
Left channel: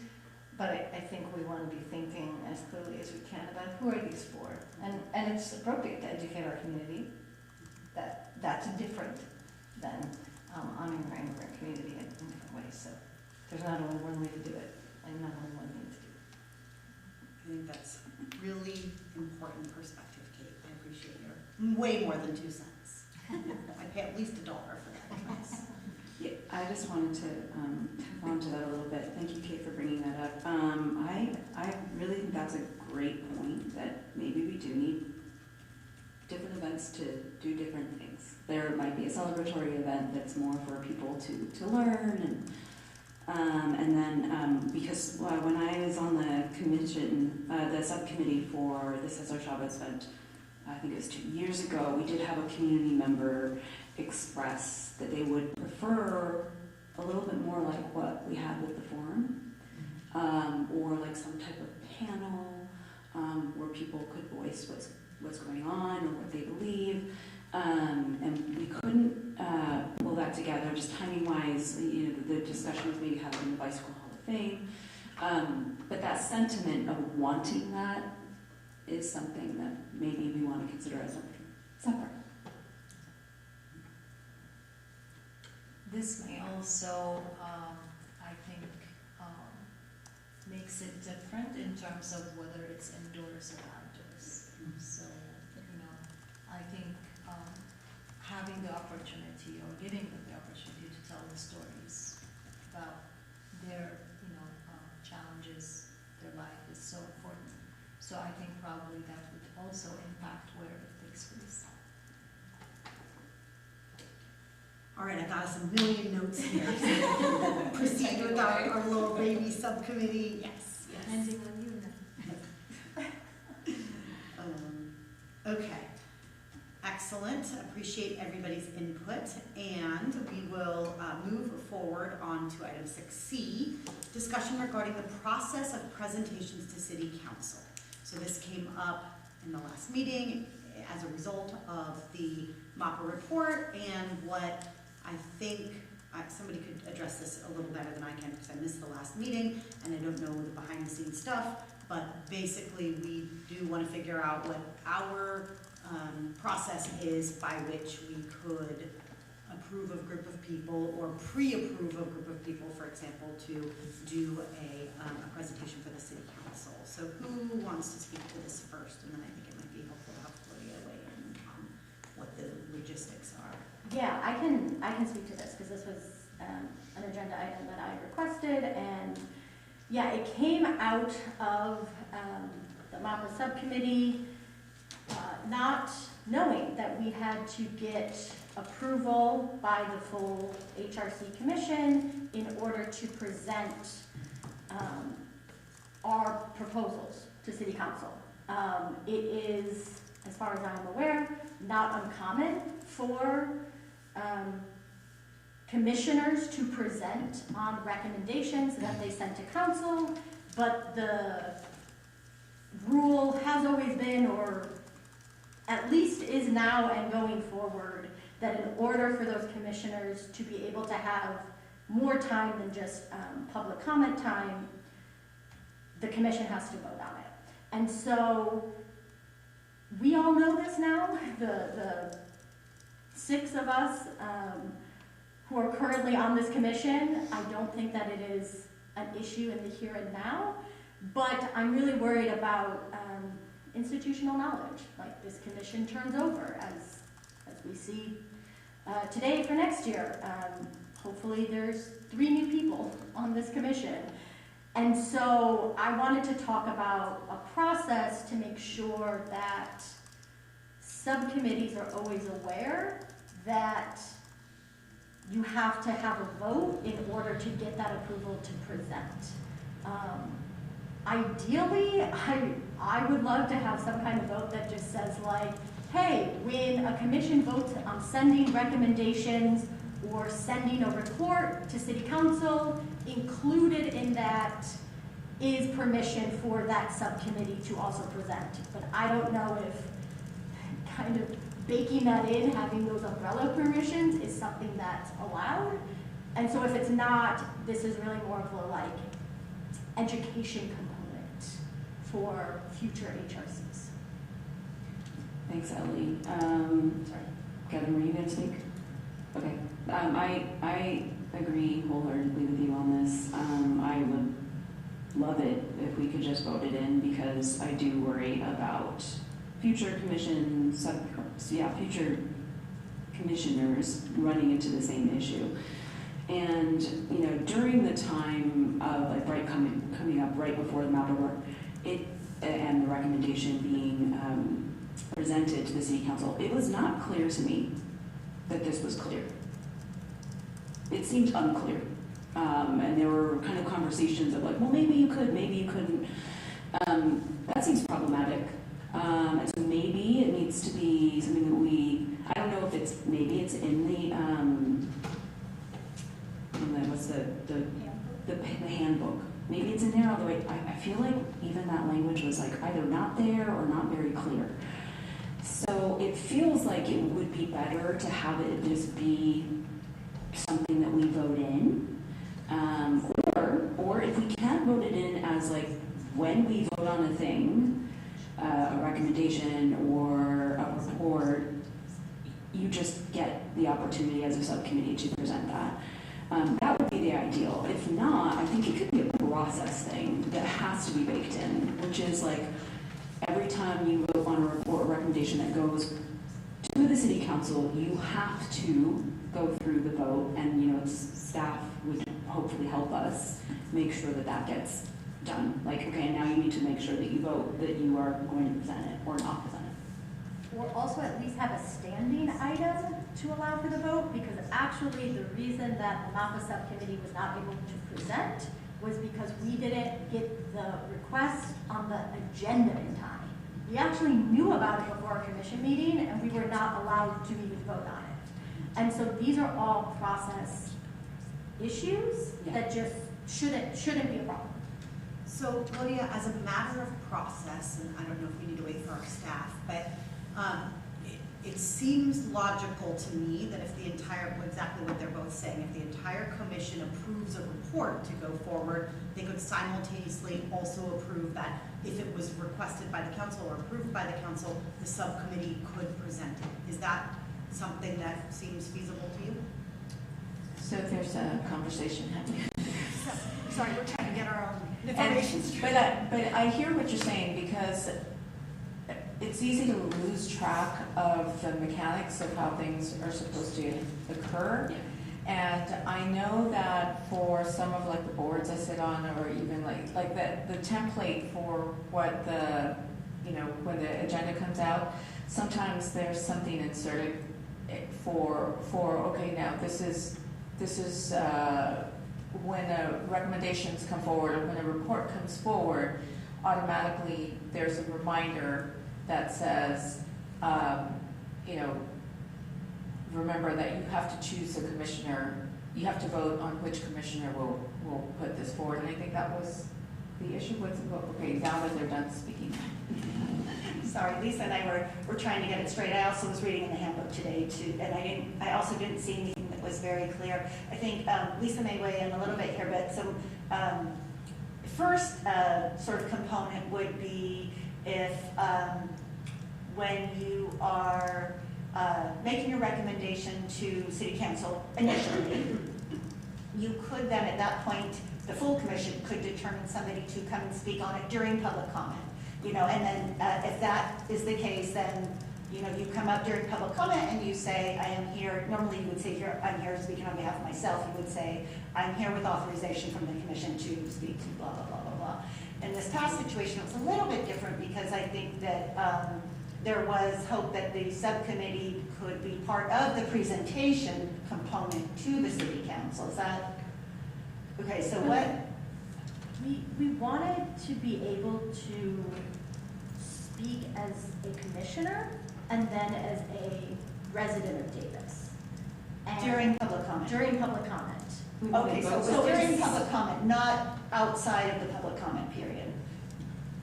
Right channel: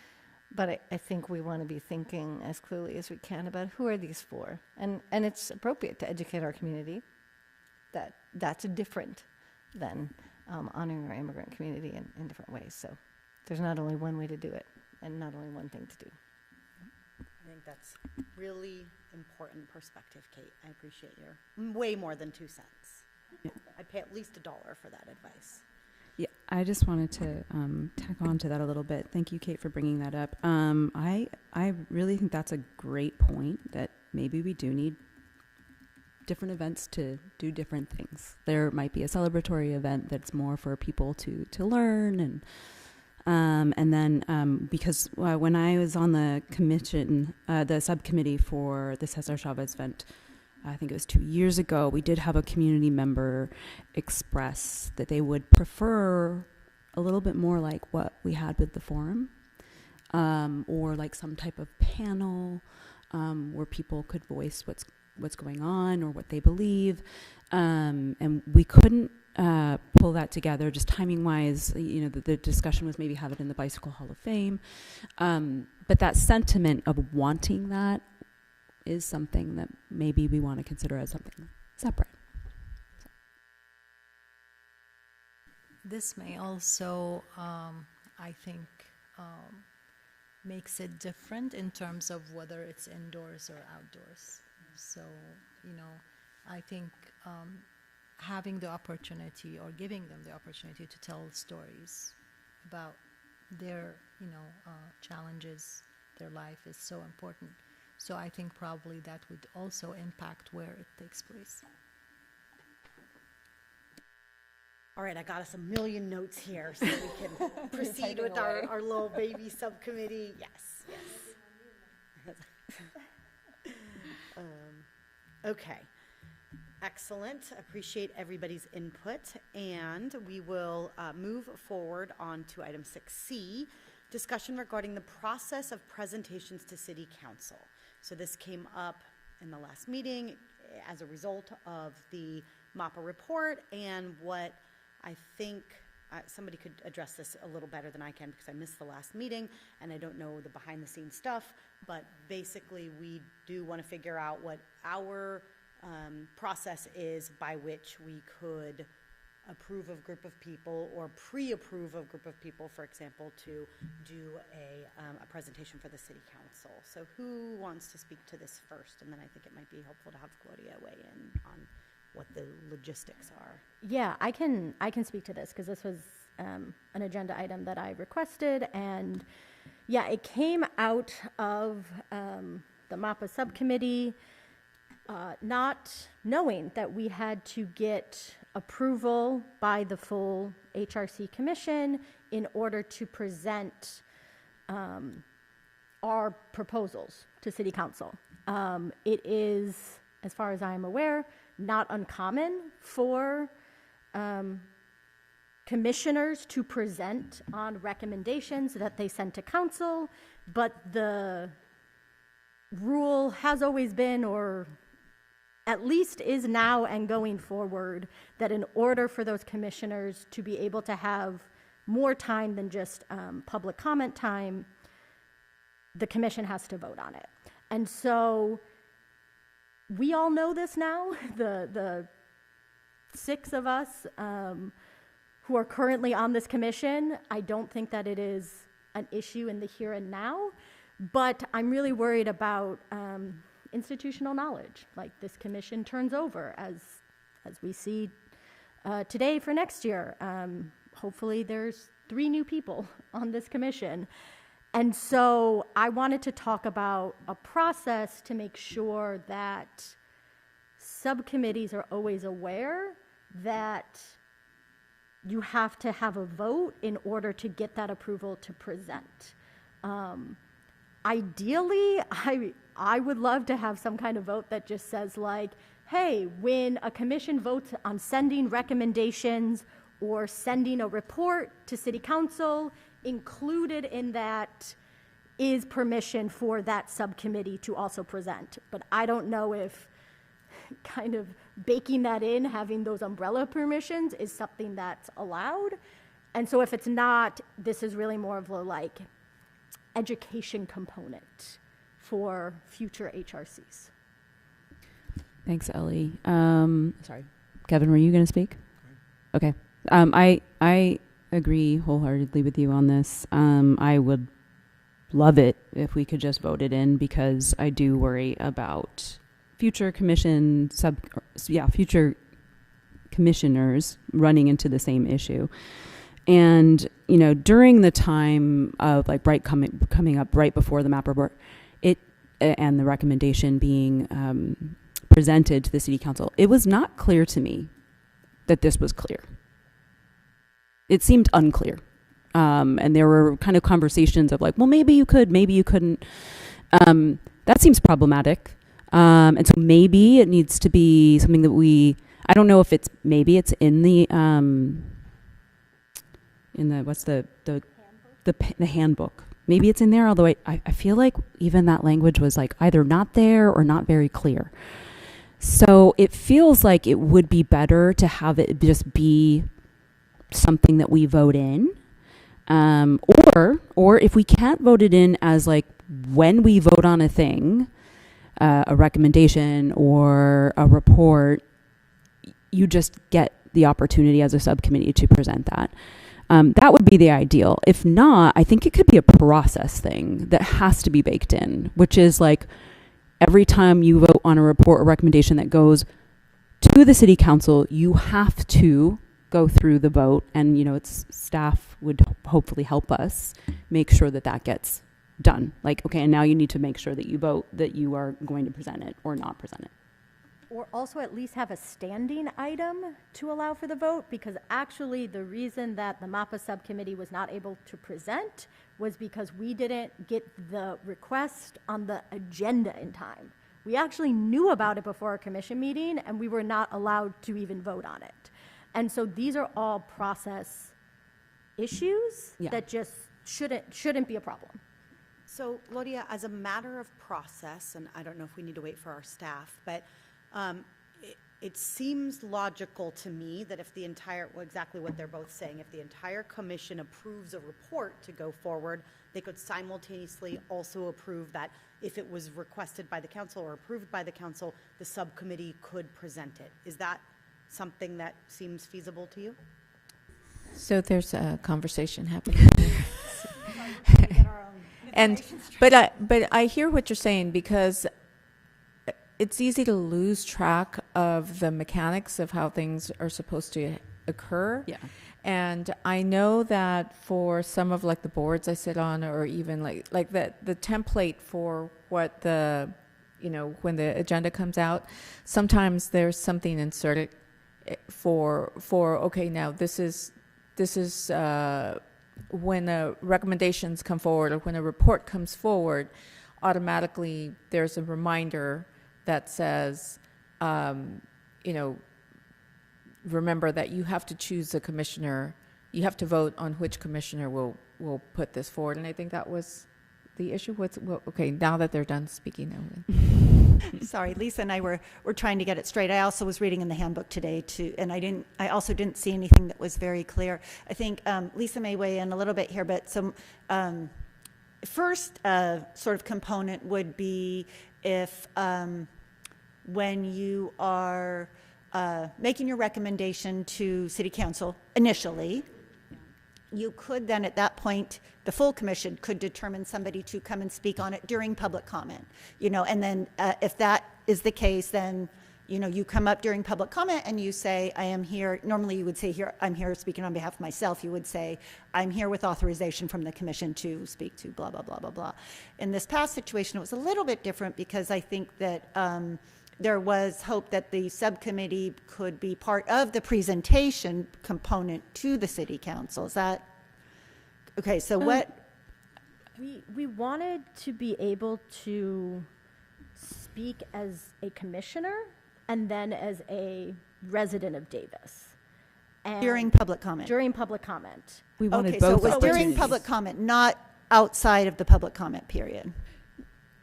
But I think we want to be thinking as clearly as we can about who are these for. And it's appropriate to educate our community that that's different than honoring our immigrant community in different ways. So there's not only one way to do it, and not only one thing to do. I think that's really important perspective, Kate. I appreciate your way more than 2 cents. I pay at least $1 for that advice. Yeah, I just wanted to tack on to that a little bit. Thank you, Kate, for bringing that up. I really think that's a great point, that maybe we do need different events to do different things. There might be a celebratory event that's more for people to learn, and then because when I was on the commission, the subcommittee for the Cesar Chavez event, I think it was 2 years ago, we did have a community member express that they would prefer a little bit more like what we had with the forum, or like some type of panel where people could voice what's going on or what they believe, and we couldn't pull that together just timing wise. The discussion was maybe having in the Bicycle Hall of Fame, but that sentiment of wanting that is something that maybe we want to consider as something separate. This may also, I think, makes it different in terms of whether it's indoors or outdoors. So, I think having the opportunity or giving them the opportunity to tell the stories about their, challenges, their life is so important. So I think probably that would also impact where it takes place. All right, I got us a million notes here, so we can proceed with our little baby subcommittee. Yes. Depending on you now. Okay. Excellent. Appreciate everybody's input, and we will move forward on to item 6C, discussion regarding the process of presentations to City Council. So this came up in the last meeting as a result of the MAPA report, and what I think somebody could address this a little better than I can, because I missed the last meeting and I don't know the behind the scenes stuff, but basically we do want to figure out what our process is by which we could approve a group of people or pre-approve a group of people, for example, to do a presentation for the City Council. So who wants to speak to this first? And then I think it might be helpful to have Claudia weigh in on what the logistics are. Yeah, I can speak to this because this was an agenda item that I requested, and yeah, it came out of the MAPA subcommittee, not knowing that we had to get approval by the full HRC commission in order to present our proposals to City Council. It is, as far as I'm aware, not uncommon for commissioners to present on recommendations that they send to council, but the rule has always been, or at least is now and going forward, that in order for those commissioners to be able to have more time than just public comment time, the commission has to vote on it. And so we all know this now, the 6 of us who are currently on this commission. I don't think that it is an issue in the here and now, but I'm really worried about institutional knowledge, like this commission turns over as we see today for next year. Hopefully there's 3 new people on this commission. And so I wanted to talk about a process to make sure that subcommittees are always aware that you have to have a vote in order to get that approval to present. Ideally, I would love to have some kind of vote that just says like, hey, when a commission votes on sending recommendations or sending a report to city council, included in that is permission for that subcommittee to also present. But I don't know if kind of baking that in, having those umbrella permissions is something that's allowed. And so if it's not, this is really more of a like education component for future HRCs. Thanks, Ellie. Sorry. Kevin, were you going to speak? Okay. I agree wholeheartedly with you on this. I would love it if we could just vote it in, because I do worry about future future commissioners running into the same issue. And, you know, during the time of like Bright coming up right before the map report, and the recommendation being presented to the city council, it was not clear to me that this was clear. It seemed unclear. And there were kind of conversations of like, well, maybe you could, maybe you couldn't. That seems problematic. And so maybe it needs to be something that I don't know if maybe it's in the what's the handbook. Maybe it's in there, although I feel like even that language was like either not there or not very clear. So it feels like it would be better to have it just be something that we vote in. Or if we can't vote it in as like when we vote on a thing, a recommendation or a report, you just get the opportunity as a subcommittee to present that. That would be the ideal. If not, I think it could be a process thing that has to be baked in, which is like every time you vote on a report or recommendation that goes to the city council, you have to go through the vote, and you know, staff would hopefully help us make sure that that gets done. Like, okay, and now you need to make sure that you vote that you are going to present it or not present it. Or also at least have a standing item to allow for the vote, because actually the reason that the MAPA subcommittee was not able to present was because we didn't get the request on the agenda in time. We actually knew about it before our commission meeting, and we were not allowed to even vote on it. And so these are all process issues that just shouldn't be a problem. So, Claudia, as a matter of process, and I don't know if we need to wait for our staff, but it seems logical to me that if the exactly what they're both saying, if the entire commission approves a report to go forward, they could simultaneously also approve that if it was requested by the council or approved by the council, the subcommittee could present it. Is that something that seems feasible to you? So there's a conversation happening. Sorry, we're trying to get our own information straight. But I hear what you're saying, because it's easy to lose track of the mechanics of how things are supposed to occur. Yeah. And I know that for some of like the boards I sit on, or even like the template for what when the agenda comes out, sometimes there's something inserted for okay, now this is when the recommendations come forward or when a report comes forward, automatically there's a reminder that says, remember that you have to choose a commissioner. You have to vote on which commissioner will put this forward. And I think that was the issue. Okay, now that they're done speaking. Sorry, Lisa and I were trying to get it straight. I also was reading in the handbook today too, and I also didn't see anything that was very clear. I think Lisa may weigh in a little bit here, but some first sort of component would be if when you are making your recommendation to city council initially, you could then at that point, the full commission could determine somebody to come and speak on it during public comment. you know, and then if that is the case, then, you know, you come up during public comment and you say, I am here, normally you would say here, I'm here speaking on behalf of myself. You would say, I'm here with authorization from the commission to speak to blah, blah, blah, blah, blah. In this past situation, it was a little bit different because I think that there was hope that the subcommittee could be part of the presentation component to the city council. Is that, okay, so what? We wanted to be able to speak as a commissioner and then as a resident of Davis. And During public comment? During public comment. We wanted Okay, so it both was during opportunities. public comment, not outside of the public comment period.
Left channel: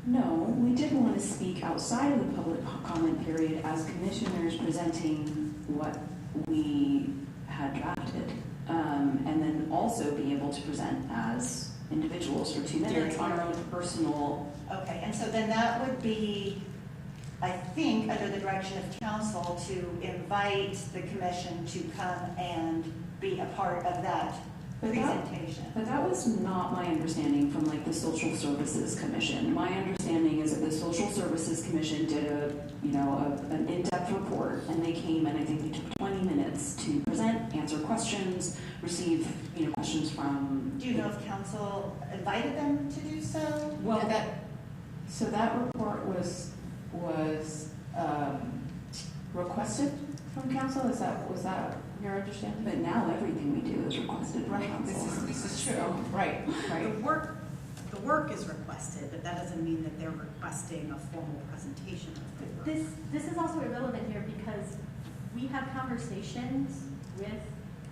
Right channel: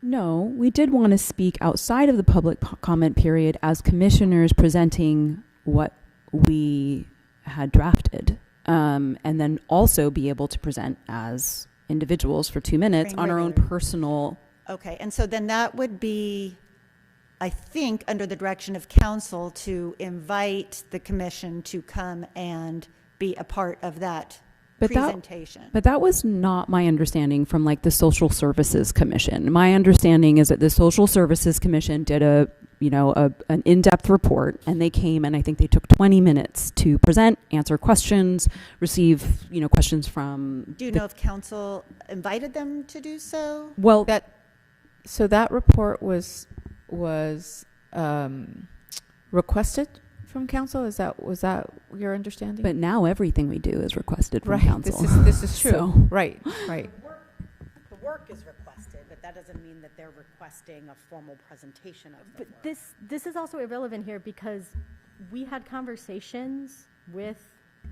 No, we did want to speak outside of the public comment period as commissioners presenting what we had drafted, and then also be able to present as individuals for 2 minutes on our own personal. Okay, and so then that would be, I think, under the direction of council to invite the commission to come and be a part of that presentation. But that was not my understanding from like the Social Services Commission. My understanding is that the Social Services Commission did an in-depth report, and they came and I think they took 20 minutes to present, answer questions, receive, questions from. Do you know if council invited them to do so? Well, So that report was requested from council? Was that your understanding? but now everything we do is requested from right, council. this is true. So- Right. The work is requested, but that doesn't mean that they're requesting a formal presentation of the work. This is also irrelevant here because we had conversations with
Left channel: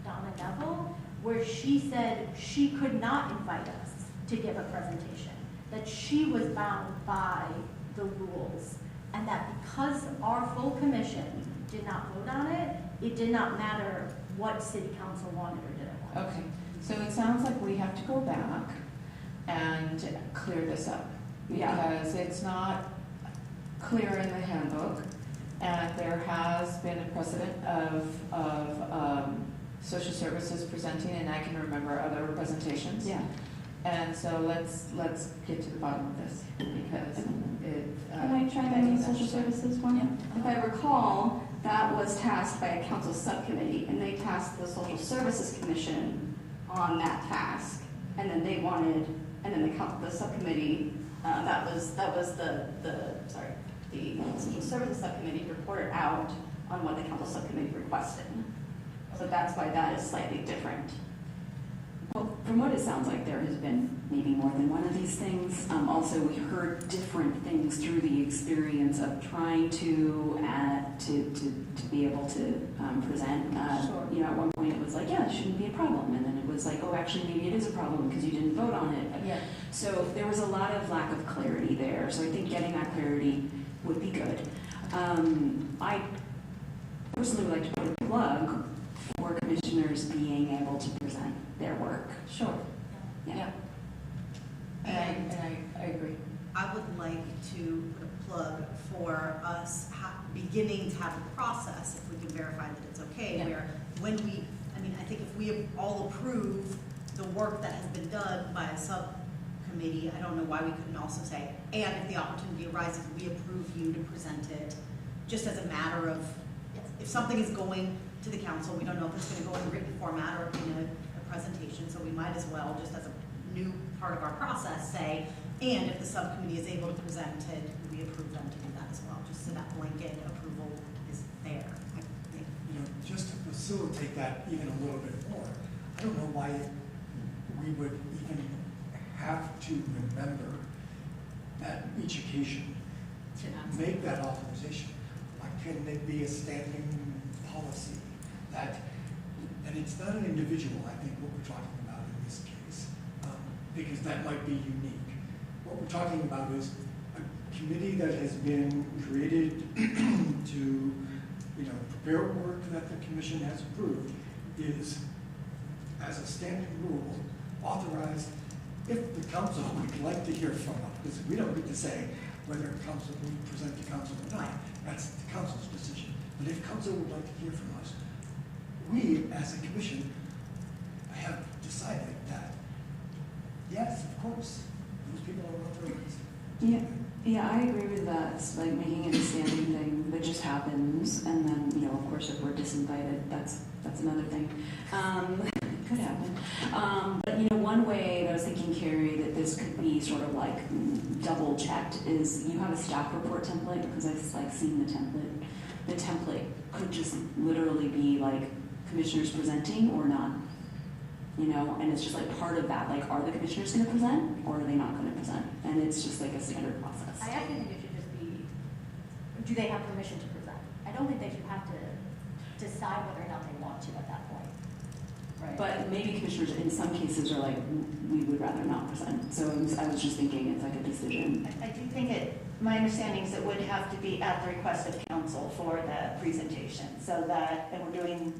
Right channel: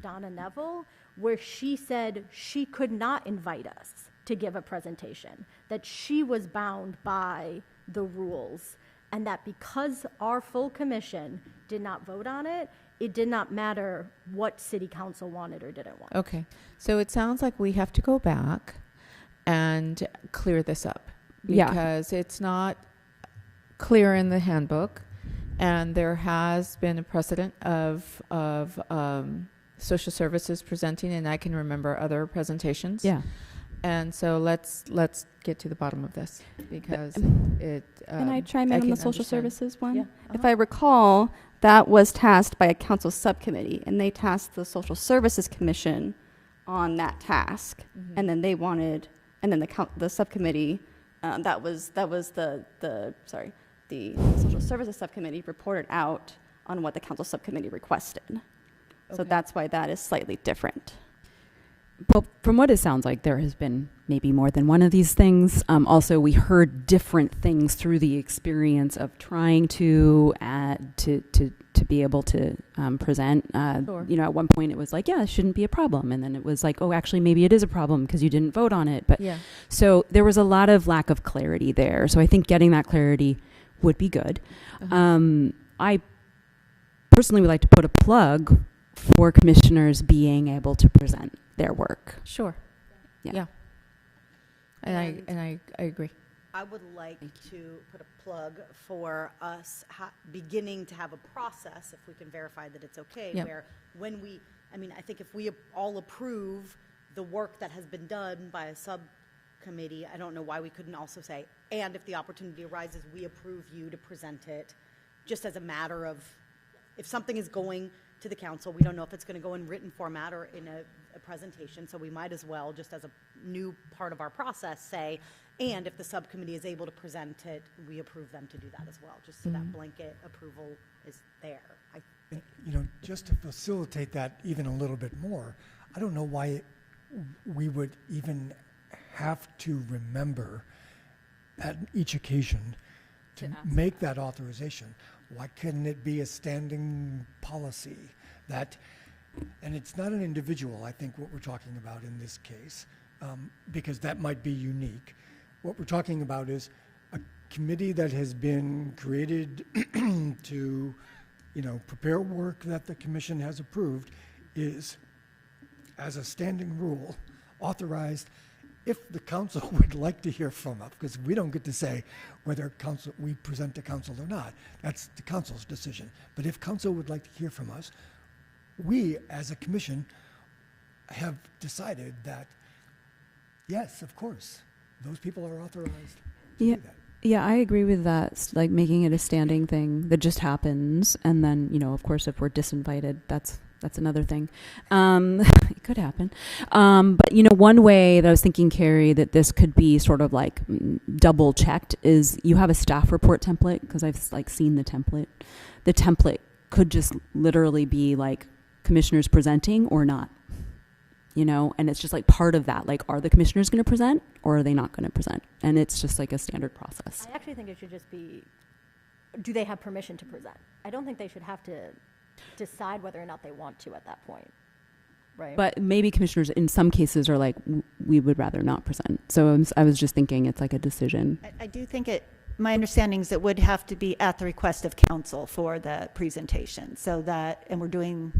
Donna Neville where she said she could not invite us to give a presentation, that she was bound by the rules, and that because our full commission did not vote on it, it did not matter what city council wanted or didn't want. Okay, so it sounds like we have to go back and clear this up. Yeah. Because it's not clear in the handbook, and there has been a precedent of social services presenting, and I can remember other presentations. Yeah. And so let's get to the bottom of this, because it. Can I chime in on can the social understand. services one? Yeah. If I recall, that was tasked by a council subcommittee, and they tasked the Social Services Commission on that task, and then they wanted, and then the subcommittee, that was the Social Services Subcommittee reported out on what the council subcommittee requested. So that's why that is slightly different. Well, from what it sounds like, there has been maybe more than one of these things. Also, we heard different things through the experience of trying to be able to present. Sure. At one point it was like, yeah, it shouldn't be a problem, and then it was like, oh, actually, maybe it is a problem because you didn't vote on it. But Yeah. so there was a lot of lack of clarity there. So I think getting that clarity would be good. I personally would like to put a plug for commissioners being able to present their work. Sure. Yeah. And I agree. I would like to put a plug for us beginning to have a process, if we can verify that it's okay, Yeah. where I think if we all approve the work that has been done by a subcommittee, I don't know why we couldn't also say, and if the opportunity arises, we approve you to present it, just as a matter of, if something is going to the council, we don't know if it's gonna go in written format or in a presentation, so we might as well, just as a new part of our process, say, and if the subcommittee is able to present it, we approve them to do that as well, just so that blanket approval is there, I think. Just to facilitate that even a little bit more, I don't know why we would even have to remember at each occasion to make that authorization. Why couldn't it be a standing policy that, and it's not an individual, I think, what we're talking about in this case, because that might be unique. What we're talking about is a committee that has been created to, prepare work that the commission has approved is, as a standing rule, authorized if the council would like to hear from us, because we don't get to say whether we present to council or not. That's the council's decision. But if council would like to hear from us, we, as a commission, have decided that, yes, of course, those people are authorized. Yeah, Yeah, I agree with that. Like making it a standing thing that just happens, and then of course, if we're disinvited, that's another thing. It could happen. But one way that I was thinking, Carrie, that this could be sort of like double checked is you have a staff report template, because I've seen the template. The template could just literally be like commissioners presenting or not. And it's just like part of that. Like, are the commissioners going to present or are they not going to present? And it's just like a standard process. I actually think it should just be, do they have permission to present? I don't think they should have to decide whether or not they want to at that point, right? But maybe commissioners in some cases are like, we would rather not present. So I was just thinking it's like a decision. I do think my understanding is it would have to be at the request of council for the presentation, and we're doing,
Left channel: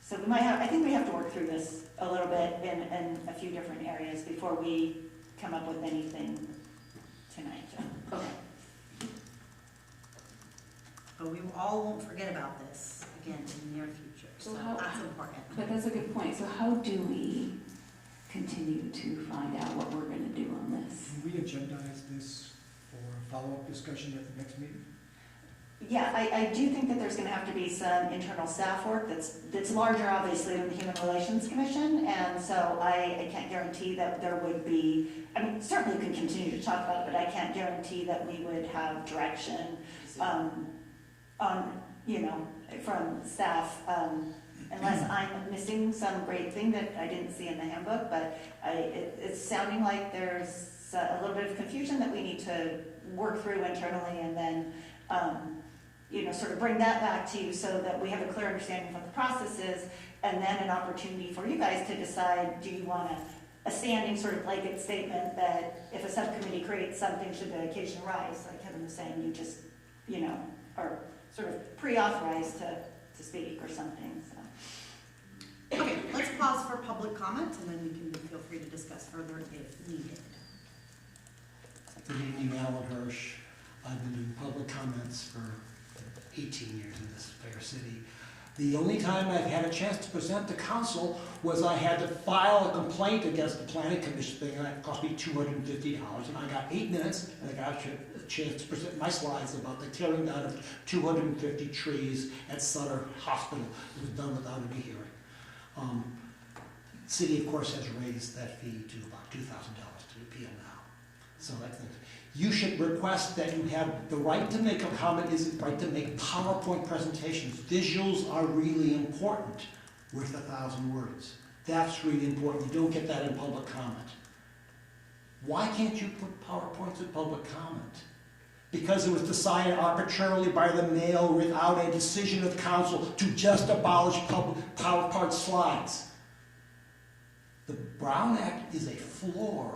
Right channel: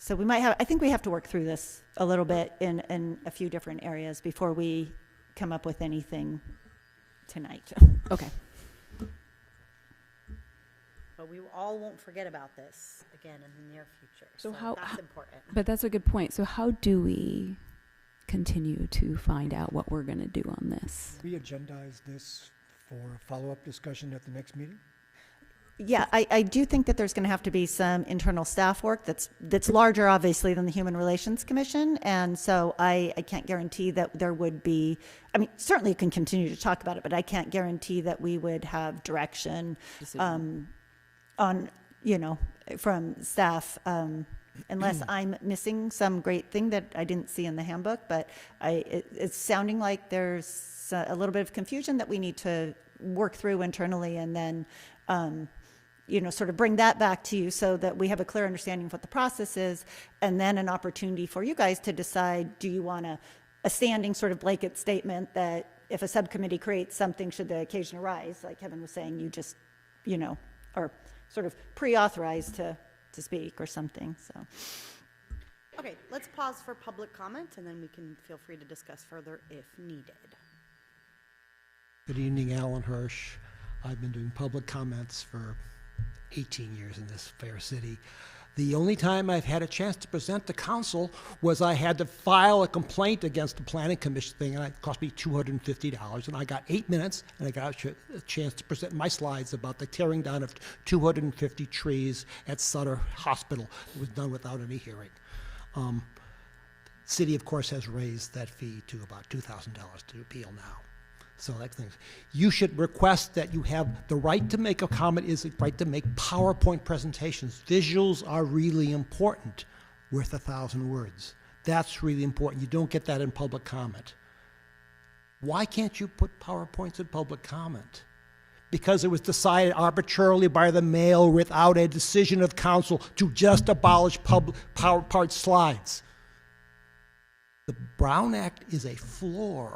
so we might have, I think we have to work through this a little bit in a few different areas before we come up with anything tonight. Okay. But we all won't forget about this again in the near future. So that's important. But that's a good point. So how do we continue to find out what we're going to do on this? Can we agendize this for follow-up discussion at the next meeting? Yeah, I do think that there's going to have to be some internal staff work that's larger, obviously, than the Human Relations Commission, and so I can't guarantee that there would be, I mean, certainly you can continue to talk about it, but I can't guarantee that we would have direction on, from staff, unless I'm missing some great thing that I didn't see in the handbook, but it's sounding like there's a little bit of confusion that we need to work through internally, and then sort of bring that back to you so that we have a clear understanding of what the process is, and then an opportunity for you guys to decide, do you want a standing sort of blanket statement that if a subcommittee creates something, should the occasion arise, like Kevin was saying, you just, are sort of pre-authorized to speak or something, so. Okay, let's pause for public comments, and then we can feel free to discuss further if needed. Good evening, Alan Hirsch. I've been doing public comments for 18 years in this fair city. The only time I've had a chance to present to council was I had to file a complaint against the planning commission thing, and it cost me $250, and I got 8 minutes, and I got a chance to present my slides about the tearing down of 250 trees at Sutter Hospital. It was done without any hearing. City, of course, has raised that fee to about $2,000 to appeal now. So that thing. You should request that you have the right to make a comment is the right to make PowerPoint presentations. Visuals are really important, worth 1,000 words. That's really important. You don't get that in public comment. Why can't you put PowerPoints in public comment? Because it was decided arbitrarily by the mayor without a decision of council to just abolish PowerPoint slides. The Brown Act is a floor,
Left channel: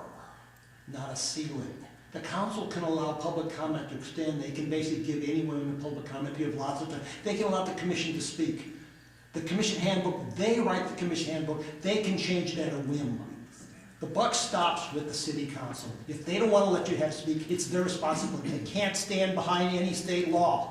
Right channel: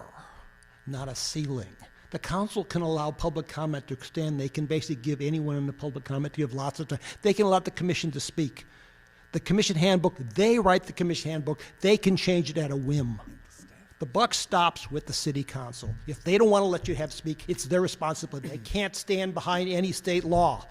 not a ceiling. The council can allow public comment to extend. They can basically give anyone in the public comment to give lots of time. They can allow the commission to speak. The commission handbook, they write the commission handbook. They can change it at a whim. The buck stops with the city council. If they don't want to let you have speak, it's their responsibility. They can't stand behind any state law.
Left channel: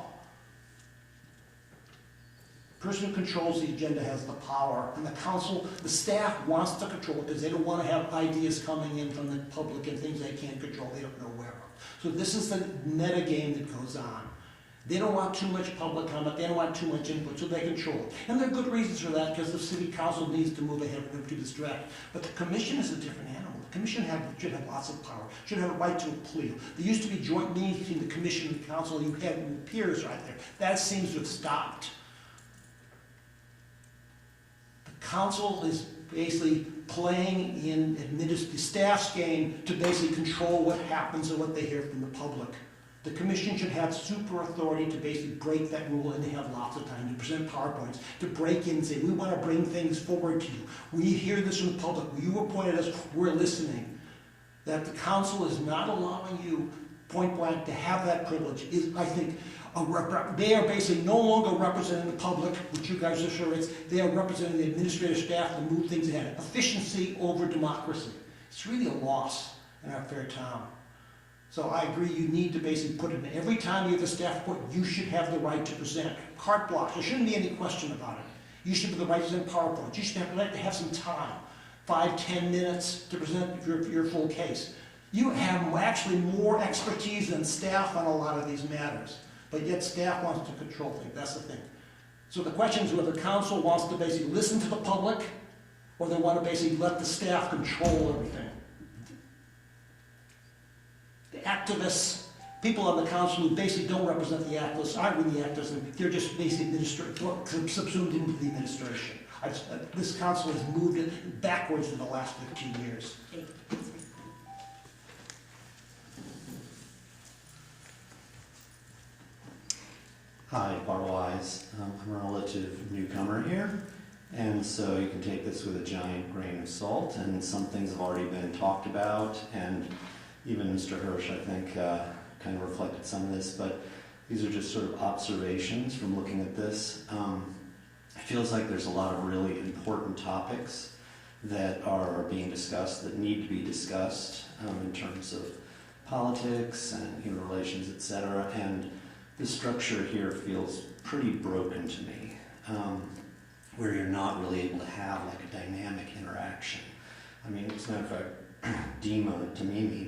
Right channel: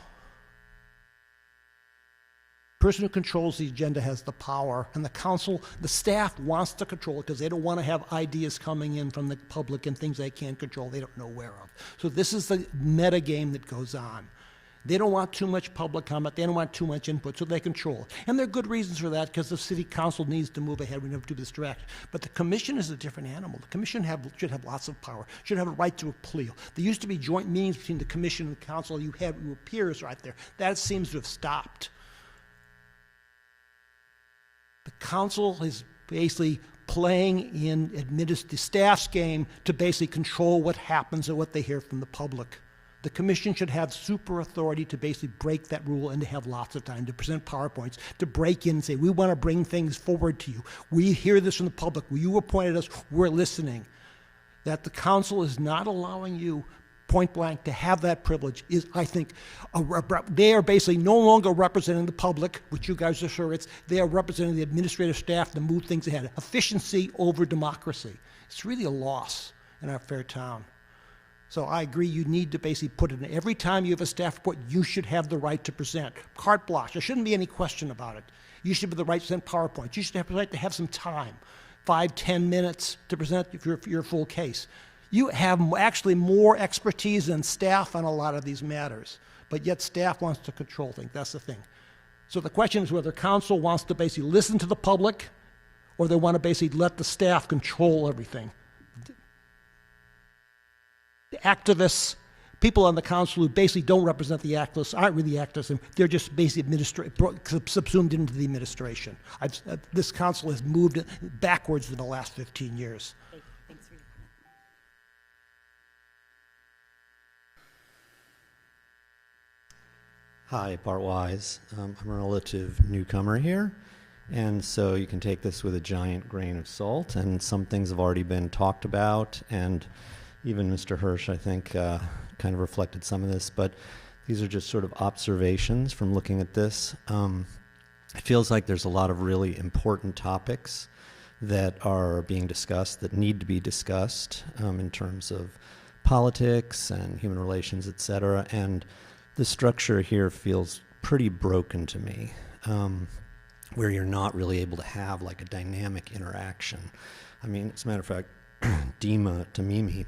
The person who controls the agenda has the power, and the council, the staff wants to control it because they don't want to have ideas coming in from the public and things they can't control, they don't know where of. So this is the meta game that goes on. They don't want too much public comment, they don't want too much input, so they control it. And there are good reasons for that, because the city council needs to move ahead, we never do this direct. But the commission is a different animal. The commission should have lots of power, should have a right to appeal. There used to be joint meetings between the commission and the council, you had your peers right there. That seems to have stopped. Council is basically playing in the staff's game to basically control what happens and what they hear from the public. The commission should have super authority to basically break that rule, and they have lots of time to present PowerPoints, to break in and say, we want to bring things forward to you. We hear this from the public. You appointed us, we're listening. That the council is not allowing you point blank to have that privilege is, I think, they are basically no longer representing the public, which you guys are sure it's, they are representing the administrative staff to move things ahead. Efficiency over democracy. It's really a loss in our fair town. So I agree, you need to basically put it in. Every time you have a staff report, you should have the right to present. Carte blanche, there shouldn't be any question about it. You should have the right to present PowerPoint. You should have the right to have some time, 5-10 minutes to present your full case. You have actually more expertise than staff on a lot of these matters, but yet staff wants to control things. That's the thing. So the question is whether council wants to basically listen to the public or they want to basically let the staff control everything. The activists, people on the council who basically don't represent the activists, aren't really activists, and they're just basically subsumed into the administration. This council has moved it backwards for the last 15 years. Hi, Bart Wise. I'm a relative newcomer here, and so you can take this with a giant grain of salt, and some things have already been talked about, and even Mr. Hirsch, I think, kind of reflected some of this, but these are just sort of observations from looking at this. It feels like there's a lot of really important topics that are being discussed, that need to be discussed in terms of politics and human relations, et cetera, and the structure here feels pretty broken to me, where you're not really able to have like a dynamic interaction. I mean, as a matter of fact, Dima Tamimi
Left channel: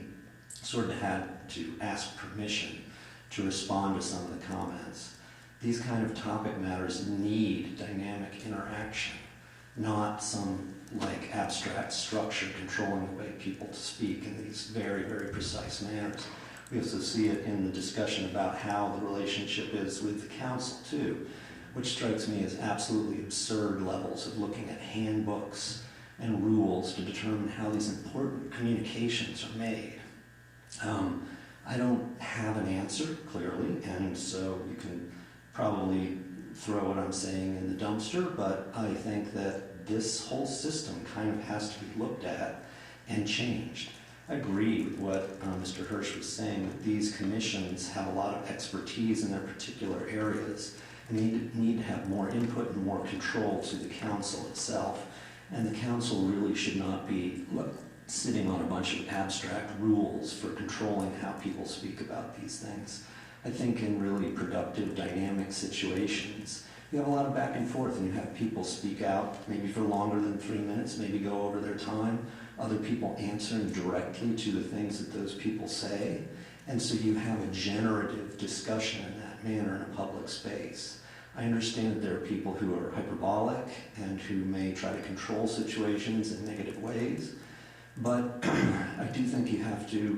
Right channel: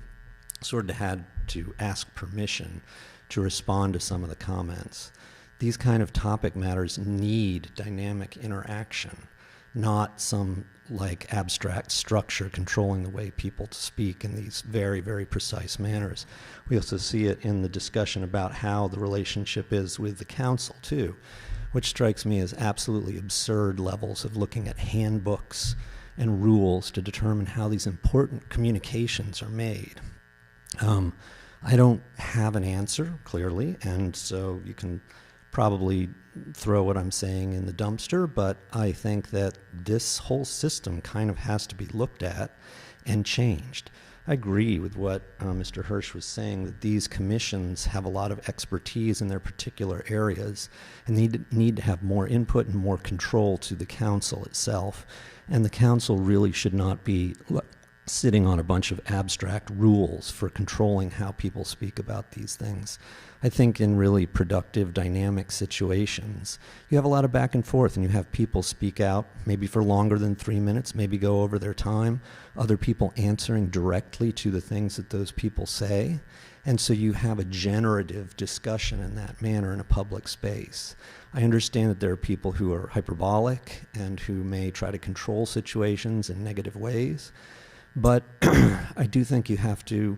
sort of had to ask permission to respond to some of the comments. These kind of topic matters need dynamic interaction, not some like abstract structure controlling the way people speak in these very, very precise manners. We also see it in the discussion about how the relationship is with the council too, which strikes me as absolutely absurd levels of looking at handbooks and rules to determine how these important communications are made. I don't have an answer, clearly, and so you can probably throw what I'm saying in the dumpster, but I think that this whole system kind of has to be looked at and changed. I agree with what Mr. Hirsch was saying, that these commissions have a lot of expertise in their particular areas and they need to have more input and more control to the council itself. And the council really should not be sitting on a bunch of abstract rules for controlling how people speak about these things. I think in really productive, dynamic situations, you have a lot of back and forth and you have people speak out, maybe for longer than 3 minutes, maybe go over their time, other people answering directly to the things that those people say. And so you have a generative discussion in that manner in a public space. I understand that there are people who are hyperbolic and who may try to control situations in negative ways, but I do think you have to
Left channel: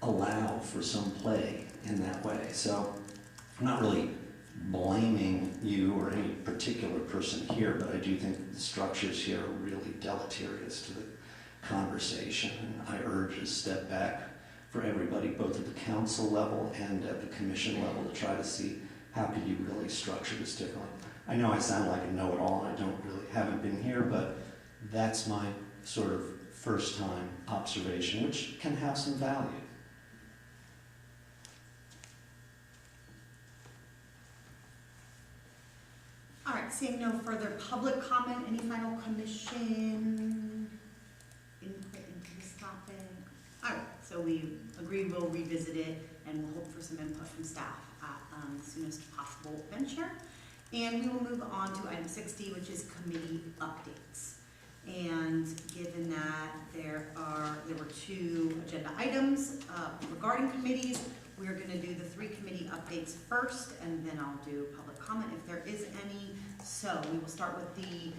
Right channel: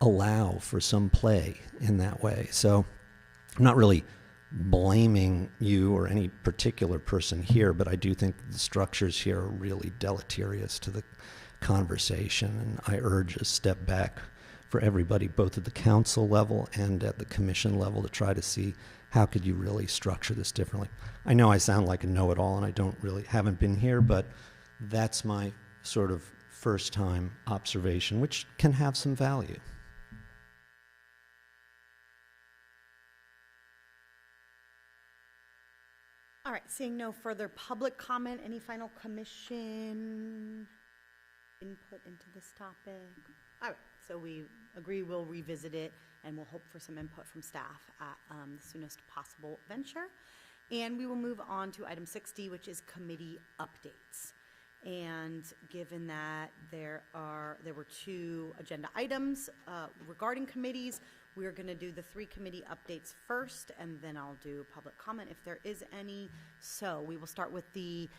allow for some play in that way. So I'm not really blaming you or any particular person here, but I do think the structures here are really deleterious to the conversation, and I urge a step back for everybody, both at the council level and at the commission level, to try to see how could you really structure this differently. I know I sound like a know-it-all and I haven't been here, but that's my sort of first time observation, which can have some value. All right, seeing no further public comment, any final commission input into this topic? All right, so we agree we'll revisit it and we'll hope for some input from staff at the soonest possible venture. And we will move on to item 60, which is committee updates. And given that there were 2 agenda items regarding committees, we're going to do the 3 committee updates first, and then I'll do public comment if there is any. So we will start with the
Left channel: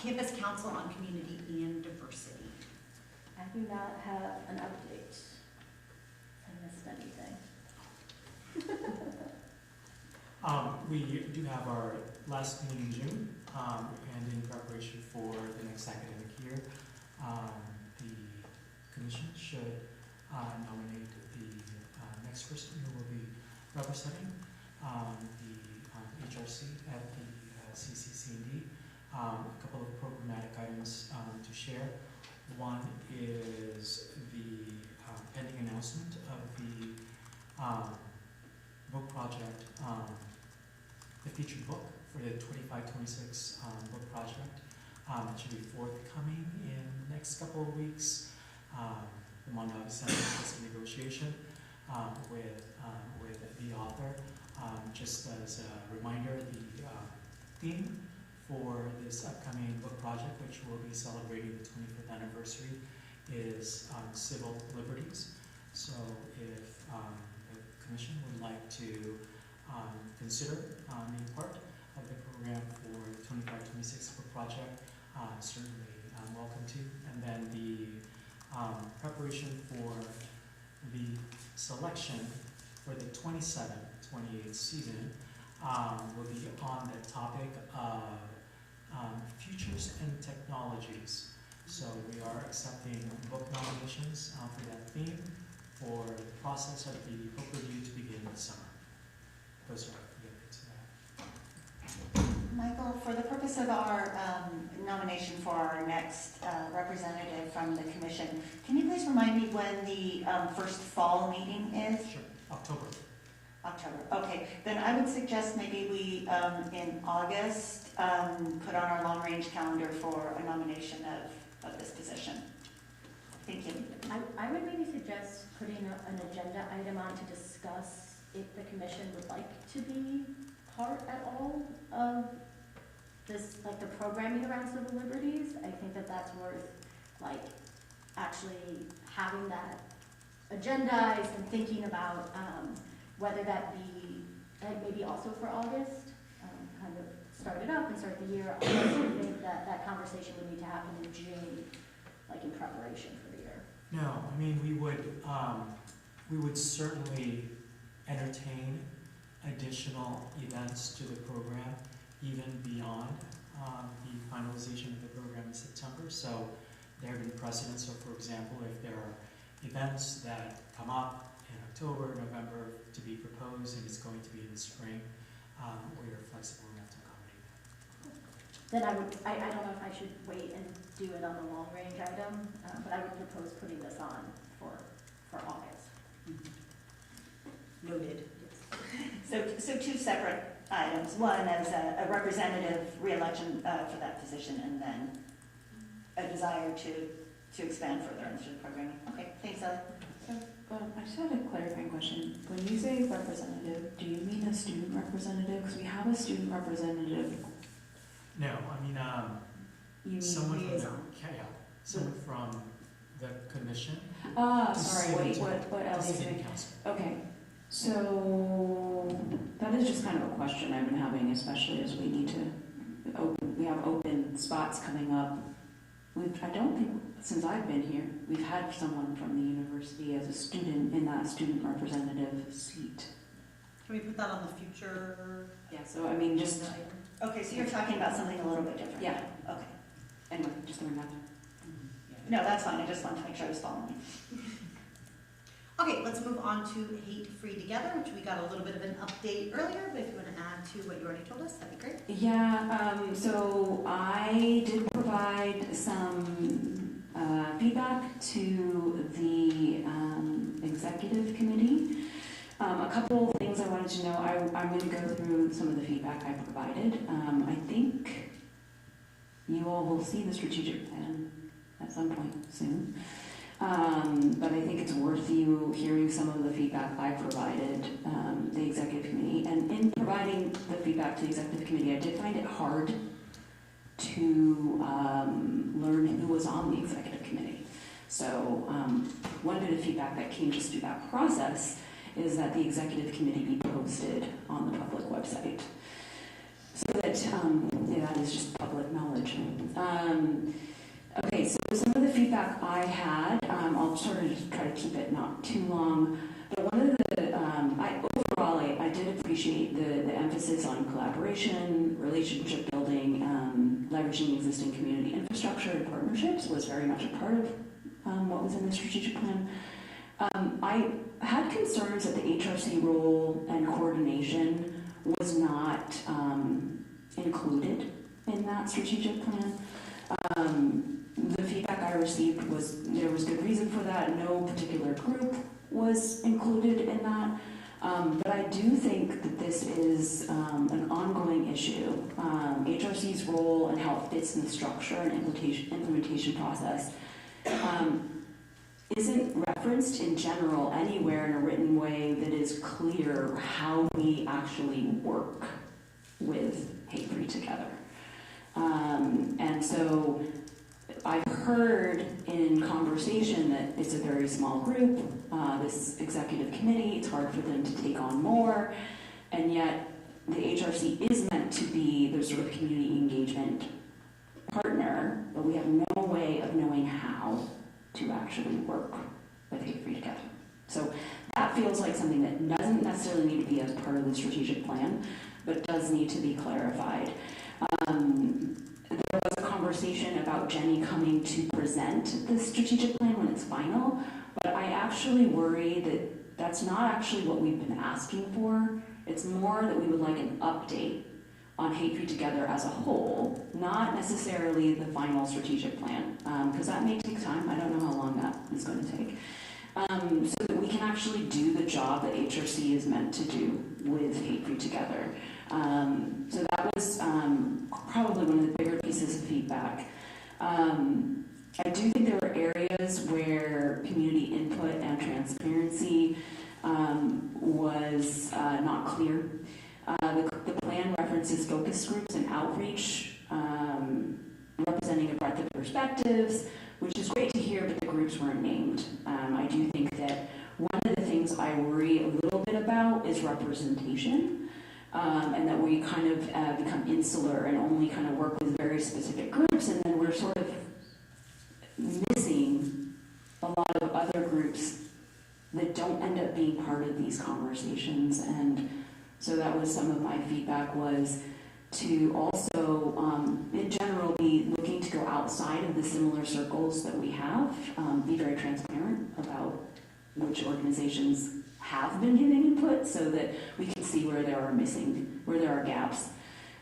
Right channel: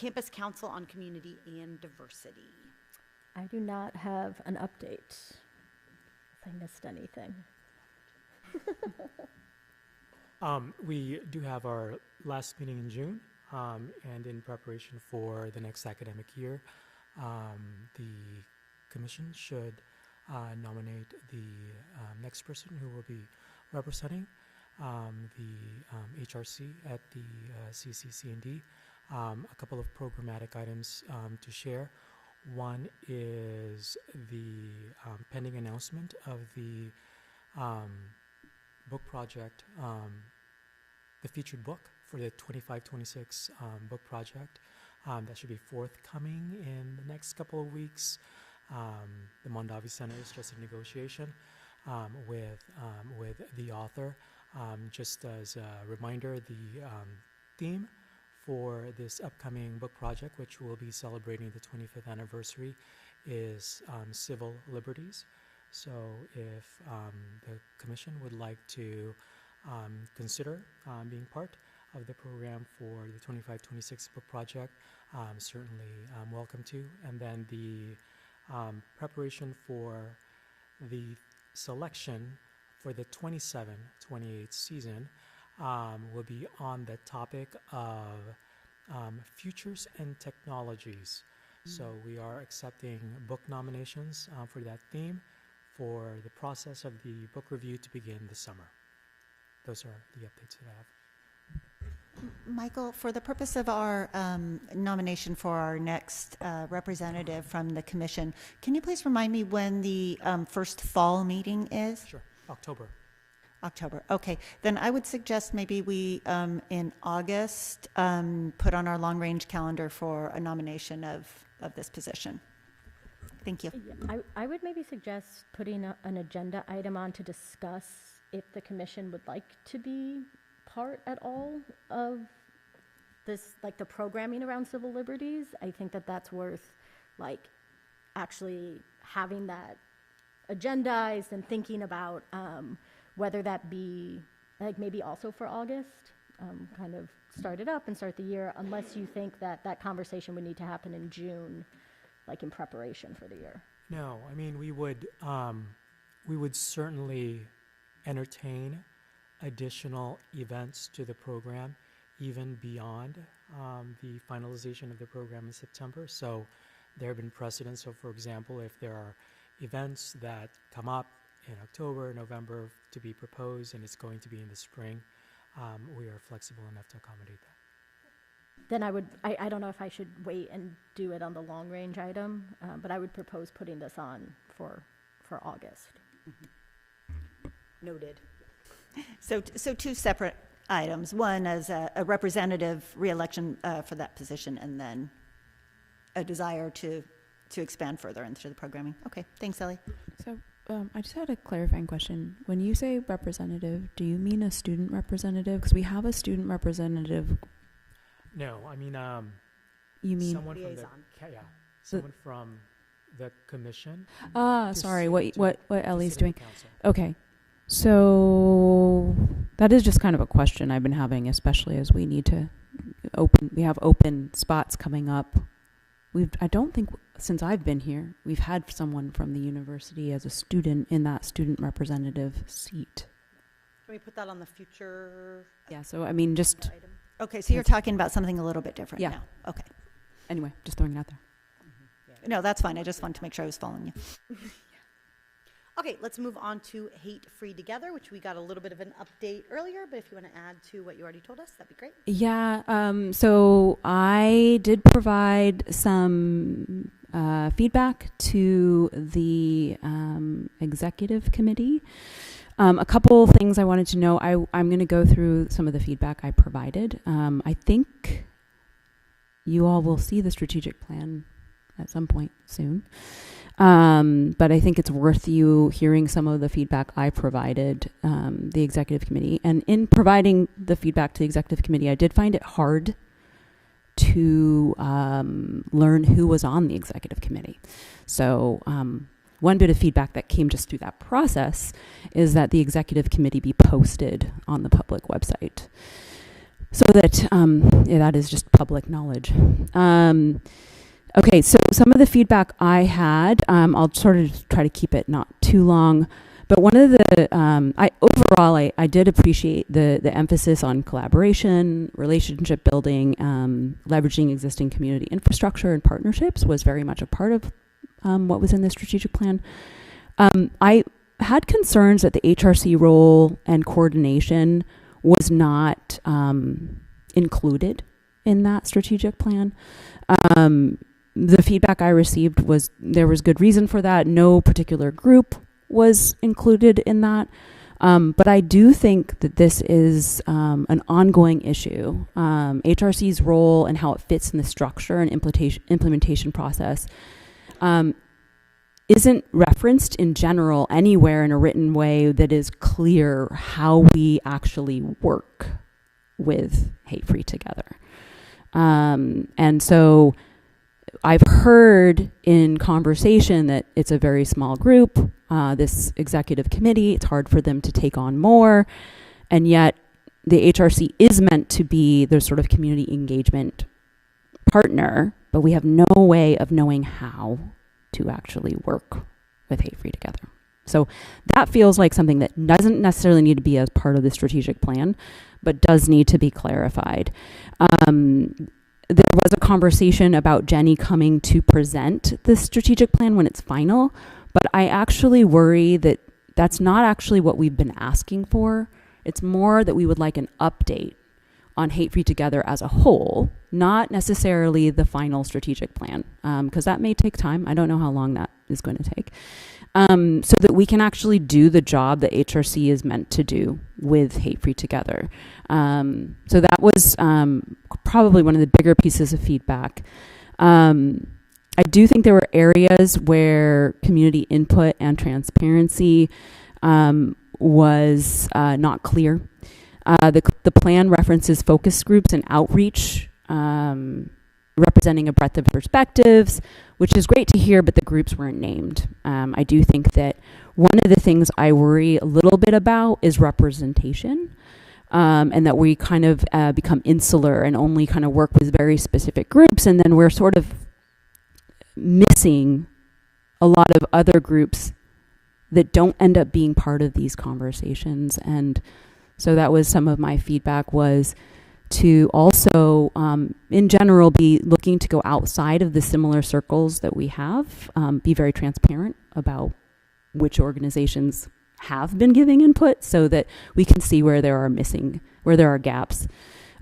Campus Council on Community and Diversity. I do not have an update. If I missed anything. We do have our last meeting in June, and in preparation for the next academic year, the commission should nominate the next person who will be representing the HRC at the CCC&D. A couple of programmatic items to share. One is the pending announcement of the book project, the featured book for the 25-26 book project. That should be forthcoming in the next couple of weeks. The Mondavi Center is in negotiation with the author. Just as a reminder, the theme for this upcoming book project, which will be celebrating the 25th anniversary, is civil liberties. So if the commission would like to consider being part of the program for the 25-26 project, certainly welcome to. And then the preparation for the selection for the 27-28 season will be on the topic of futures and technologies. So we are accepting book nominations for that theme for the process of the book review to begin this summer. Those are the updates that I have. Michael, for the purpose of our nomination for our next representative from the commission, can you please remind me when the first fall meeting is? Sure, October. October, okay. Then I would suggest maybe we, in August, put on our long-range calendar for a nomination of this position. Thank you. I would maybe suggest putting an agenda item on to discuss if the commission would like to be part at all of this, like the programming around civil liberties. I think that that's worth, like, actually having that agendized and thinking about whether that be, like, maybe also for August, kind of start it up and start the year, unless you think that that conversation would need to happen in June, like in preparation for the year. No, I mean, we would certainly entertain additional events to the program, even beyond the finalization of the program in September. So there have been precedents. So for example, if there are events that come up in October, November to be proposed, and it's going to be in the spring, we are flexible enough to accommodate that. Then I don't know if I should wait and do it on the long range item, but I would propose putting this on for August. Noted. So two separate items. One as a representative re-election for that position, and then a desire to expand further into the programming. Okay, thanks, Ellie. So I just had a clarifying question. When you say representative, do you mean a student representative? Because we have a student representative. No, I mean, you mean someone liaison. Someone from the commission. Sorry, what Ellie's doing. Council. Okay, so that is just kind of a question I've been having, especially as we need to we have open spots coming up. I don't think, since I've been here, we've had someone from the university as a student in that student representative seat. Can we put that on the future? Yeah, so I mean, just, Okay, so you're talking about something a little bit different. yeah, Okay. anyway, just throwing that there. No, that's fine. I just wanted to make sure I was following you. Okay, let's move on to Hate Free Together, which we got a little bit of an update earlier, but if you want to add to what you already told us, that'd be great. Yeah, so I did provide some feedback to the executive committee. A couple things I wanted to know. I'm going to go through some of the feedback I provided. I think you all will see the strategic plan at some point soon. But I think it's worth you hearing some of the feedback I provided the executive committee. And in providing the feedback to the executive committee, I did find it hard to learn who was on the executive committee. So one bit of feedback that came just through that process is that the executive committee be posted on the public website, so that that is just public knowledge. Okay, so some of the feedback I had, I'll sort of try to keep it not too long, but one of the, overall, I did appreciate the emphasis on collaboration, relationship building, leveraging existing community infrastructure and partnerships was very much a part of what was in the strategic plan. I had concerns that the HRC role and coordination was not included in that strategic plan. The feedback I received was there was good reason for that. No particular group was included in that. But I do think that this is an ongoing issue. HRC's role and how it fits in the structure and implementation process isn't referenced in general anywhere in a written way that is clear how we actually work with Hate Free Together. And so I've heard in conversation that it's a very small group, this executive committee, it's hard for them to take on more, and yet the HRC is meant to be their sort of community engagement partner, but we have no way of knowing how to actually work with Hate Free Together. So that feels like something that doesn't necessarily need to be as part of the strategic plan, but does need to be clarified. There was a conversation about Jenny coming to present the strategic plan when it's final, but I actually worry that that's not actually what we've been asking for. It's more that we would like an update on Hate Free Together as a whole, not necessarily the final strategic plan, because that may take time. I don't know how long that is going to take. So that we can actually do the job that HRC is meant to do with Hate Free Together. So that was probably one of the bigger pieces of feedback. I do think there were areas where community input and transparency was not clear. The plan references focus groups and outreach, representing a breadth of perspectives, which is great to hear, but the groups weren't named. I do think that one of the things I worry a little bit about is representation. And that we kind of become insular and only kind of work with very specific groups, and then we're sort of missing a lot of other groups that don't end up being part of these conversations. And so that was some of my feedback, was to also, in general, be looking to go outside of the similar circles that we have, be very transparent about which organizations have been giving input so that we can see where there are gaps.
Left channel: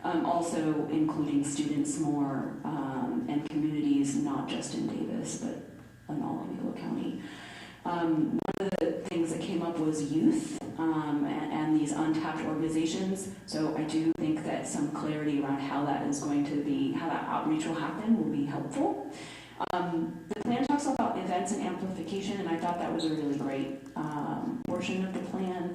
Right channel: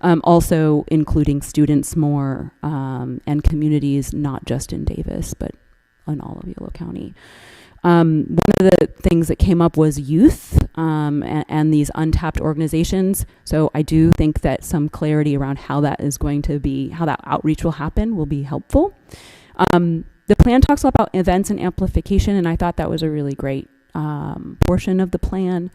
Also including students more and communities, not just in Davis, but in all of Yolo County. One of the things that came up was youth and these untapped organizations. So I do think that some clarity around how that is going to be, how that outreach will happen, will be helpful. The plan talks about events and amplification, and I thought that was a really great portion of the plan.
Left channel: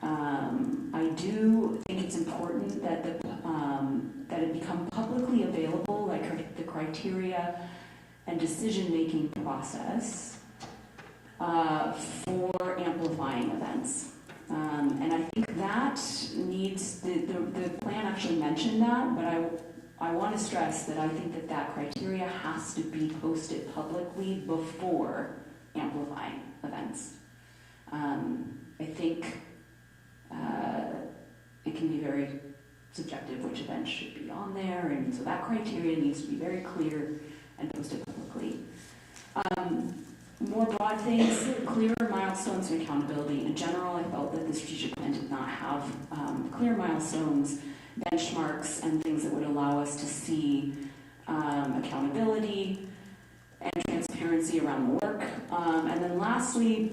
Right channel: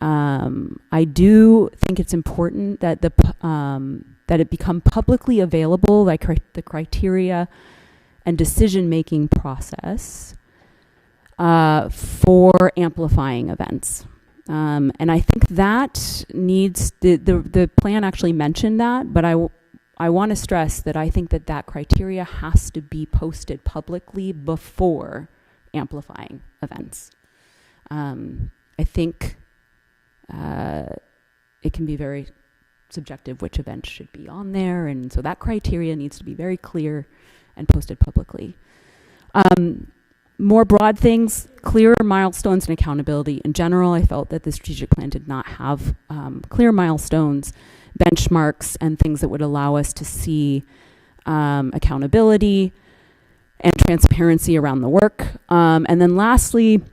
I do think it's important that that it become publicly available, like the criteria and decision-making process for amplifying events. And I think that needs, the plan actually mentioned that, but I want to stress that I think that criteria has to be posted publicly before amplifying events. I think it can be very subjective which events should be on there, and so that criteria needs to be very clear and posted publicly. More broad things, clearer milestones and accountability. In general, I felt that the strategic plan did not have clear milestones, benchmarks, and things that would allow us to see accountability and transparency around the work. And then lastly,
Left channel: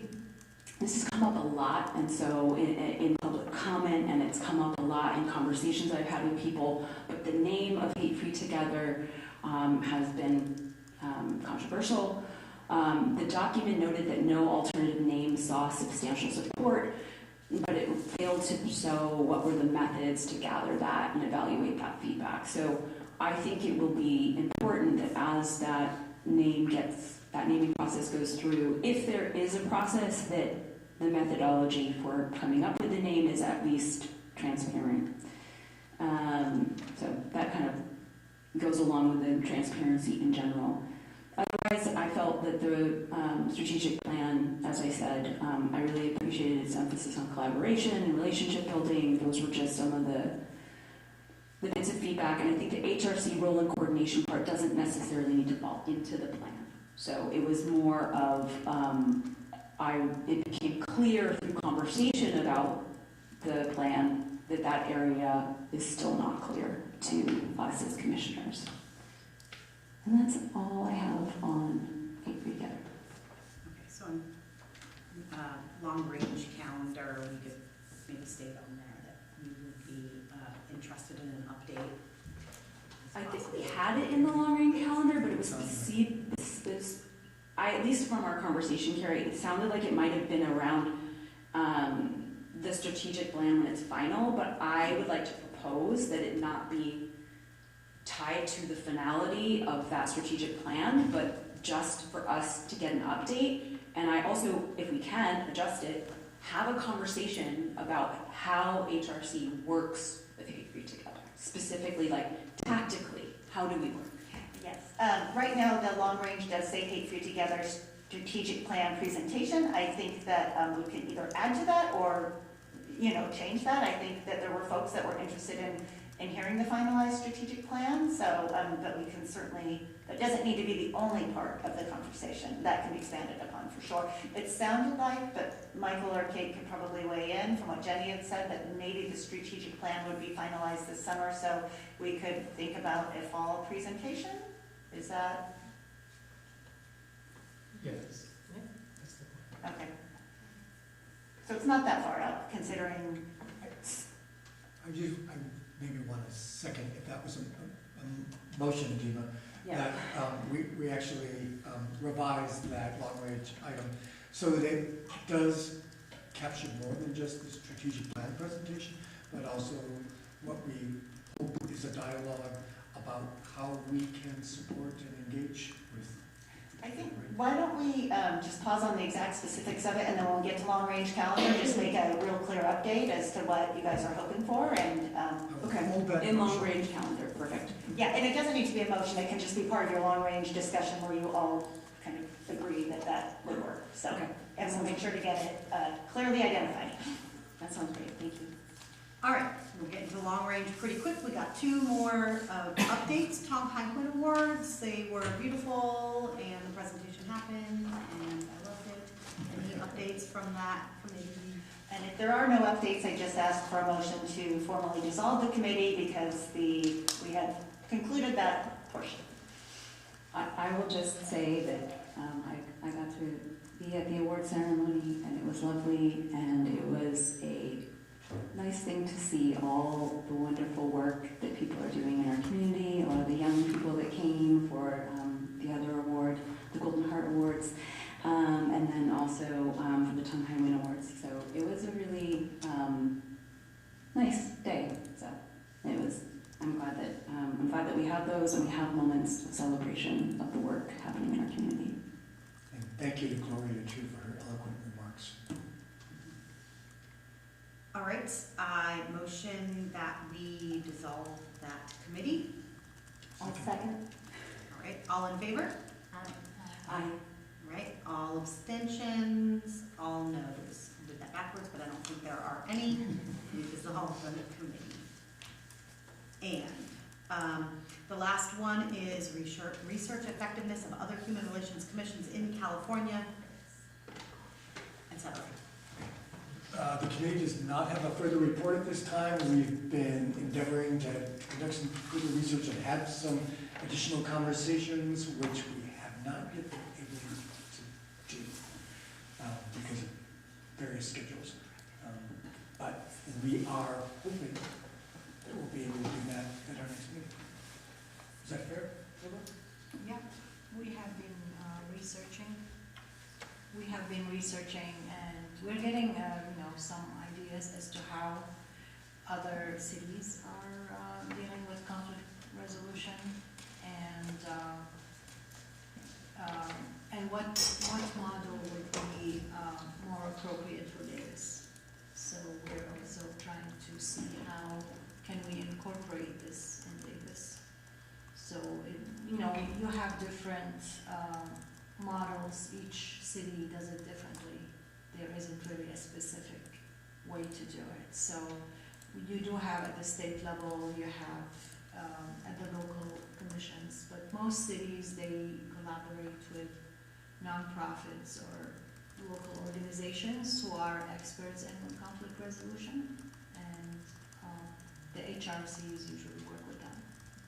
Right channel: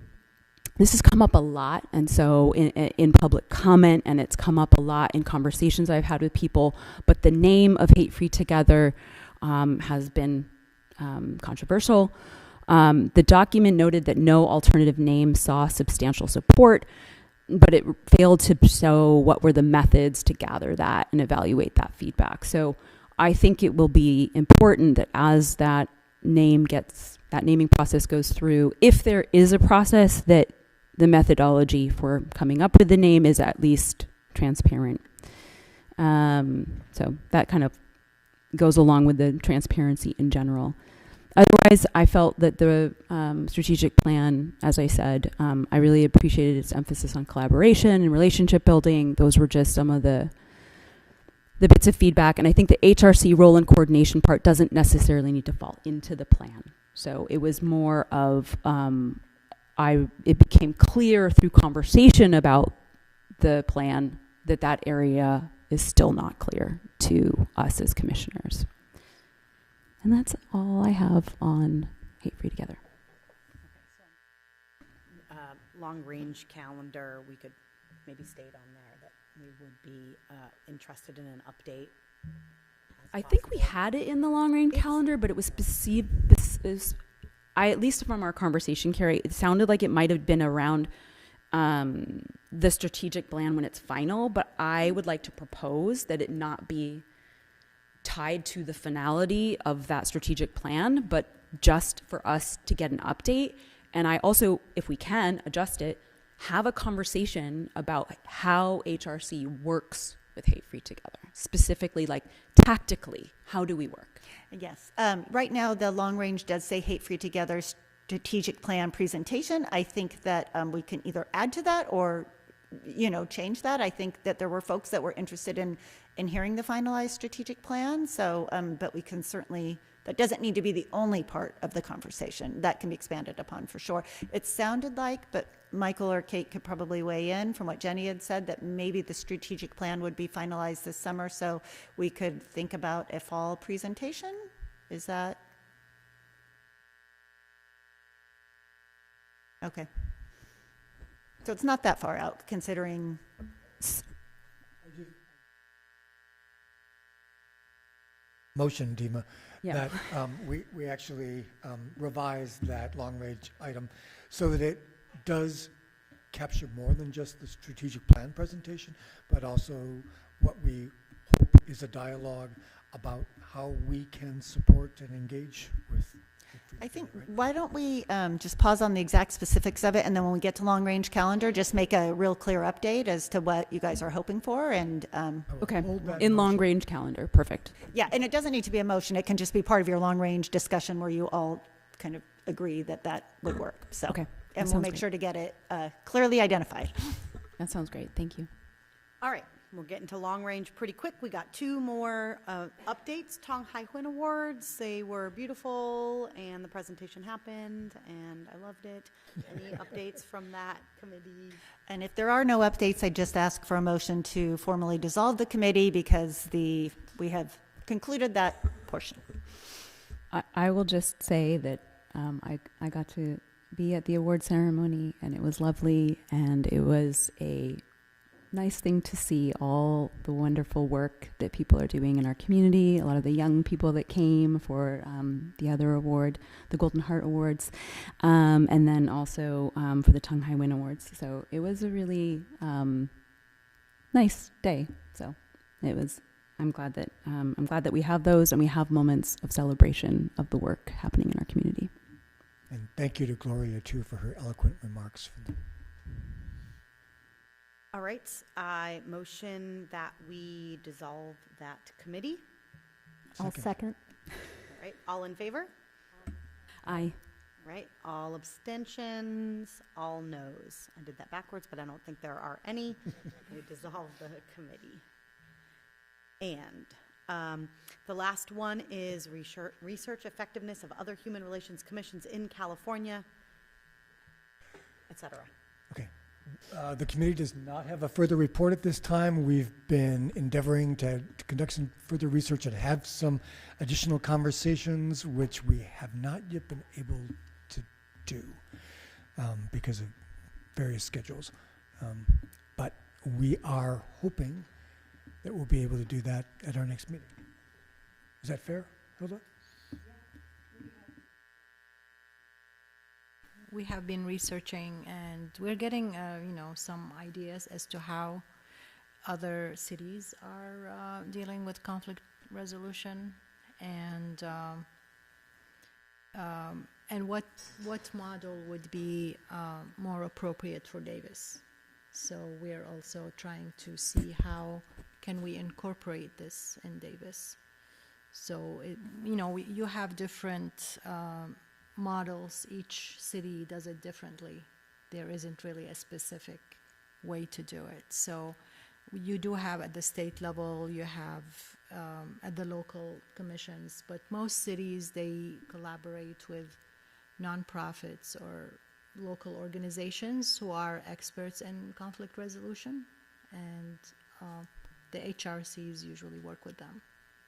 this has come up a lot, and so in public comment, and it's come up a lot in conversations I've had with people, but the name of Hate Free Together has been controversial. The document noted that no alternative name saw substantial support, but it failed to show what were the methods to gather that and evaluate that feedback. So I think it will be important that as that naming process goes through, if there is a process, that the methodology for coming up with the name is at least transparent. So that kind of goes along with the transparency in general. Otherwise, I felt that the strategic plan, as I said, I really appreciated its emphasis on collaboration and relationship building. Those were just some of the bits of feedback. And I think the HRC role and coordination part doesn't necessarily need to fall into the plan. So it was more of, it became clear through conversation about the plan that that area is still not clear to us as commissioners. And that's all I have on Hate Free Together. Okay, so long-range calendar, we could maybe state on there that we would be interested in an update. I think we had it in the long-range calendar, but it was perceived, at least from our conversation, Carrie, it sounded like it might have been around the strategic plan when it's final, but I would like to propose that it not be tied to the finality of that strategic plan, but just for us to get an update. And I also, if we can adjust it, have a conversation about how HRC works with Hate Free Together. Specifically, like tactically, how do we work? Yes. Right now, the long range does say Hate Free Together strategic plan presentation. I think that we can either add to that or, change that. I think that there were folks that were interested in hearing the finalized strategic plan. So, but we can certainly, that doesn't need to be the only part of the conversation. That can be expanded upon for sure. It sounded like, but Michael or Kate could probably weigh in from what Jenny had said, that maybe the strategic plan would be finalized this summer. So we could think about a fall presentation. Is that? Yes. Yeah, okay. So it's not that far out, considering. I maybe want a second, if that was a motion, Dima, that we actually revised that long-range item so that it does capture more than just the strategic plan presentation, but also what we hope is a dialogue about how we can support and engage with. I think, why don't we just pause on the exact specifics of it, and then when we get to long-range calendar, just make a real clear update as to what you guys are hoping for, and okay, in long-range calendar, perfect. Yeah, and it doesn't need to be a motion, it can just be part of your long-range discussion where you all kind of agree that that would work, so. Okay. And we'll make sure to get it clearly identified. That sounds great, thank you. All right, we're getting to long range pretty quick. We got two more updates. Tom Heinquin Awards, they were beautiful and the presentation happened and I loved it. Any updates from that committee? And if there are no updates, I just ask for a motion to formally dissolve the committee because we have concluded that portion. I will just say that I got to be at the award ceremony and it was lovely, and it was a nice thing to see all the wonderful work that people are doing in our community, a lot of the young people that came for the other award, the Golden Heart Awards, and then also for the Tom Heinquin Awards. So it was a really nice day. So it was. I'm glad that we have those and we have moments of celebration of the work happening in our community. And thank you to Gloria too for her eloquent remarks. All right, I motion that we dissolve that committee. I'll second. All right, all in favor? Aye. Right, all abstentions, all noes. I did that backwards, but I don't think there are any. We dissolve the committee. And the last one is research effectiveness of other human relations commissions in California, etc. The committee does not have a further report at this time. We've been endeavoring to conduct some further research and have some additional conversations, which we have not yet been able to do because of various schedules. But we are hoping that we'll be able to do that at our next meeting. Is that fair, Hilda? Yeah, we have been researching. We have been researching, and we're getting, some ideas as to how other cities are dealing with conflict resolution, and what model would be more appropriate for Davis. So we're also trying to see how can we incorporate this in Davis. So you have different models. Each city does it differently. There isn't really a specific way to do it. So you do have at the state level, you have at the local commissions, but most cities, they collaborate with nonprofits or local organizations who are experts in conflict resolution, and the HRCs usually work with them.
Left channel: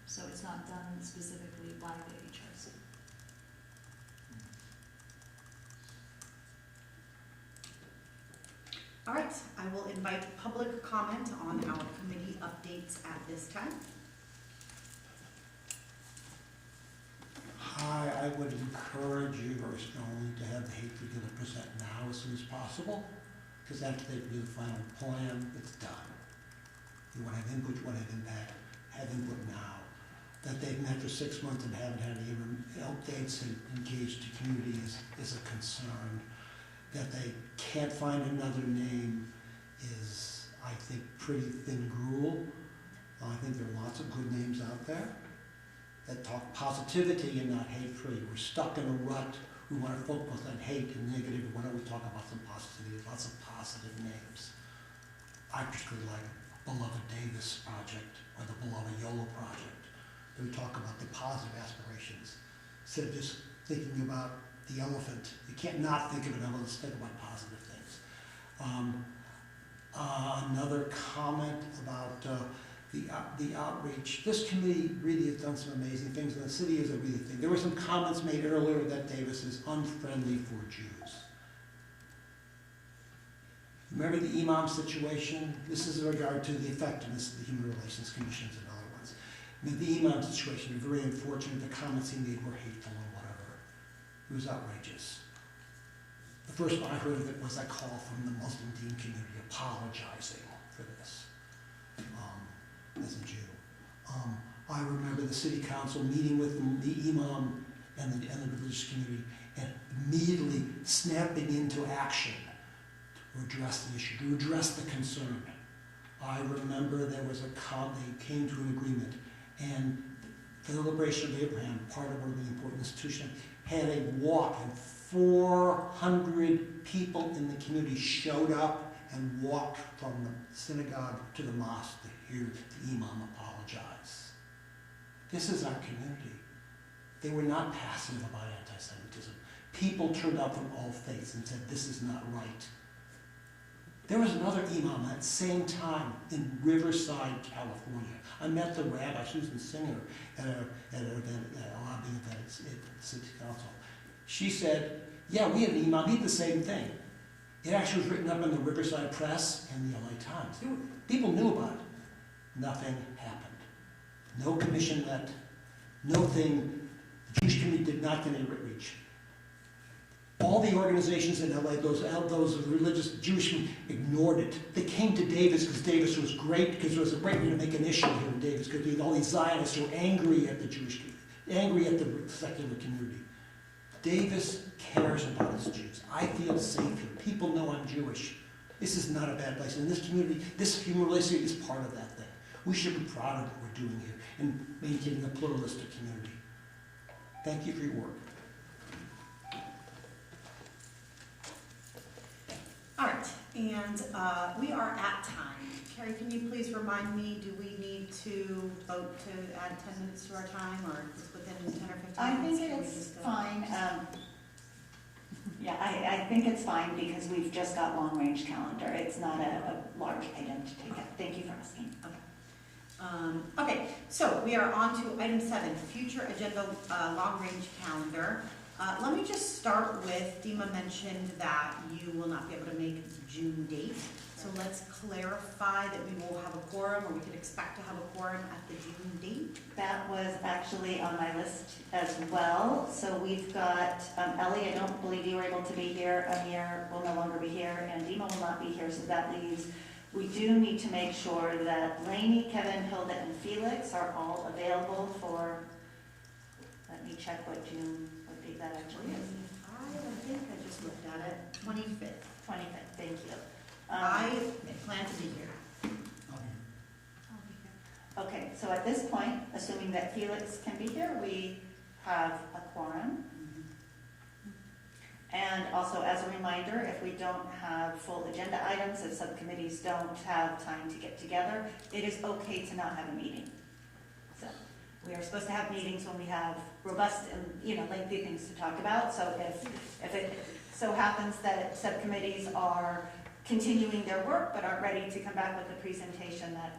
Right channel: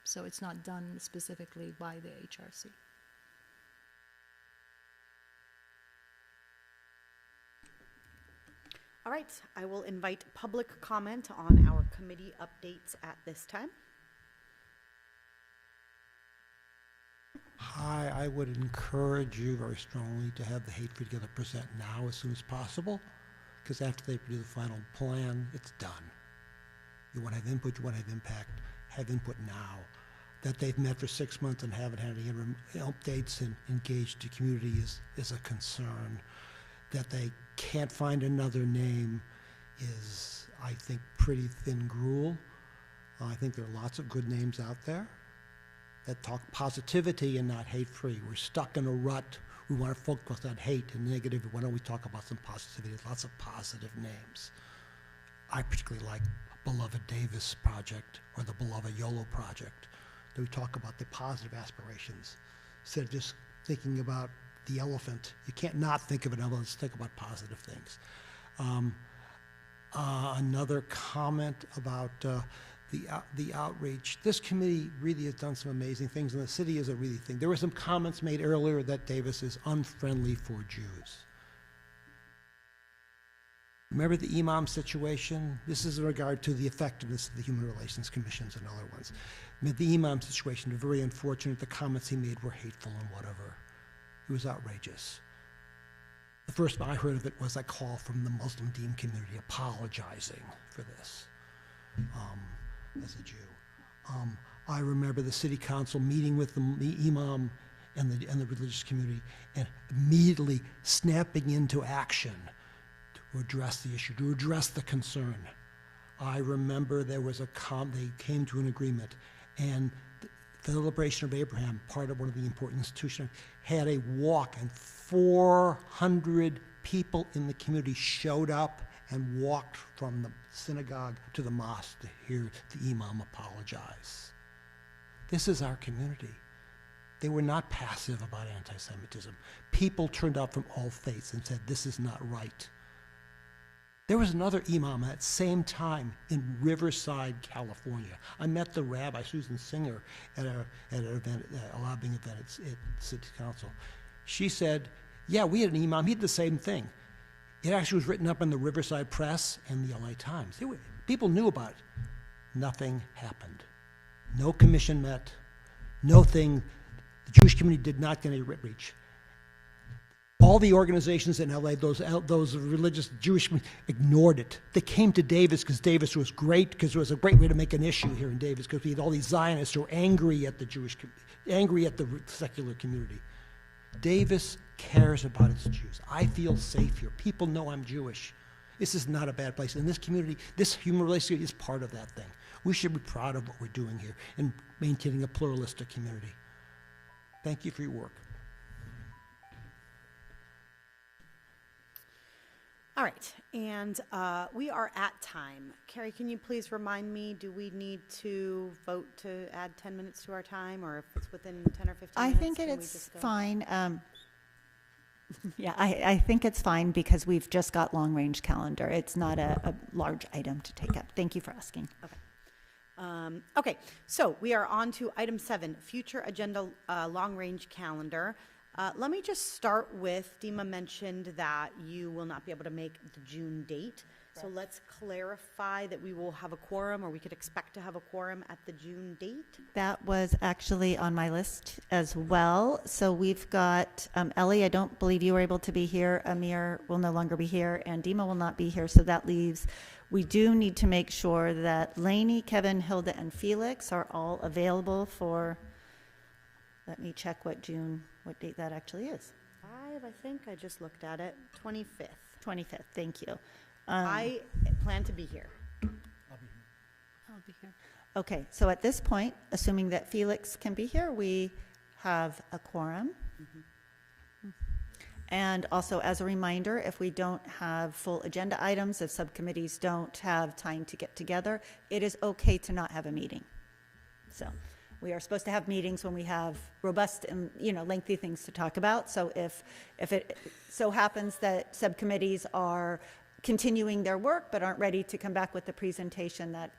So it's not done specifically by the HRC. All right, I will invite public comment on our committee updates at this time. Hi, I would encourage you very strongly to have the Hate Free Together present now as soon as possible, because after they do the final plan, it's done. You want to have input, you want to have impact, have input now. that they've met for 6 months and haven't had any updates and engaged the community is a concern. That they can't find another name is, I think, pretty thin gruel. I think there are lots of good names out there that talk positivity and not hate-free. We're stuck in a rut. We want to focus on hate and negative. Why don't we talk about some positivity? Lots of positive names. I particularly like Beloved Davis Project or the Beloved YOLO Project. That we talk about the positive aspirations instead of just thinking about the elephant. You can't not think of an elephant. Let's think about positive things. Another comment about the outreach. This committee really has done some amazing things, and the city is a really thing. There were some comments made earlier that Davis is unfriendly for Jews. Remember the imam situation? This is in regard to the effectiveness of the Human Relations Commissions and other ones. The imam situation, very unfortunate. The comments he made were hateful and whatever. It was outrageous. The first I heard of it was a call from the Muslim Dean community apologizing for this as a Jew. I remember the city council meeting with the imam and the religious community and immediately snapping into action to address the issue, to address the concern. I remember there was they came to an agreement, and the Celebration of Abraham, part of one of the important institutions, had a walk, and 400 people in the community showed up and walked from the synagogue to the mosque to hear the imam apologize. This is our community. They were not passive about anti-Semitism. People turned out from all faiths and said, this is not right. There was another imam at the same time in Riverside, California. I met the rabbi, Susan Singer, at an event, a lobbying event at City Council. She said, yeah, we had an imam, he did the same thing. It actually was written up in the Riverside Press and the LA Times. People knew about it. Nothing happened. No commission met. No thing. The Jewish community did not get any reach. All the organizations in LA, those religious Jewish, ignored it. They came to Davis because Davis was great, because it was a great way to make an issue here in Davis, because we had all these Zionists who were angry at the Jewish community, angry at the secular community. Davis cares about its Jews. I feel safe here. People know I'm Jewish. This is not a bad place. And this community, this human relationship is part of that thing. We should be proud of what we're doing here and maintaining a pluralistic community. Thank you for your work. All right, and we are at time. Carrie, can you please remind me, do we need to vote to add 10 minutes to our time, or if it's within 10 or 15 minutes? I think it's fine. Yeah, I think it's fine because we've just got long-range calendar. It's not a large item to take up. Thank you for asking. Okay, so we are on to item 7, future agenda long-range calendar. Let me just start with, Dima mentioned that you will not be able to make the June date. So let's clarify that we will have a quorum, or we could expect to have a quorum at the June date. That was actually on my list as well. So we've got Ellie, I don't believe you were able to be here. Amir will no longer be here, and Dima will not be here. So that leaves, we do need to make sure that Lainey, Kevin, Hilda, and Felix are all available for, let me check what date that actually is. I think I just looked at it, 25th. 25th, thank you. I plan to be here. I'll be here. Okay, so at this point, assuming that Felix can be here, we have a quorum. And also, as a reminder, if we don't have full agenda items, if subcommittees don't have time to get together, it is okay to not have a meeting. So we are supposed to have meetings when we have robust and lengthy things to talk about. So if it so happens that subcommittees are continuing their work but aren't ready to come back with the presentation, that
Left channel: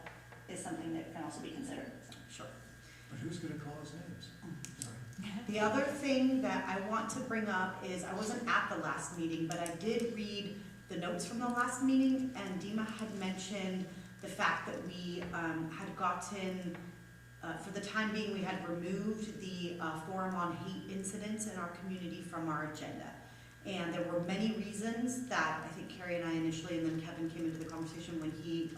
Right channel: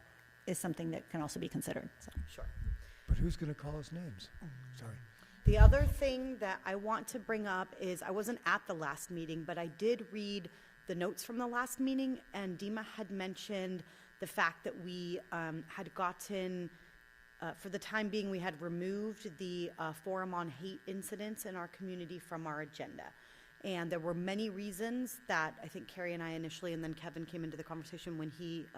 is something that can also be considered. So. Sure. But who's going to call us names? Sorry. The other thing that I want to bring up is, I wasn't at the last meeting, but I did read the notes from the last meeting, and Dima had mentioned the fact that we had gotten, for the time being, we had removed the Forum on Hate Incidents in our community from our agenda. And there were many reasons that I think Carrie and I initially, and then Kevin came into the conversation when he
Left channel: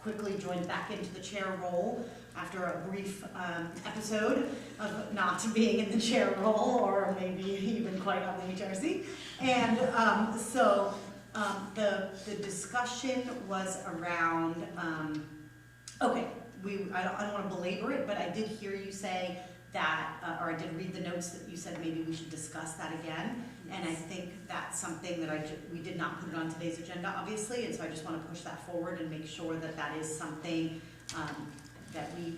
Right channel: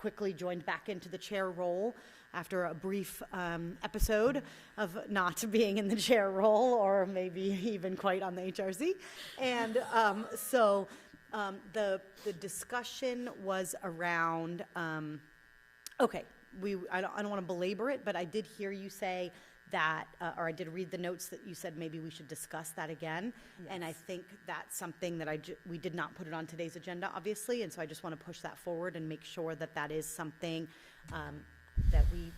quickly joined back into the chair role after a brief episode of not being in the chair role, or maybe even quite on the HRC. And so the discussion was around, okay, I don't want to belabor it, but I did hear you say that, or I did read the notes that you said maybe we should discuss that again. Yes. And I think that's something that we did not put it on today's agenda, obviously, and so I just want to push that forward and make sure that that is something that we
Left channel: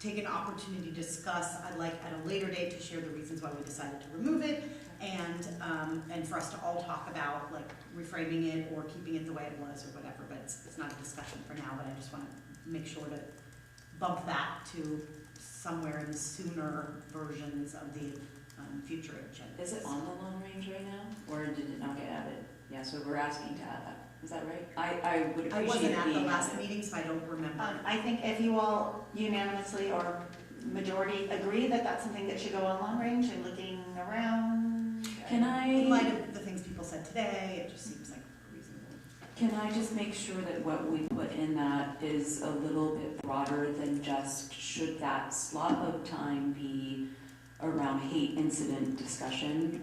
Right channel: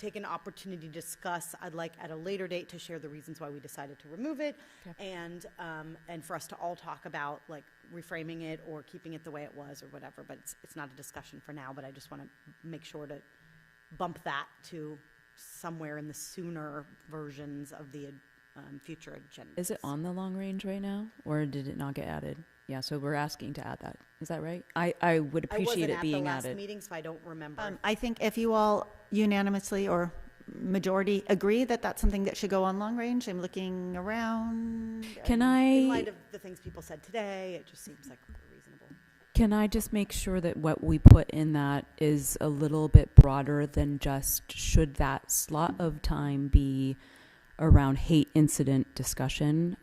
take an opportunity to discuss. I'd like at a later date to share the reasons why we decided to remove it, and for us to all talk about like reframing it or keeping it the way it was or whatever. But it's not a discussion for now. But I just want to make sure to bump that to somewhere in the sooner versions of the future agenda. Is it on the long range right now, or did it not get added? Yeah, so we're asking to add that. Is that right? I would appreciate it being added. I wasn't at the last meeting, so I don't remember. I think if you all unanimously or majority agree that that's something that should go on long range, I'm looking around. Can in light of the things people said today, it just seems like reasonable. Can I just make sure that what we put in that is a little bit broader than just should that slot of time be around hate incident discussion?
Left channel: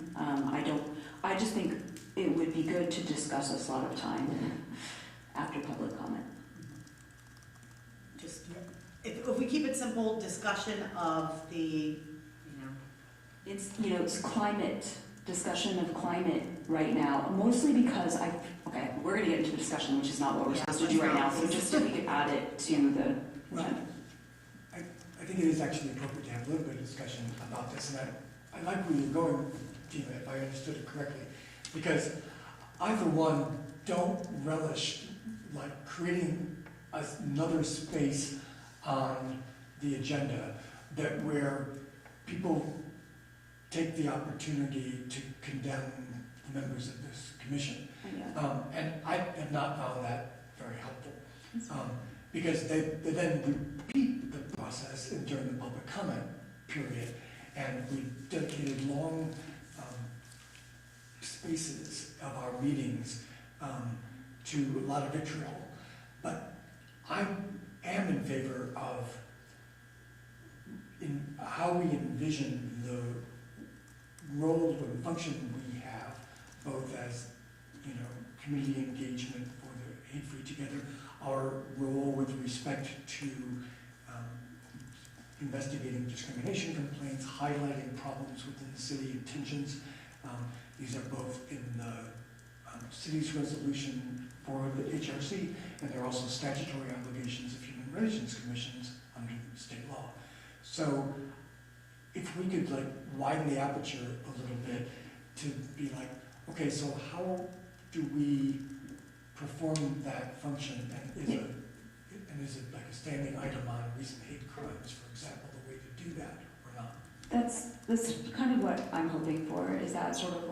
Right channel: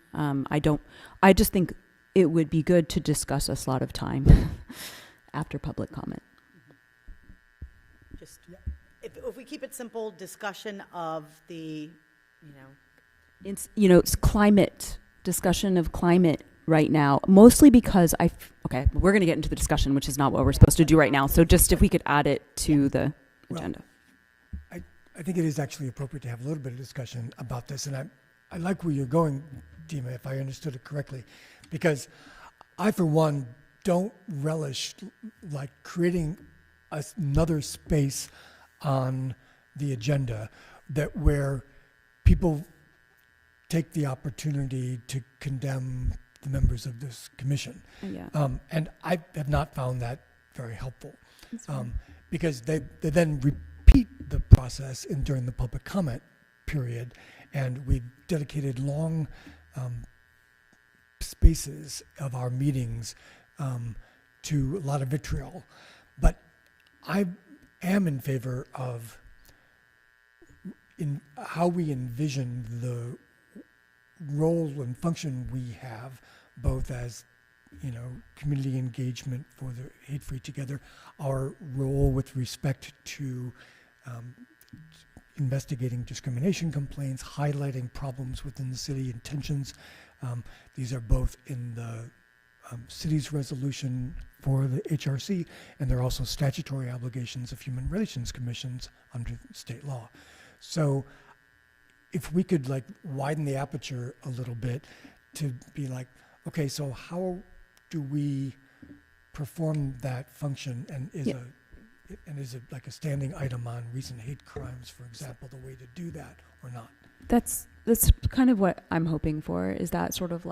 I just think it would be good to discuss a slot of time after public comment. Just, if we keep it simple, discussion of the, it's climate, discussion of climate right now, mostly because okay, we're going to get into the discussion, which is not what we're supposed to do right now. So just if we could add it to the agenda. I think it is actually appropriate to have a little bit of discussion about this, and I like where you're going, Dima, if I understood it correctly, because I, for one, don't relish like creating another space on the agenda where people take the opportunity to condemn the members of this commission. Yeah. And I have not found that very helpful, because they then repeat the process during the public comment period, and we dedicated long spaces of our meetings to a lot of vitriol. But I am in favor of how we envision the role and function we have, both as community engagement for the Hate Free Together, our role with respect to investigating discrimination complaints, highlighting problems within the city, intentions. These are both in the city's resolution for the HRC, and they're also statutory obligations of human relations commissions under state law. So if we could widen the aperture a little bit to be like, okay, so how do we perform that function, and is it like a standing item on recent hate crimes, for example, the way to do that or not? That's kind of what I'm hoping for, is that sort of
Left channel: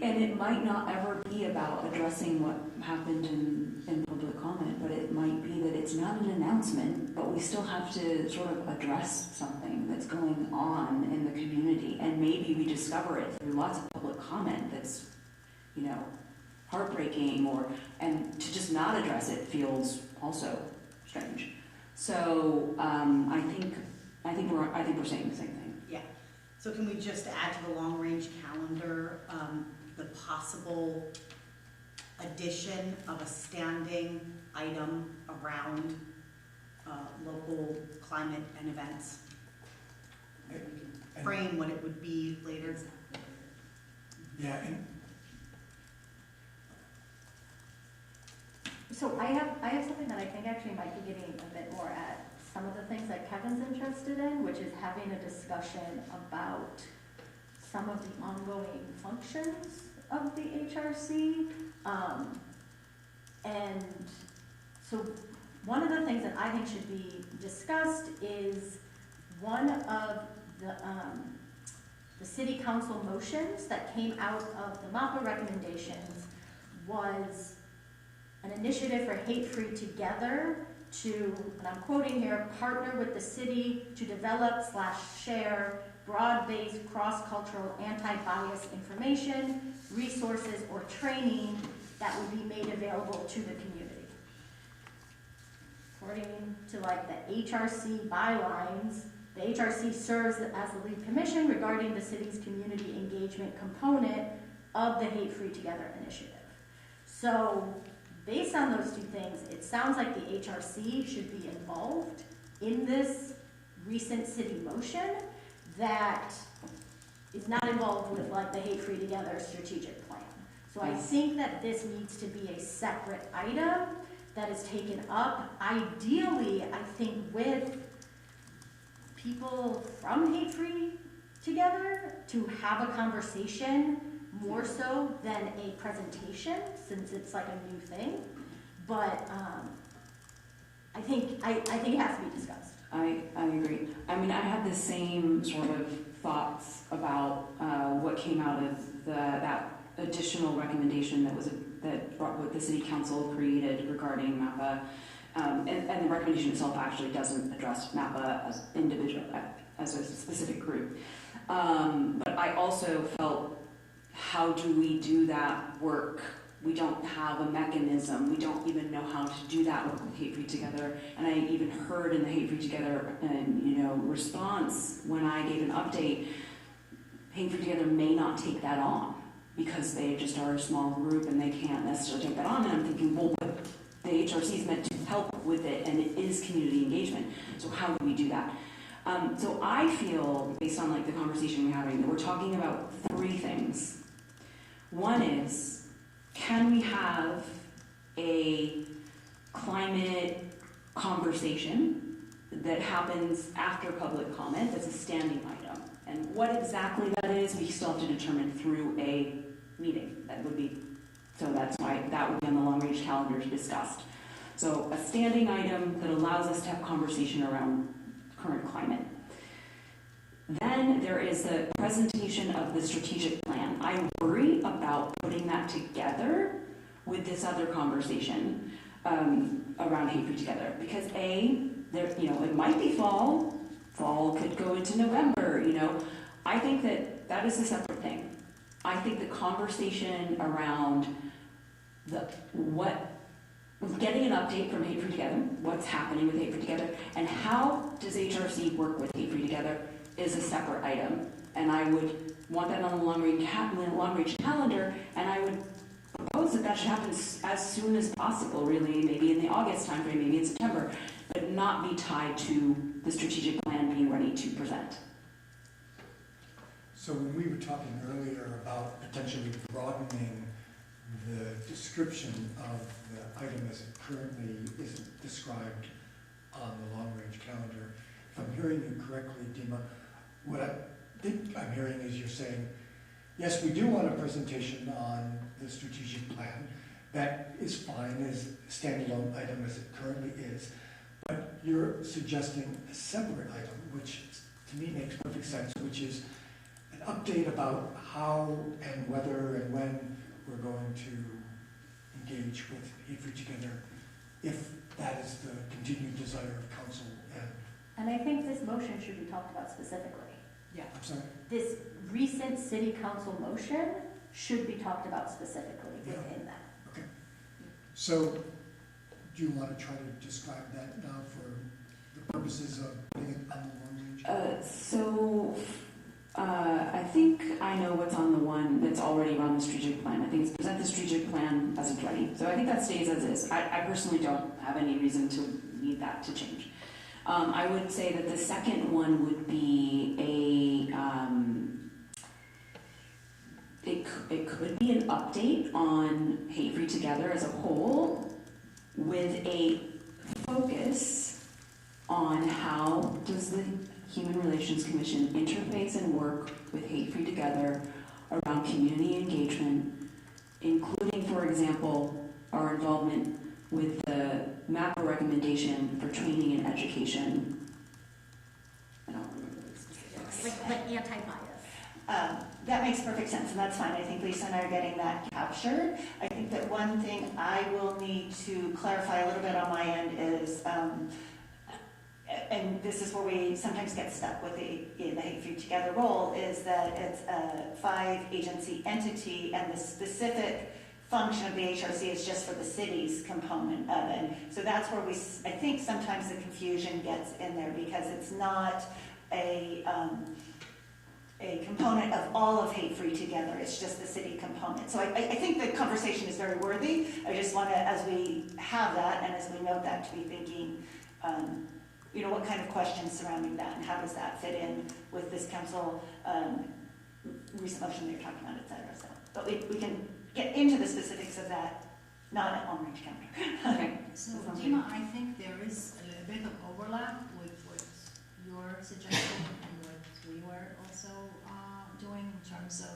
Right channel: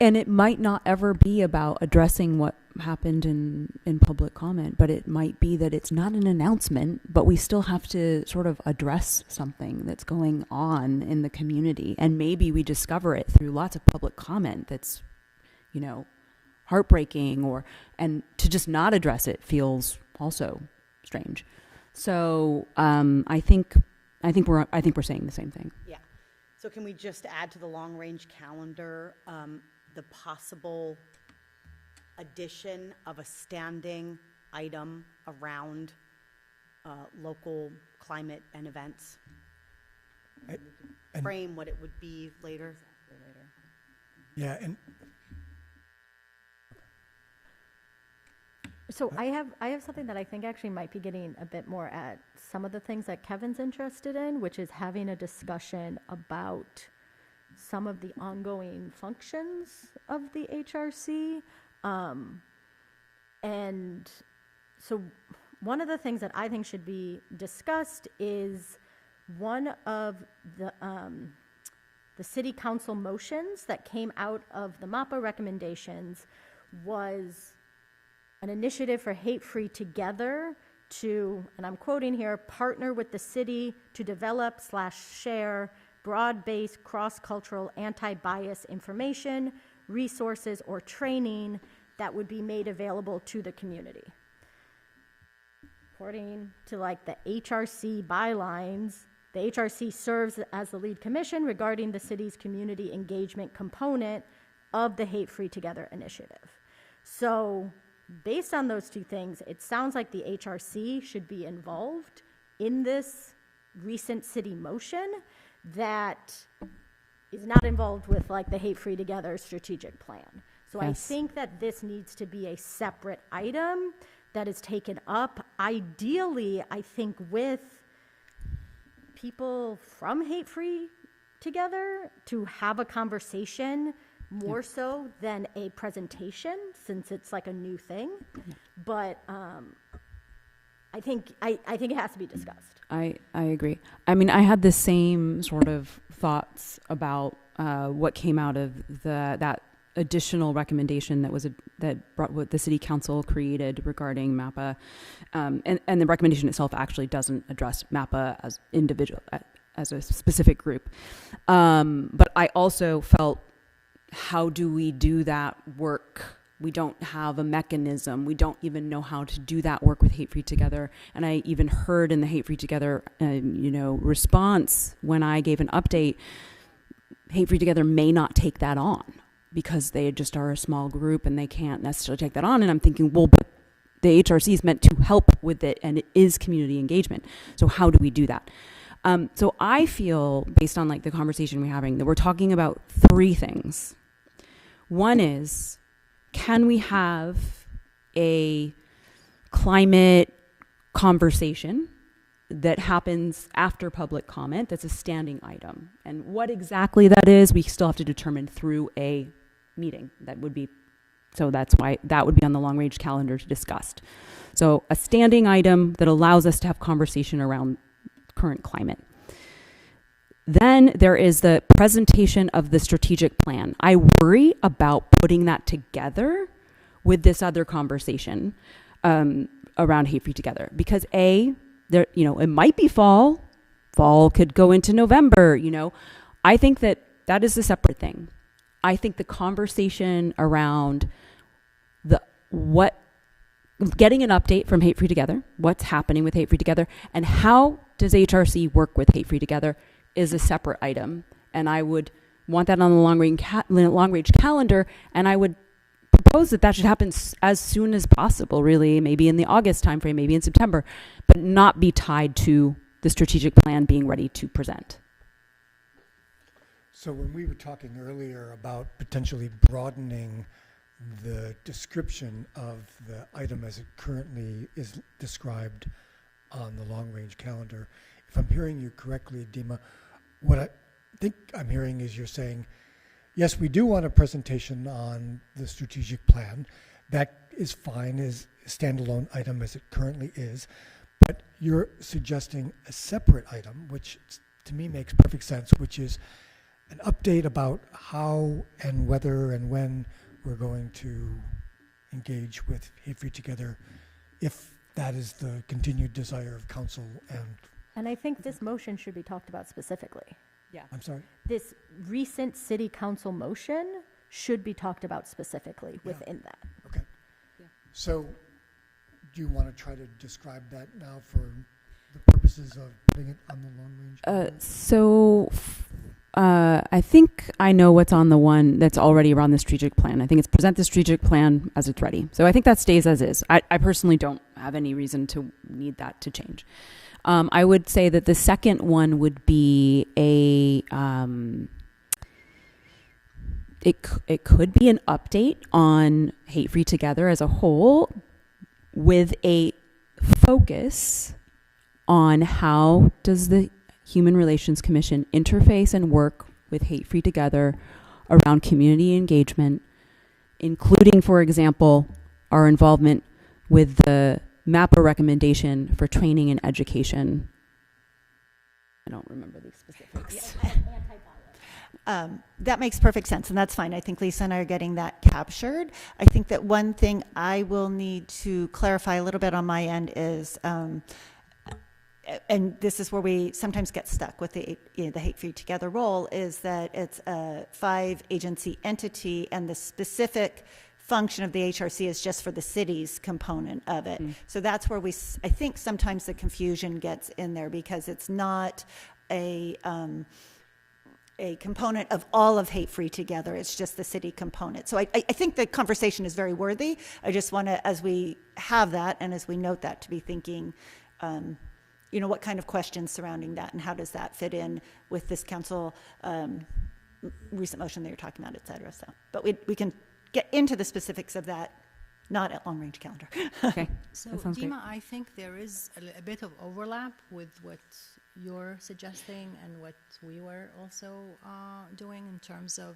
and it might not ever be about addressing what happened in public comment, but it might be that it's not an announcement, but we still have to sort of address something that's going on in the community, and maybe we discover it through lots of public comment that's, heartbreaking, and to just not address it feels also strange. So I think we're saying the same thing. Yeah. So can we just add to the long range calendar the possible addition of a standing item around local climate and events? Frame what it would be later. Yeah, and so I have something that I think actually might be getting a bit more at some of the things that Kevin's interested in, which is having a discussion about some of the ongoing functions of the HRC. And so one of the things that I think should be discussed is one of the city council motions that came out of the MAPA recommendations was an initiative for Hate Free Together to, and I'm quoting here, partner with the city to develop/share broad-based cross-cultural anti-bias information, resources, or training that would be made available to the community. according to like the HRC bylines, the HRC serves as the lead commission regarding the city's community engagement component of the Hate Free Together initiative. So based on those two things, it sounds like the HRC should be involved in this recent city motion that is not involved with like the Hate Free Together strategic plan. So I think that this needs to be a separate item that is taken up, ideally, I think, with people from Hate Free Together to have a conversation more so than a presentation, since it's like a new thing. But I think it has to be discussed. I agree. I mean, I had the same sort of thoughts about what came out of that additional recommendation that brought what the city council created regarding MAPA, and the recommendation itself actually doesn't address MAPA as individual, as a specific group. But I also felt, how do we do that work? We don't have a mechanism. We don't even know how to do that work with Hate Free Together. And I even heard in the Hate Free Together, response when I gave an update, Hate Free Together may not take that on because they just are a small group and they can't necessarily take that on. And I'm thinking, well, but the HRC is meant to help with it, and it is community engagement. So how do we do that? So I feel, based on like the conversation we're having, that we're talking about three things. One is, can we have a climate conversation that happens after public comment that's a standing item? And what exactly that is, we still have to determine through a meeting. So that's why that would be on the long-range calendar to discuss. So a standing item that allows us to have conversation around current climate. Then there is the presentation of the strategic plan. I worry about putting that together with this other conversation around Hate Free Together, because it might be fall. Fall could go into November. I think that is a separate thing. I think the conversation around getting an update from Hate Free Together, what's happening with Hate Free Together, and how does HRC work with Hate Free Together is a separate item. And I would want that on the long-range calendar, and I would propose that should happen as soon as possible, really, maybe in the August timeframe, maybe in September, but not be tied to the strategic plan being ready to present. So when we were talking earlier about potentially broadening the description of the item as it currently is described on the long-range calendar, if I'm hearing you correctly, Dima, what I think I'm hearing is you're saying, yes, we do want a presentation on the strategic plan. That is fine as a standalone item as it currently is, but you're suggesting a separate item, which to me makes perfect sense, which is an update about how and whether and when we're going to engage with Hate Free Together, if that is the continued desire of council. And I think this motion should be talked about specifically. Yeah. I'm sorry? This recent city council motion should be talked about specifically within that. Okay. So do you want to try to describe that now for the purposes of putting it on the long range? I think I know what's on the one that's already around the strategic plan. I think it's present the strategic plan as it's ready. So I think that stays as is. I personally don't have any reason to need that to change. I would say that the second one would be it could be an update on Hate Free Together as a whole, with a focus on how does the Human Relations Commission interface and work with Hate Free Together around community engagement, including, for example, our involvement with the MAPA recommendation for training and education. I don't remember the specifics. Like anti-bias. That makes perfect sense, and that's fine. I think Lisa and I are getting that captured. I think that one thing I will need to clarify a little bit on my end is, and this is where we sometimes get stuck with the Hate Free Together role, is that it's a 5-agency entity, and the specific function of the HRC is just for the city's component of it. So that's where I think sometimes the confusion gets in there, because it's not a component of all of Hate Free Together. It's just the city component. So I think the conversation is very worthy. I just want to, as we have that and as we note that, to be thinking, what kind of questions surrounding that, and how does that fit in with this council recent motion that you're talking about, et cetera. So, but we can get into the specifics of that, not at long-range calendar. Okay. So, That sounds Dima, I think there is a bit of overlap with what you're suggesting and what we were also doing in terms of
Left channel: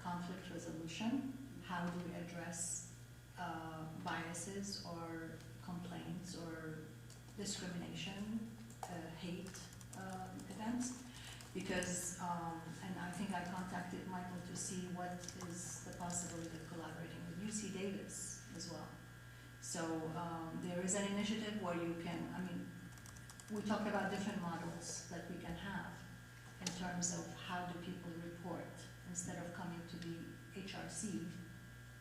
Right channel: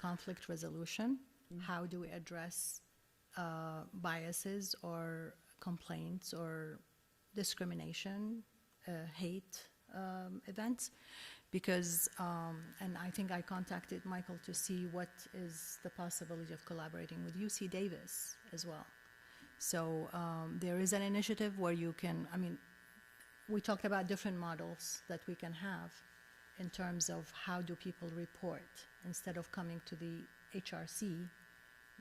conflict resolution. How do we address biases or complaints or discrimination, hate events? Because, and I think I contacted Michael to see what is the possibility of collaborating with UC Davis as well. So there is an initiative where you can, we talk about different models that we can have in terms of how do people report instead of coming to the HRC.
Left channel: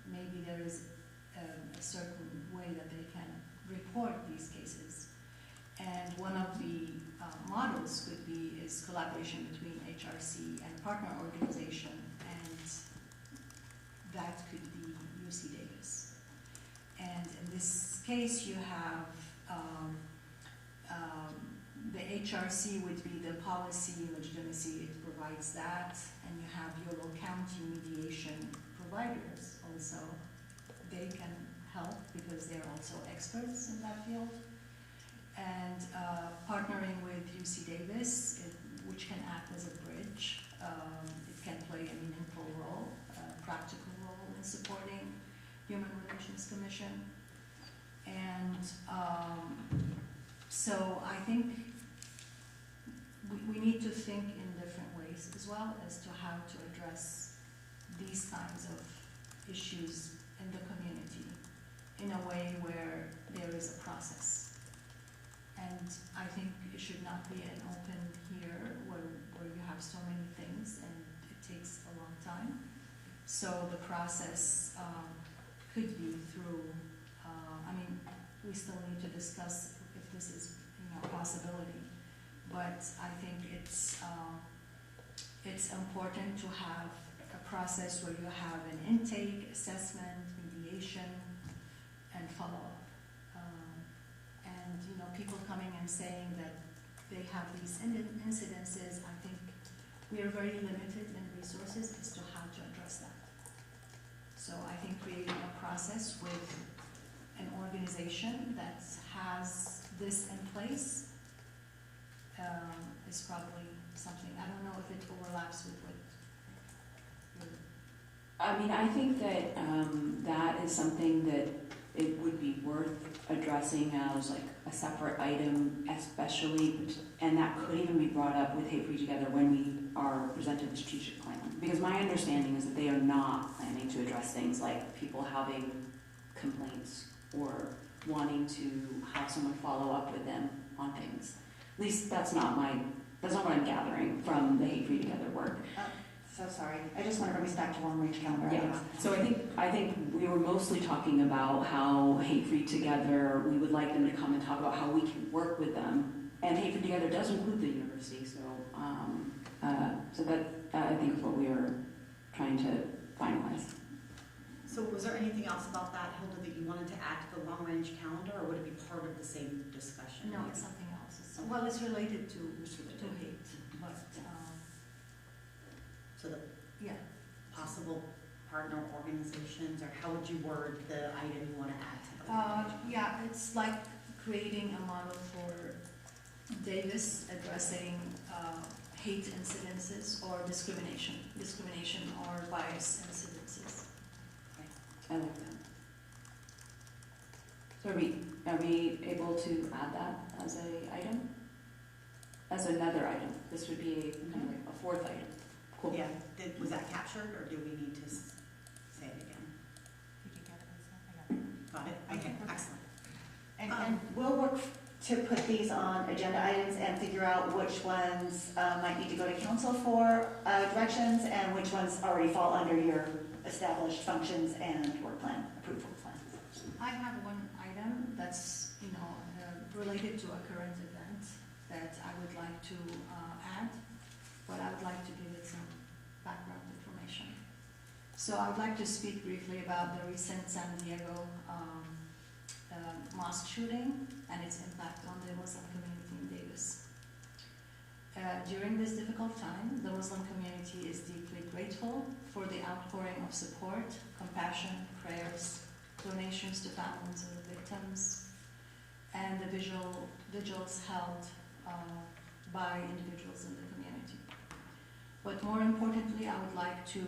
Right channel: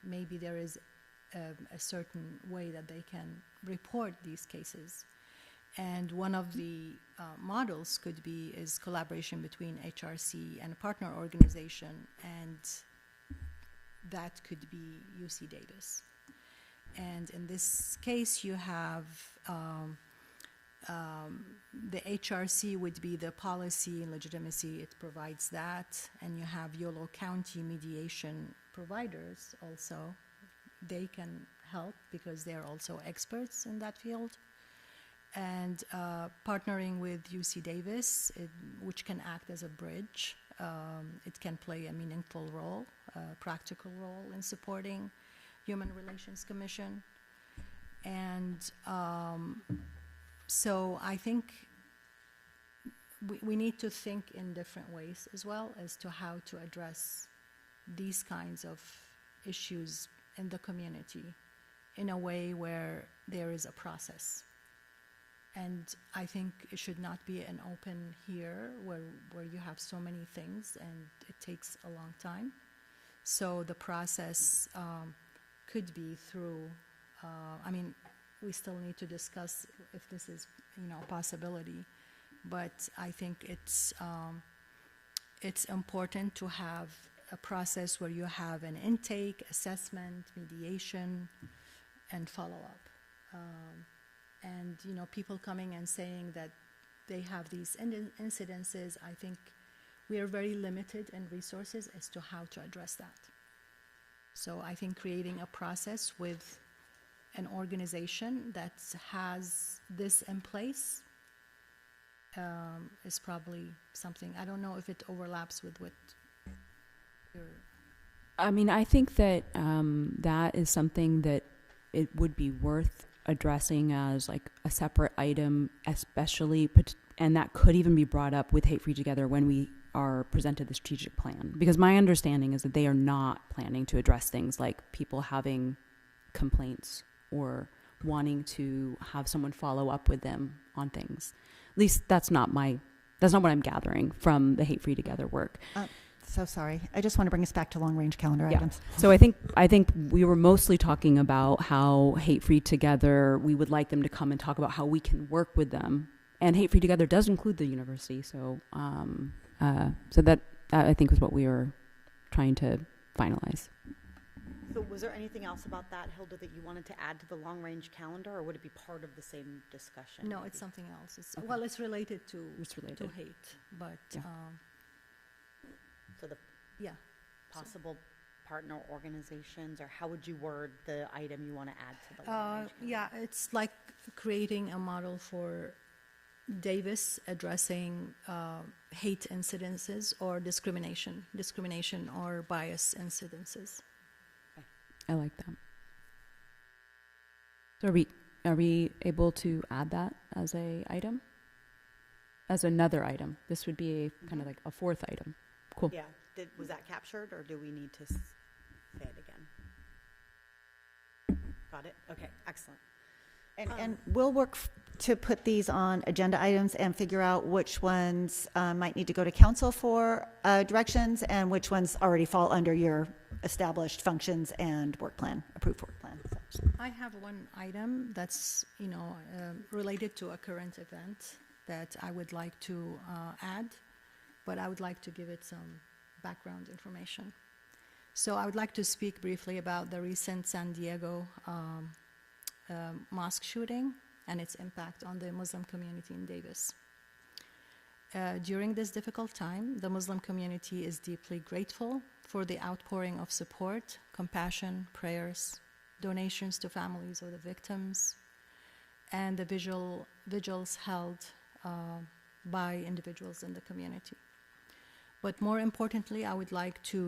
Maybe there is a certain way that they can report these cases. And one of the models could be is collaboration between HRC and a partner organization, and that could be UC Davis. And in this case, you have the HRC would be the policy and legitimacy, it provides that, and you have Yolo County mediation providers also. They can help because they're also experts in that field. And partnering with UC Davis, which can act as a bridge, it can play a meaningful role, a practical role in supporting Human Relations Commission. And so I think we need to think in different ways as well as to how to address these kinds of issues in the community in a way where there is a process. And I think it should not be an open here where you have so many things and it takes a long time. So the process could be through, we still need to discuss if this is, a possibility. But I think it's important to have a process where you have an intake, assessment, mediation, and follow-up. And people coming and saying that they have these incidences, I think we are very limited in resources as to how to address that. So I think creating a process with an organization that has this in place is probably something. I don't know if it overlaps with what you're... I think that that is something that it would be worth addressing as like a separate item, especially, and that could even be brought up with Hate Free Together when we are presented the strategic plan. Because my understanding is that they are not planning to address things like people having complaints or wanting to have someone follow up with them on things. At least that's not what I'm gathering from the Hate Free Together work. So sorry. I just want to bring us back to long-range calendar Yeah. items. So I think we were mostly talking about how Hate Free Together, we would like them to come and talk about how we can work with them. And Hate Free Together does include the university. So so that I think is what we were trying to finalize. So was there anything else about that, Hilda, that you wanted to add to the long-range calendar, or would it be part of the same discussion? No, it's something else. Well, it's related to hate, but So the yeah, possible partner organizations, or how would you word the item you want to add to the long-range? yeah, it's like creating a model for Davis addressing hate incidences or discrimination or bias incidences. I like that. So are we able to add that as a item? As another item? This would be kind of like a fourth item. Cool. Yeah, was that captured, or do we need to say it again? Got it? Okay, excellent. And we'll work to put these on agenda items and figure out which ones might need to go to council for directions and which ones already fall under your established functions and work plan, approval plan. I have one item that's, related to a current event that I would like to add, but I would like to give it some background information. So I would like to speak briefly about the recent San Diego mosque shooting and its impact on the Muslim community in Davis. During this difficult time, the Muslim community is deeply grateful for the outpouring of support, compassion, prayers, donations to families of the victims, and the vigils held by individuals in the community. But more importantly, I would like to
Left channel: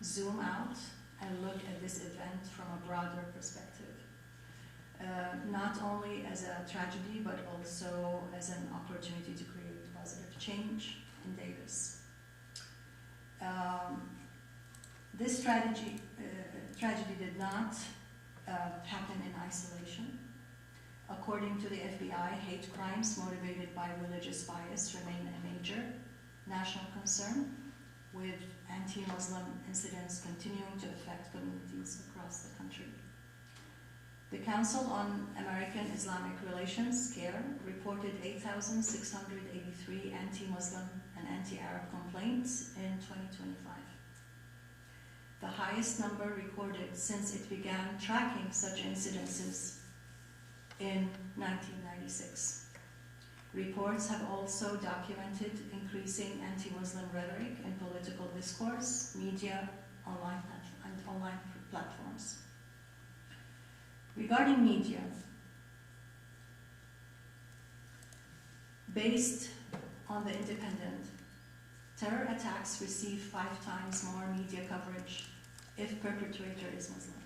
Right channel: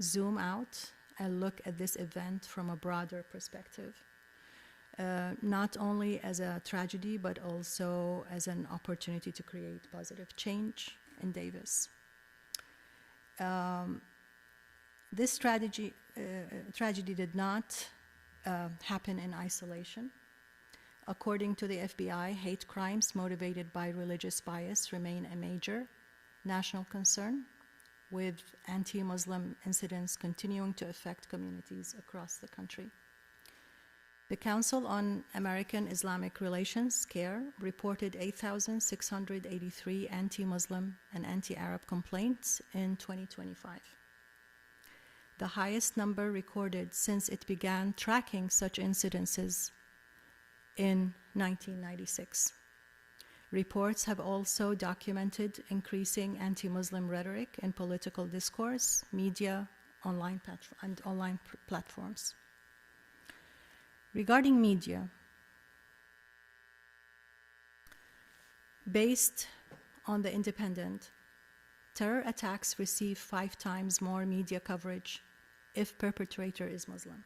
zoom out and look at this event from a broader perspective. Not only as a tragedy, but also as an opportunity to create positive change in Davis. This tragedy did not happen in isolation. According to the FBI, hate crimes motivated by religious bias remain a major national concern, with anti-Muslim incidents continuing to affect communities across the country. The Council on American Islamic Relations, CAIR, reported 8,683 anti-Muslim and anti-Arab complaints in 2025. The highest number recorded since it began tracking such incidences in 1996. Reports have also documented increasing anti-Muslim rhetoric in political discourse, media, online platforms. Regarding media, based on The Independent, terror attacks receive 5 times more media coverage if perpetrator is Muslim.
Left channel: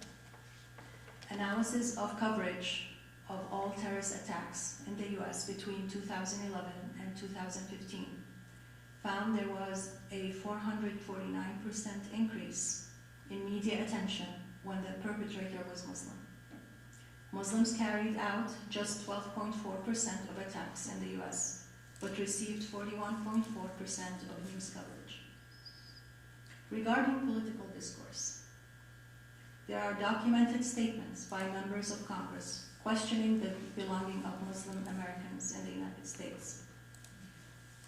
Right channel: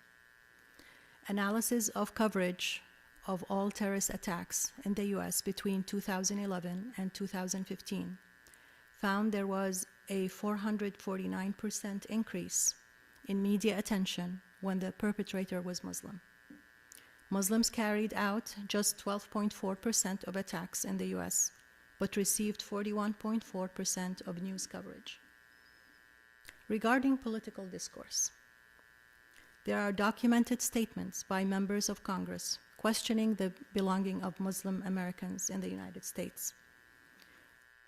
Analysis of coverage of all terrorist attacks in the US between 2011 and 2015 found there was a 449% increase in media attention when the perpetrator was Muslim. Muslims carried out just 12.4% of attacks in the US, but received 41.4% of news coverage. Regarding political discourse, there are documented statements by members of Congress questioning the belonging of Muslim Americans in the United States,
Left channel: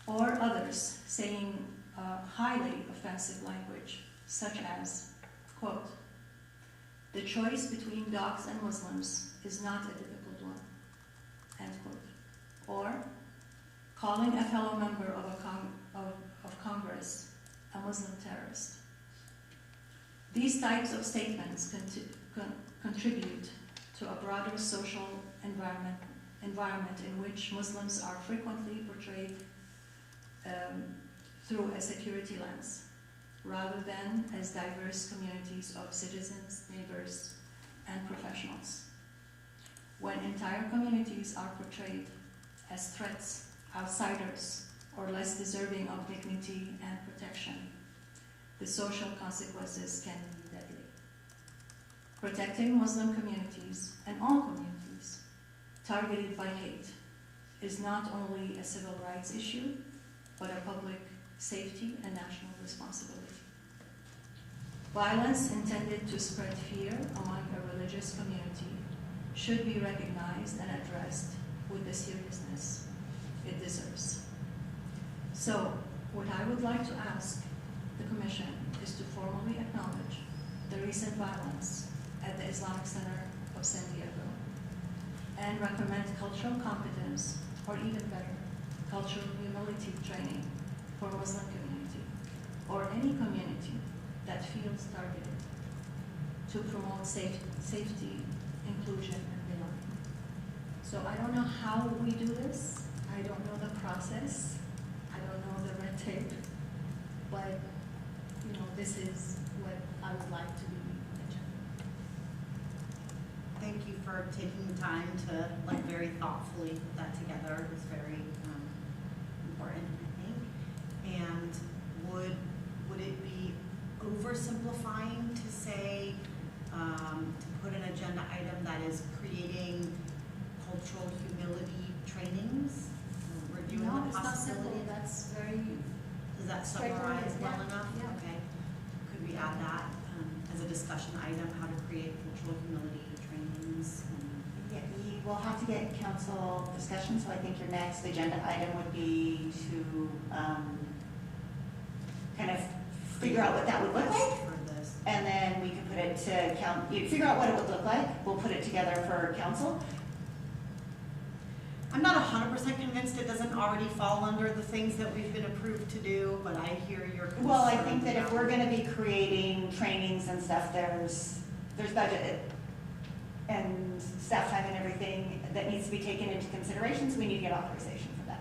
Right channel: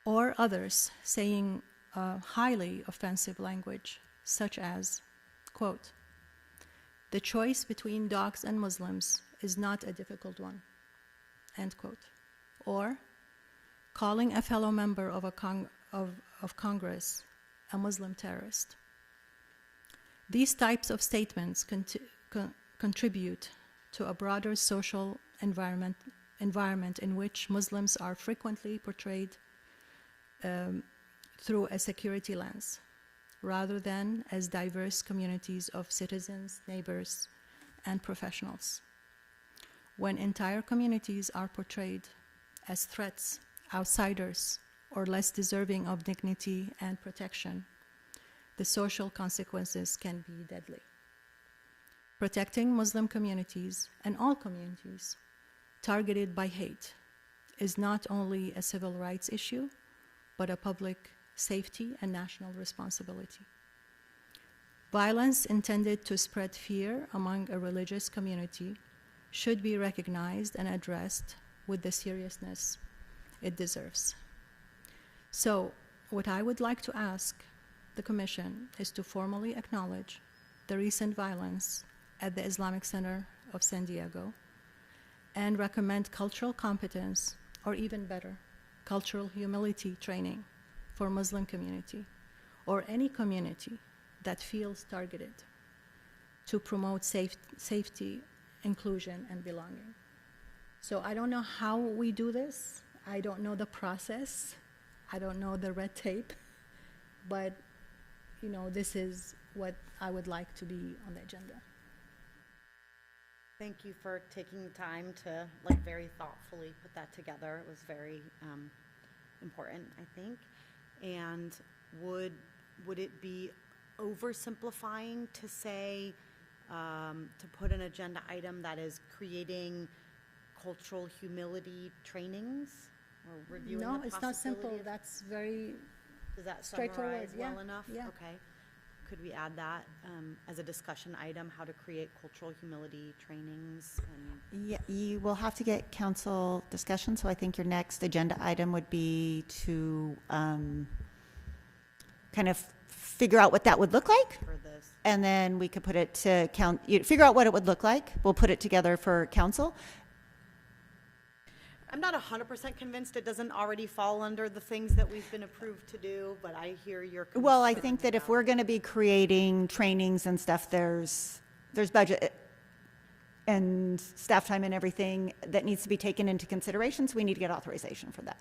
or others saying highly offensive language, such as, quote, "The choice between dogs and Muslims is not a difficult one," end quote. Or calling a fellow member of Congress a Muslim terrorist. These types of statements contribute to a broader social environment in which Muslims are frequently portrayed through a security lens, rather than as diverse communities of citizens, neighbors, and professionals. When entire communities are portrayed as threats, outsiders, or less deserving of dignity and protection, the social consequences can be deadly. Protecting Muslim communities and all communities targeted by hate is not only a civil rights issue, but a public safety and national responsibility. Violence intended to spread fear among a religious community should be recognized and addressed with the seriousness it deserves. So, what I would like to ask the Commission is to formally acknowledge the recent violence at the Islamic Center of San Diego and recommend cultural competence, or even better, cultural humility training for Muslim community or any community that feels targeted to promote safety, inclusion, and belonging. So I don't know how we do this. I don't know the process. I don't know the red tape, but this is what I would like to be on the agenda. Thank you for taking the time to very thoughtfully put that together. It was very important, I think. And would it be oversimplifying to say to put an agenda item that is creating cultural humility trainings? Reviewing No, the it's not simple. possibilities? That's very Does that straightforward, summarize yeah, well enough? yeah. Okay. Could we add that discussion item, how to create cultural humility trainings. Yeah, you will have to get council discussion, so I think your next agenda item would be to kind of figure out what that would look like. For this. And then we could put it to you'd figure out what it would look like. We'll put it together for council. I'm not 100% convinced it doesn't already fall under the things that we've been approved to do, but I hear your concern. Well, I think that if we're going to be creating trainings and stuff, there's budget and staff time and everything that needs to be taken into consideration, so we need to get authorization for that.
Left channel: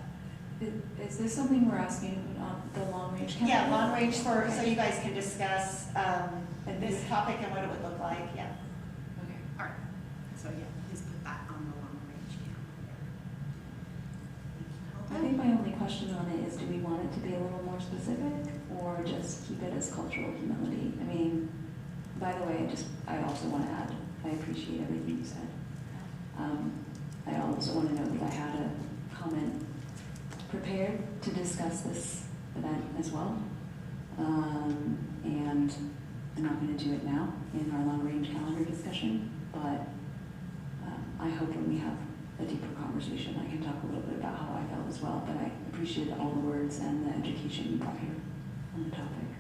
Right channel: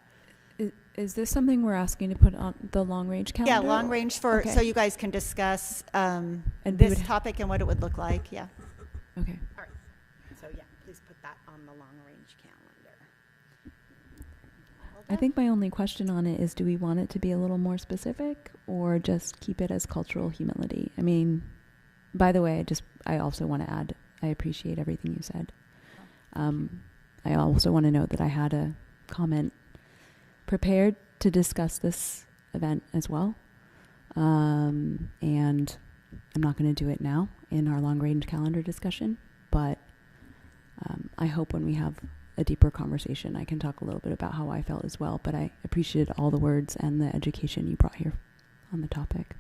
Is this something we're asking to put on the long-range calendar? Yeah, long range for, Okay. so you guys can discuss And we this would- topic and what it would look like, yeah. Okay. All right. So yeah, please put that on the long range calendar. I think my only question on it is, do we want it to be a little more specific or just keep it as cultural humility? I mean, by the way, I also want to add, I appreciate everything you said. I also want to note that I had a comment prepared to discuss this event as well. And I'm not going to do it now in our long-range calendar discussion, but I hope when we have a deeper conversation, I can talk a little bit about how I felt as well. But I appreciated all the words and the education you brought here on the topic.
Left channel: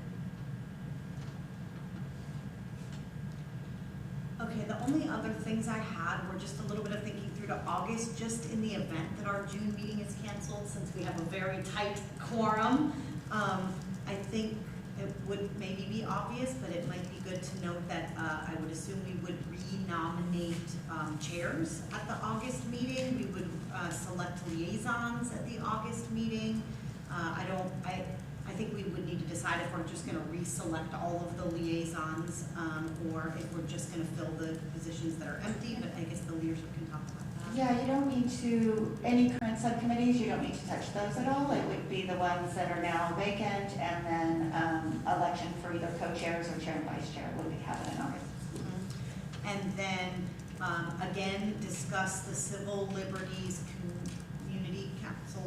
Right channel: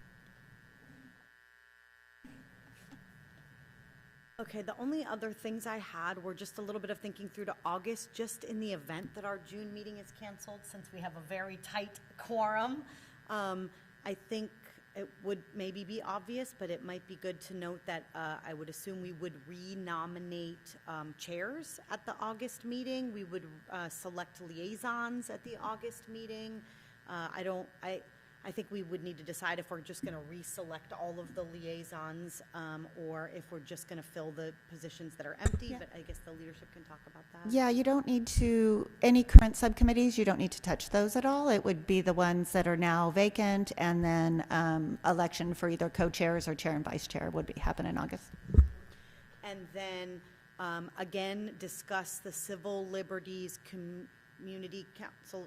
Okay, the only other things I had were just a little bit of thinking through to August, just in the event that our June meeting is canceled, since we have a very tight quorum. I think it would maybe be obvious, but it might be good to note that I would assume we would re-nominate chairs at the August meeting. We would select liaisons at the August meeting. I think we would need to decide if we're just going to reselect all of the liaisons or if we're just going to fill the positions that are empty, but I guess the leadership can talk about that. Yeah, you don't need to, any current subcommittees, you don't need to touch those at all. It would be the ones that are now vacant, and then election for either co-chairs or chair and vice chair would happen in August. And then, again, discuss the Civil Liberties Community Council,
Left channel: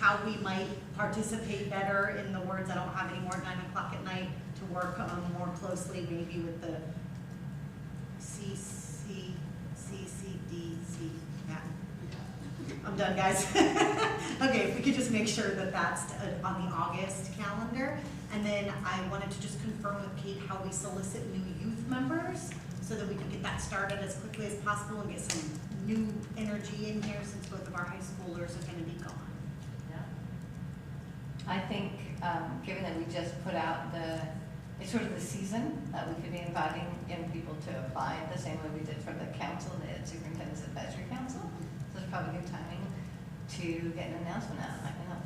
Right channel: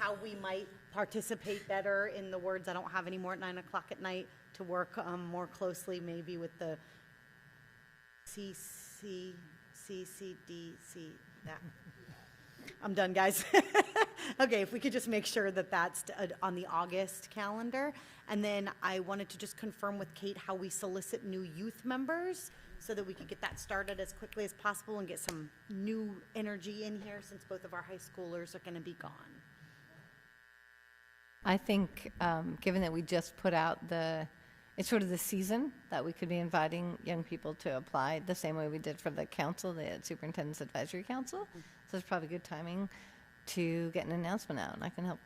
how we might participate better, in the words I don't have anymore at 9 o'clock at night, to work more closely maybe with the CCDC. Yeah. I'm done, guys. Okay, if we could just make sure that that's on the August calendar. And then I wanted to just confirm with Kate how we solicit new youth members so that we can get that started as quickly as possible and get some new energy in here, since both of our high schoolers are going to be gone. I think, given that we just put out it's sort of the season that we could be inviting young people to apply the same way we did for the council, the Superintendent's Advisory Council. So it's probably good timing to get an announcement out, and I can help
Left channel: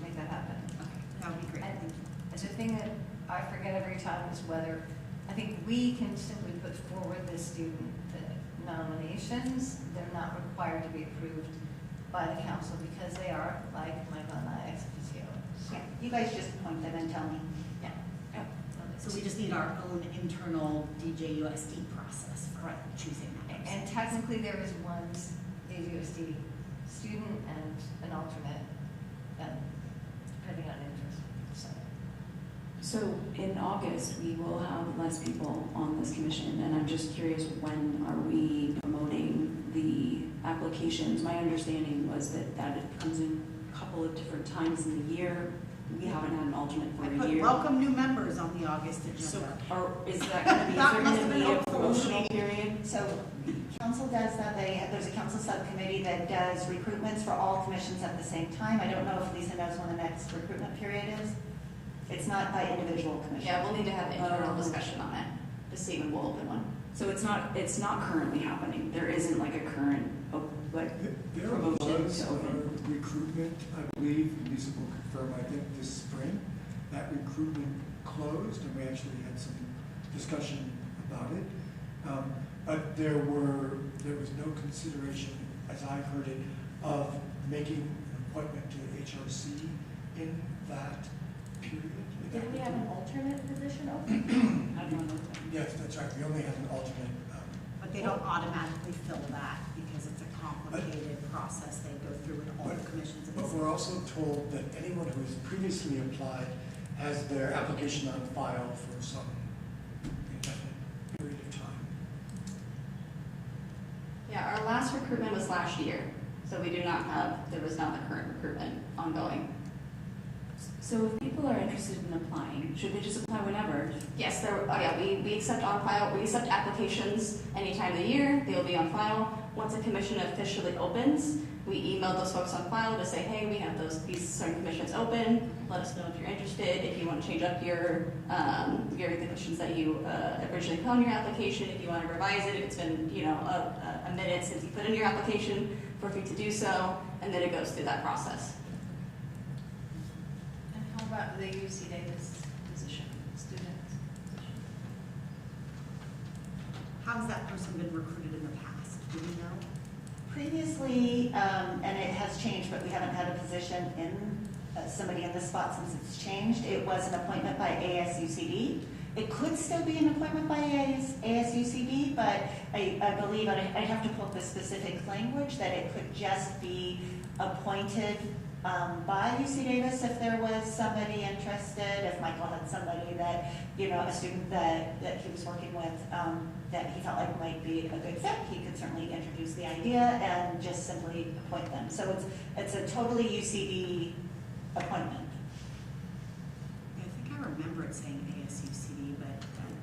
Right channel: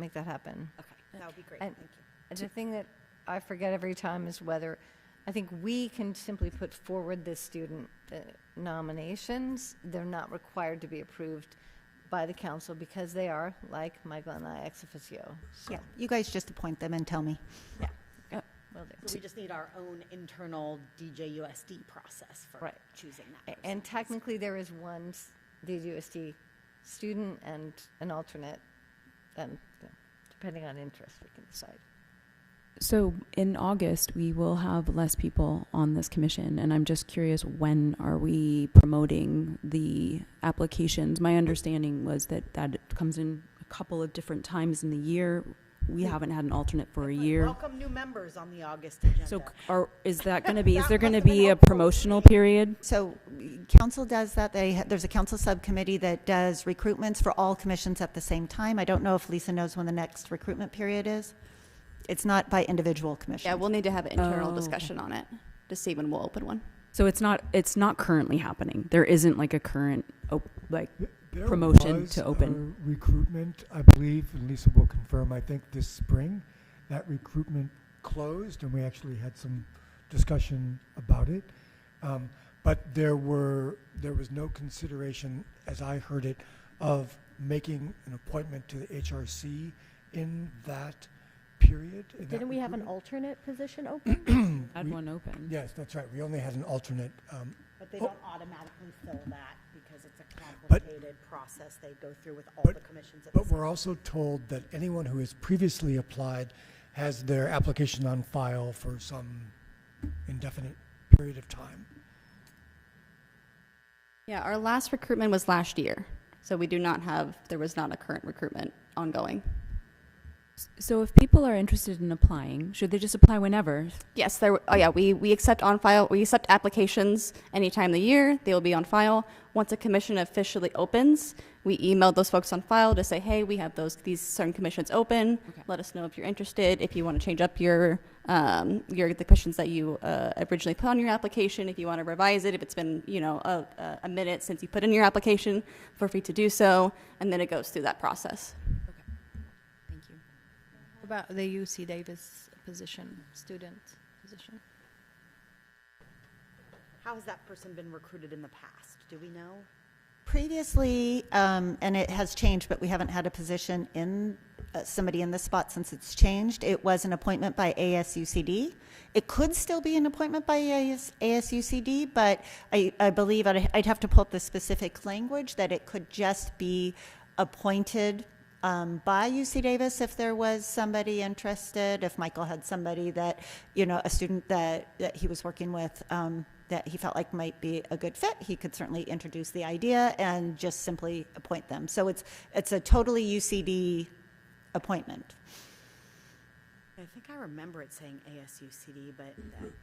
make that happen. Okay, that would be great. Thank you. And the thing that I forget every time is whether, I think we can simply put forward the student nominations. They're not required to be approved by the council because they are, like Michael and I, ex officio. Yeah, you guys just appoint them and tell me. Yeah. Yep. So we just need our own internal DJUSD process for choosing that. And technically there is one DJUSD student and an alternate, depending on interest. So in August, we will have less people on this commission, and I'm just curious, when are we promoting the applications? My understanding was that it comes in a couple of different times in the year. We haven't had an alternate for a year. Welcome new members on the August agenda. So is there going to be a promotional period? So council does that. There's a council subcommittee that does recruitments for all commissions at the same time. I don't know if Lisa knows when the next recruitment period is. It's not by individual commission. Yeah, we'll need to have an internal discussion on it to see when we'll open one. So it's not currently happening. There isn't like a current There promotion was to open. a recruitment, I believe, Lisa will confirm, I think this spring. That recruitment closed, and we actually had some discussion about it. But there was no consideration, as I heard it, of making an appointment to the HRC in that period. Didn't we have an alternate position open? Had one open. Yes, that's right. We only had an alternate. But they don't automatically fill that because it's a complicated process they go through with all the commissions. But we're also told that anyone who has previously applied has their application on file for some Yeah, our last recruitment was last year, so there was not a current recruitment ongoing. So if people are interested in applying, should they just apply whenever? Yes, we accept on file, we accept applications any time of the year, they will be on file. Once a commission officially opens, we email those folks on file to say, hey, we have these certain commissions open, let us know if you're interested, if you want to change up the questions that you originally put on your application, if you want to revise it, if it's been, a minute since you put in your application, feel free to do so, and then it goes through that process. And how about the UC Davis position, student position? How has that person been recruited in the past? Do we know? Previously, and it has changed, but we haven't had a position in somebody in this spot since it's changed. It was an appointment by ASUCD. It could still be an appointment by ASUCD, but I believe I'd have to pull up the specific language that it could just be appointed by UC Davis if there was somebody interested, if Michael had somebody that, a student that he was working with that he felt like might be a good fit, he could certainly introduce the idea and just simply appoint them. So it's a totally UCD appointment. I think I remember it saying ASUCD, but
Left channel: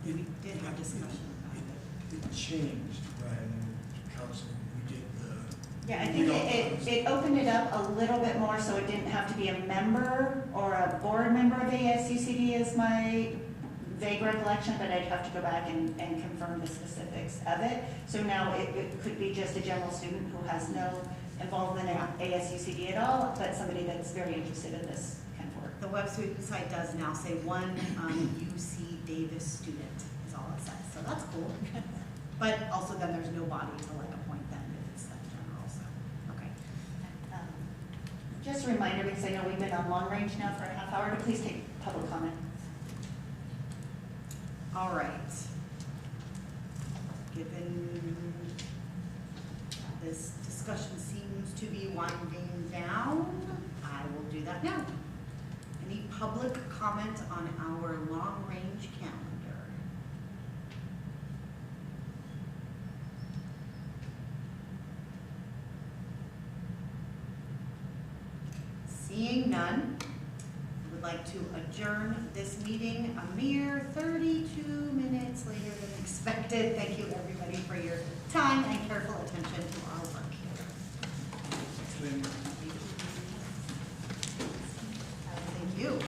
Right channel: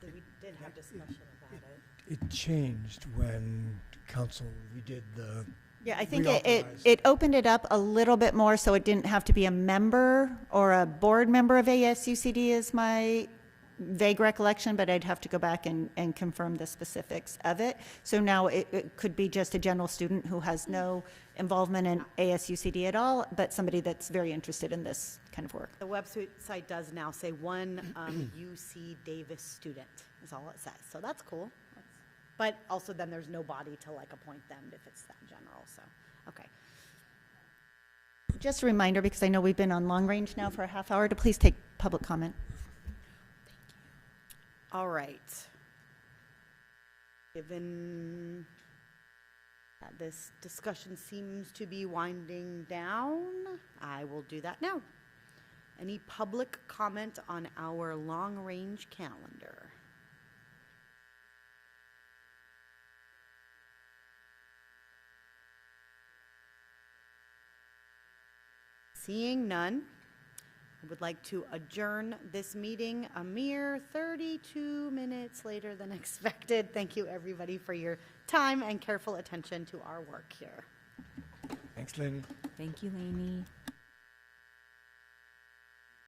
we did have discussion about it. It changed when council, we did the. Yeah, I think it opened it up a little bit more so it didn't have to be a member or a board member of ASUCD is my vague recollection, but I'd have to go back and confirm the specifics of it. So now it could be just a general student who has no involvement in ASUCD at all, but somebody that's very interested in this kind of work. The website does now say one UC Davis student is all it says, so that's cool. But also then there's no body to appoint them if it's that general, so, okay. Just a reminder, because I know we've been on long range now for a half hour, to please take public comment. All right. Given that this discussion seems to be winding down, I will do that now. Any public comment on our long-range calendar? Seeing none, I would like to adjourn this meeting a mere 32 minutes later than expected. Thank you, everybody, for your time and careful attention to our work here. Thanks, lady. Thank you. Thank you.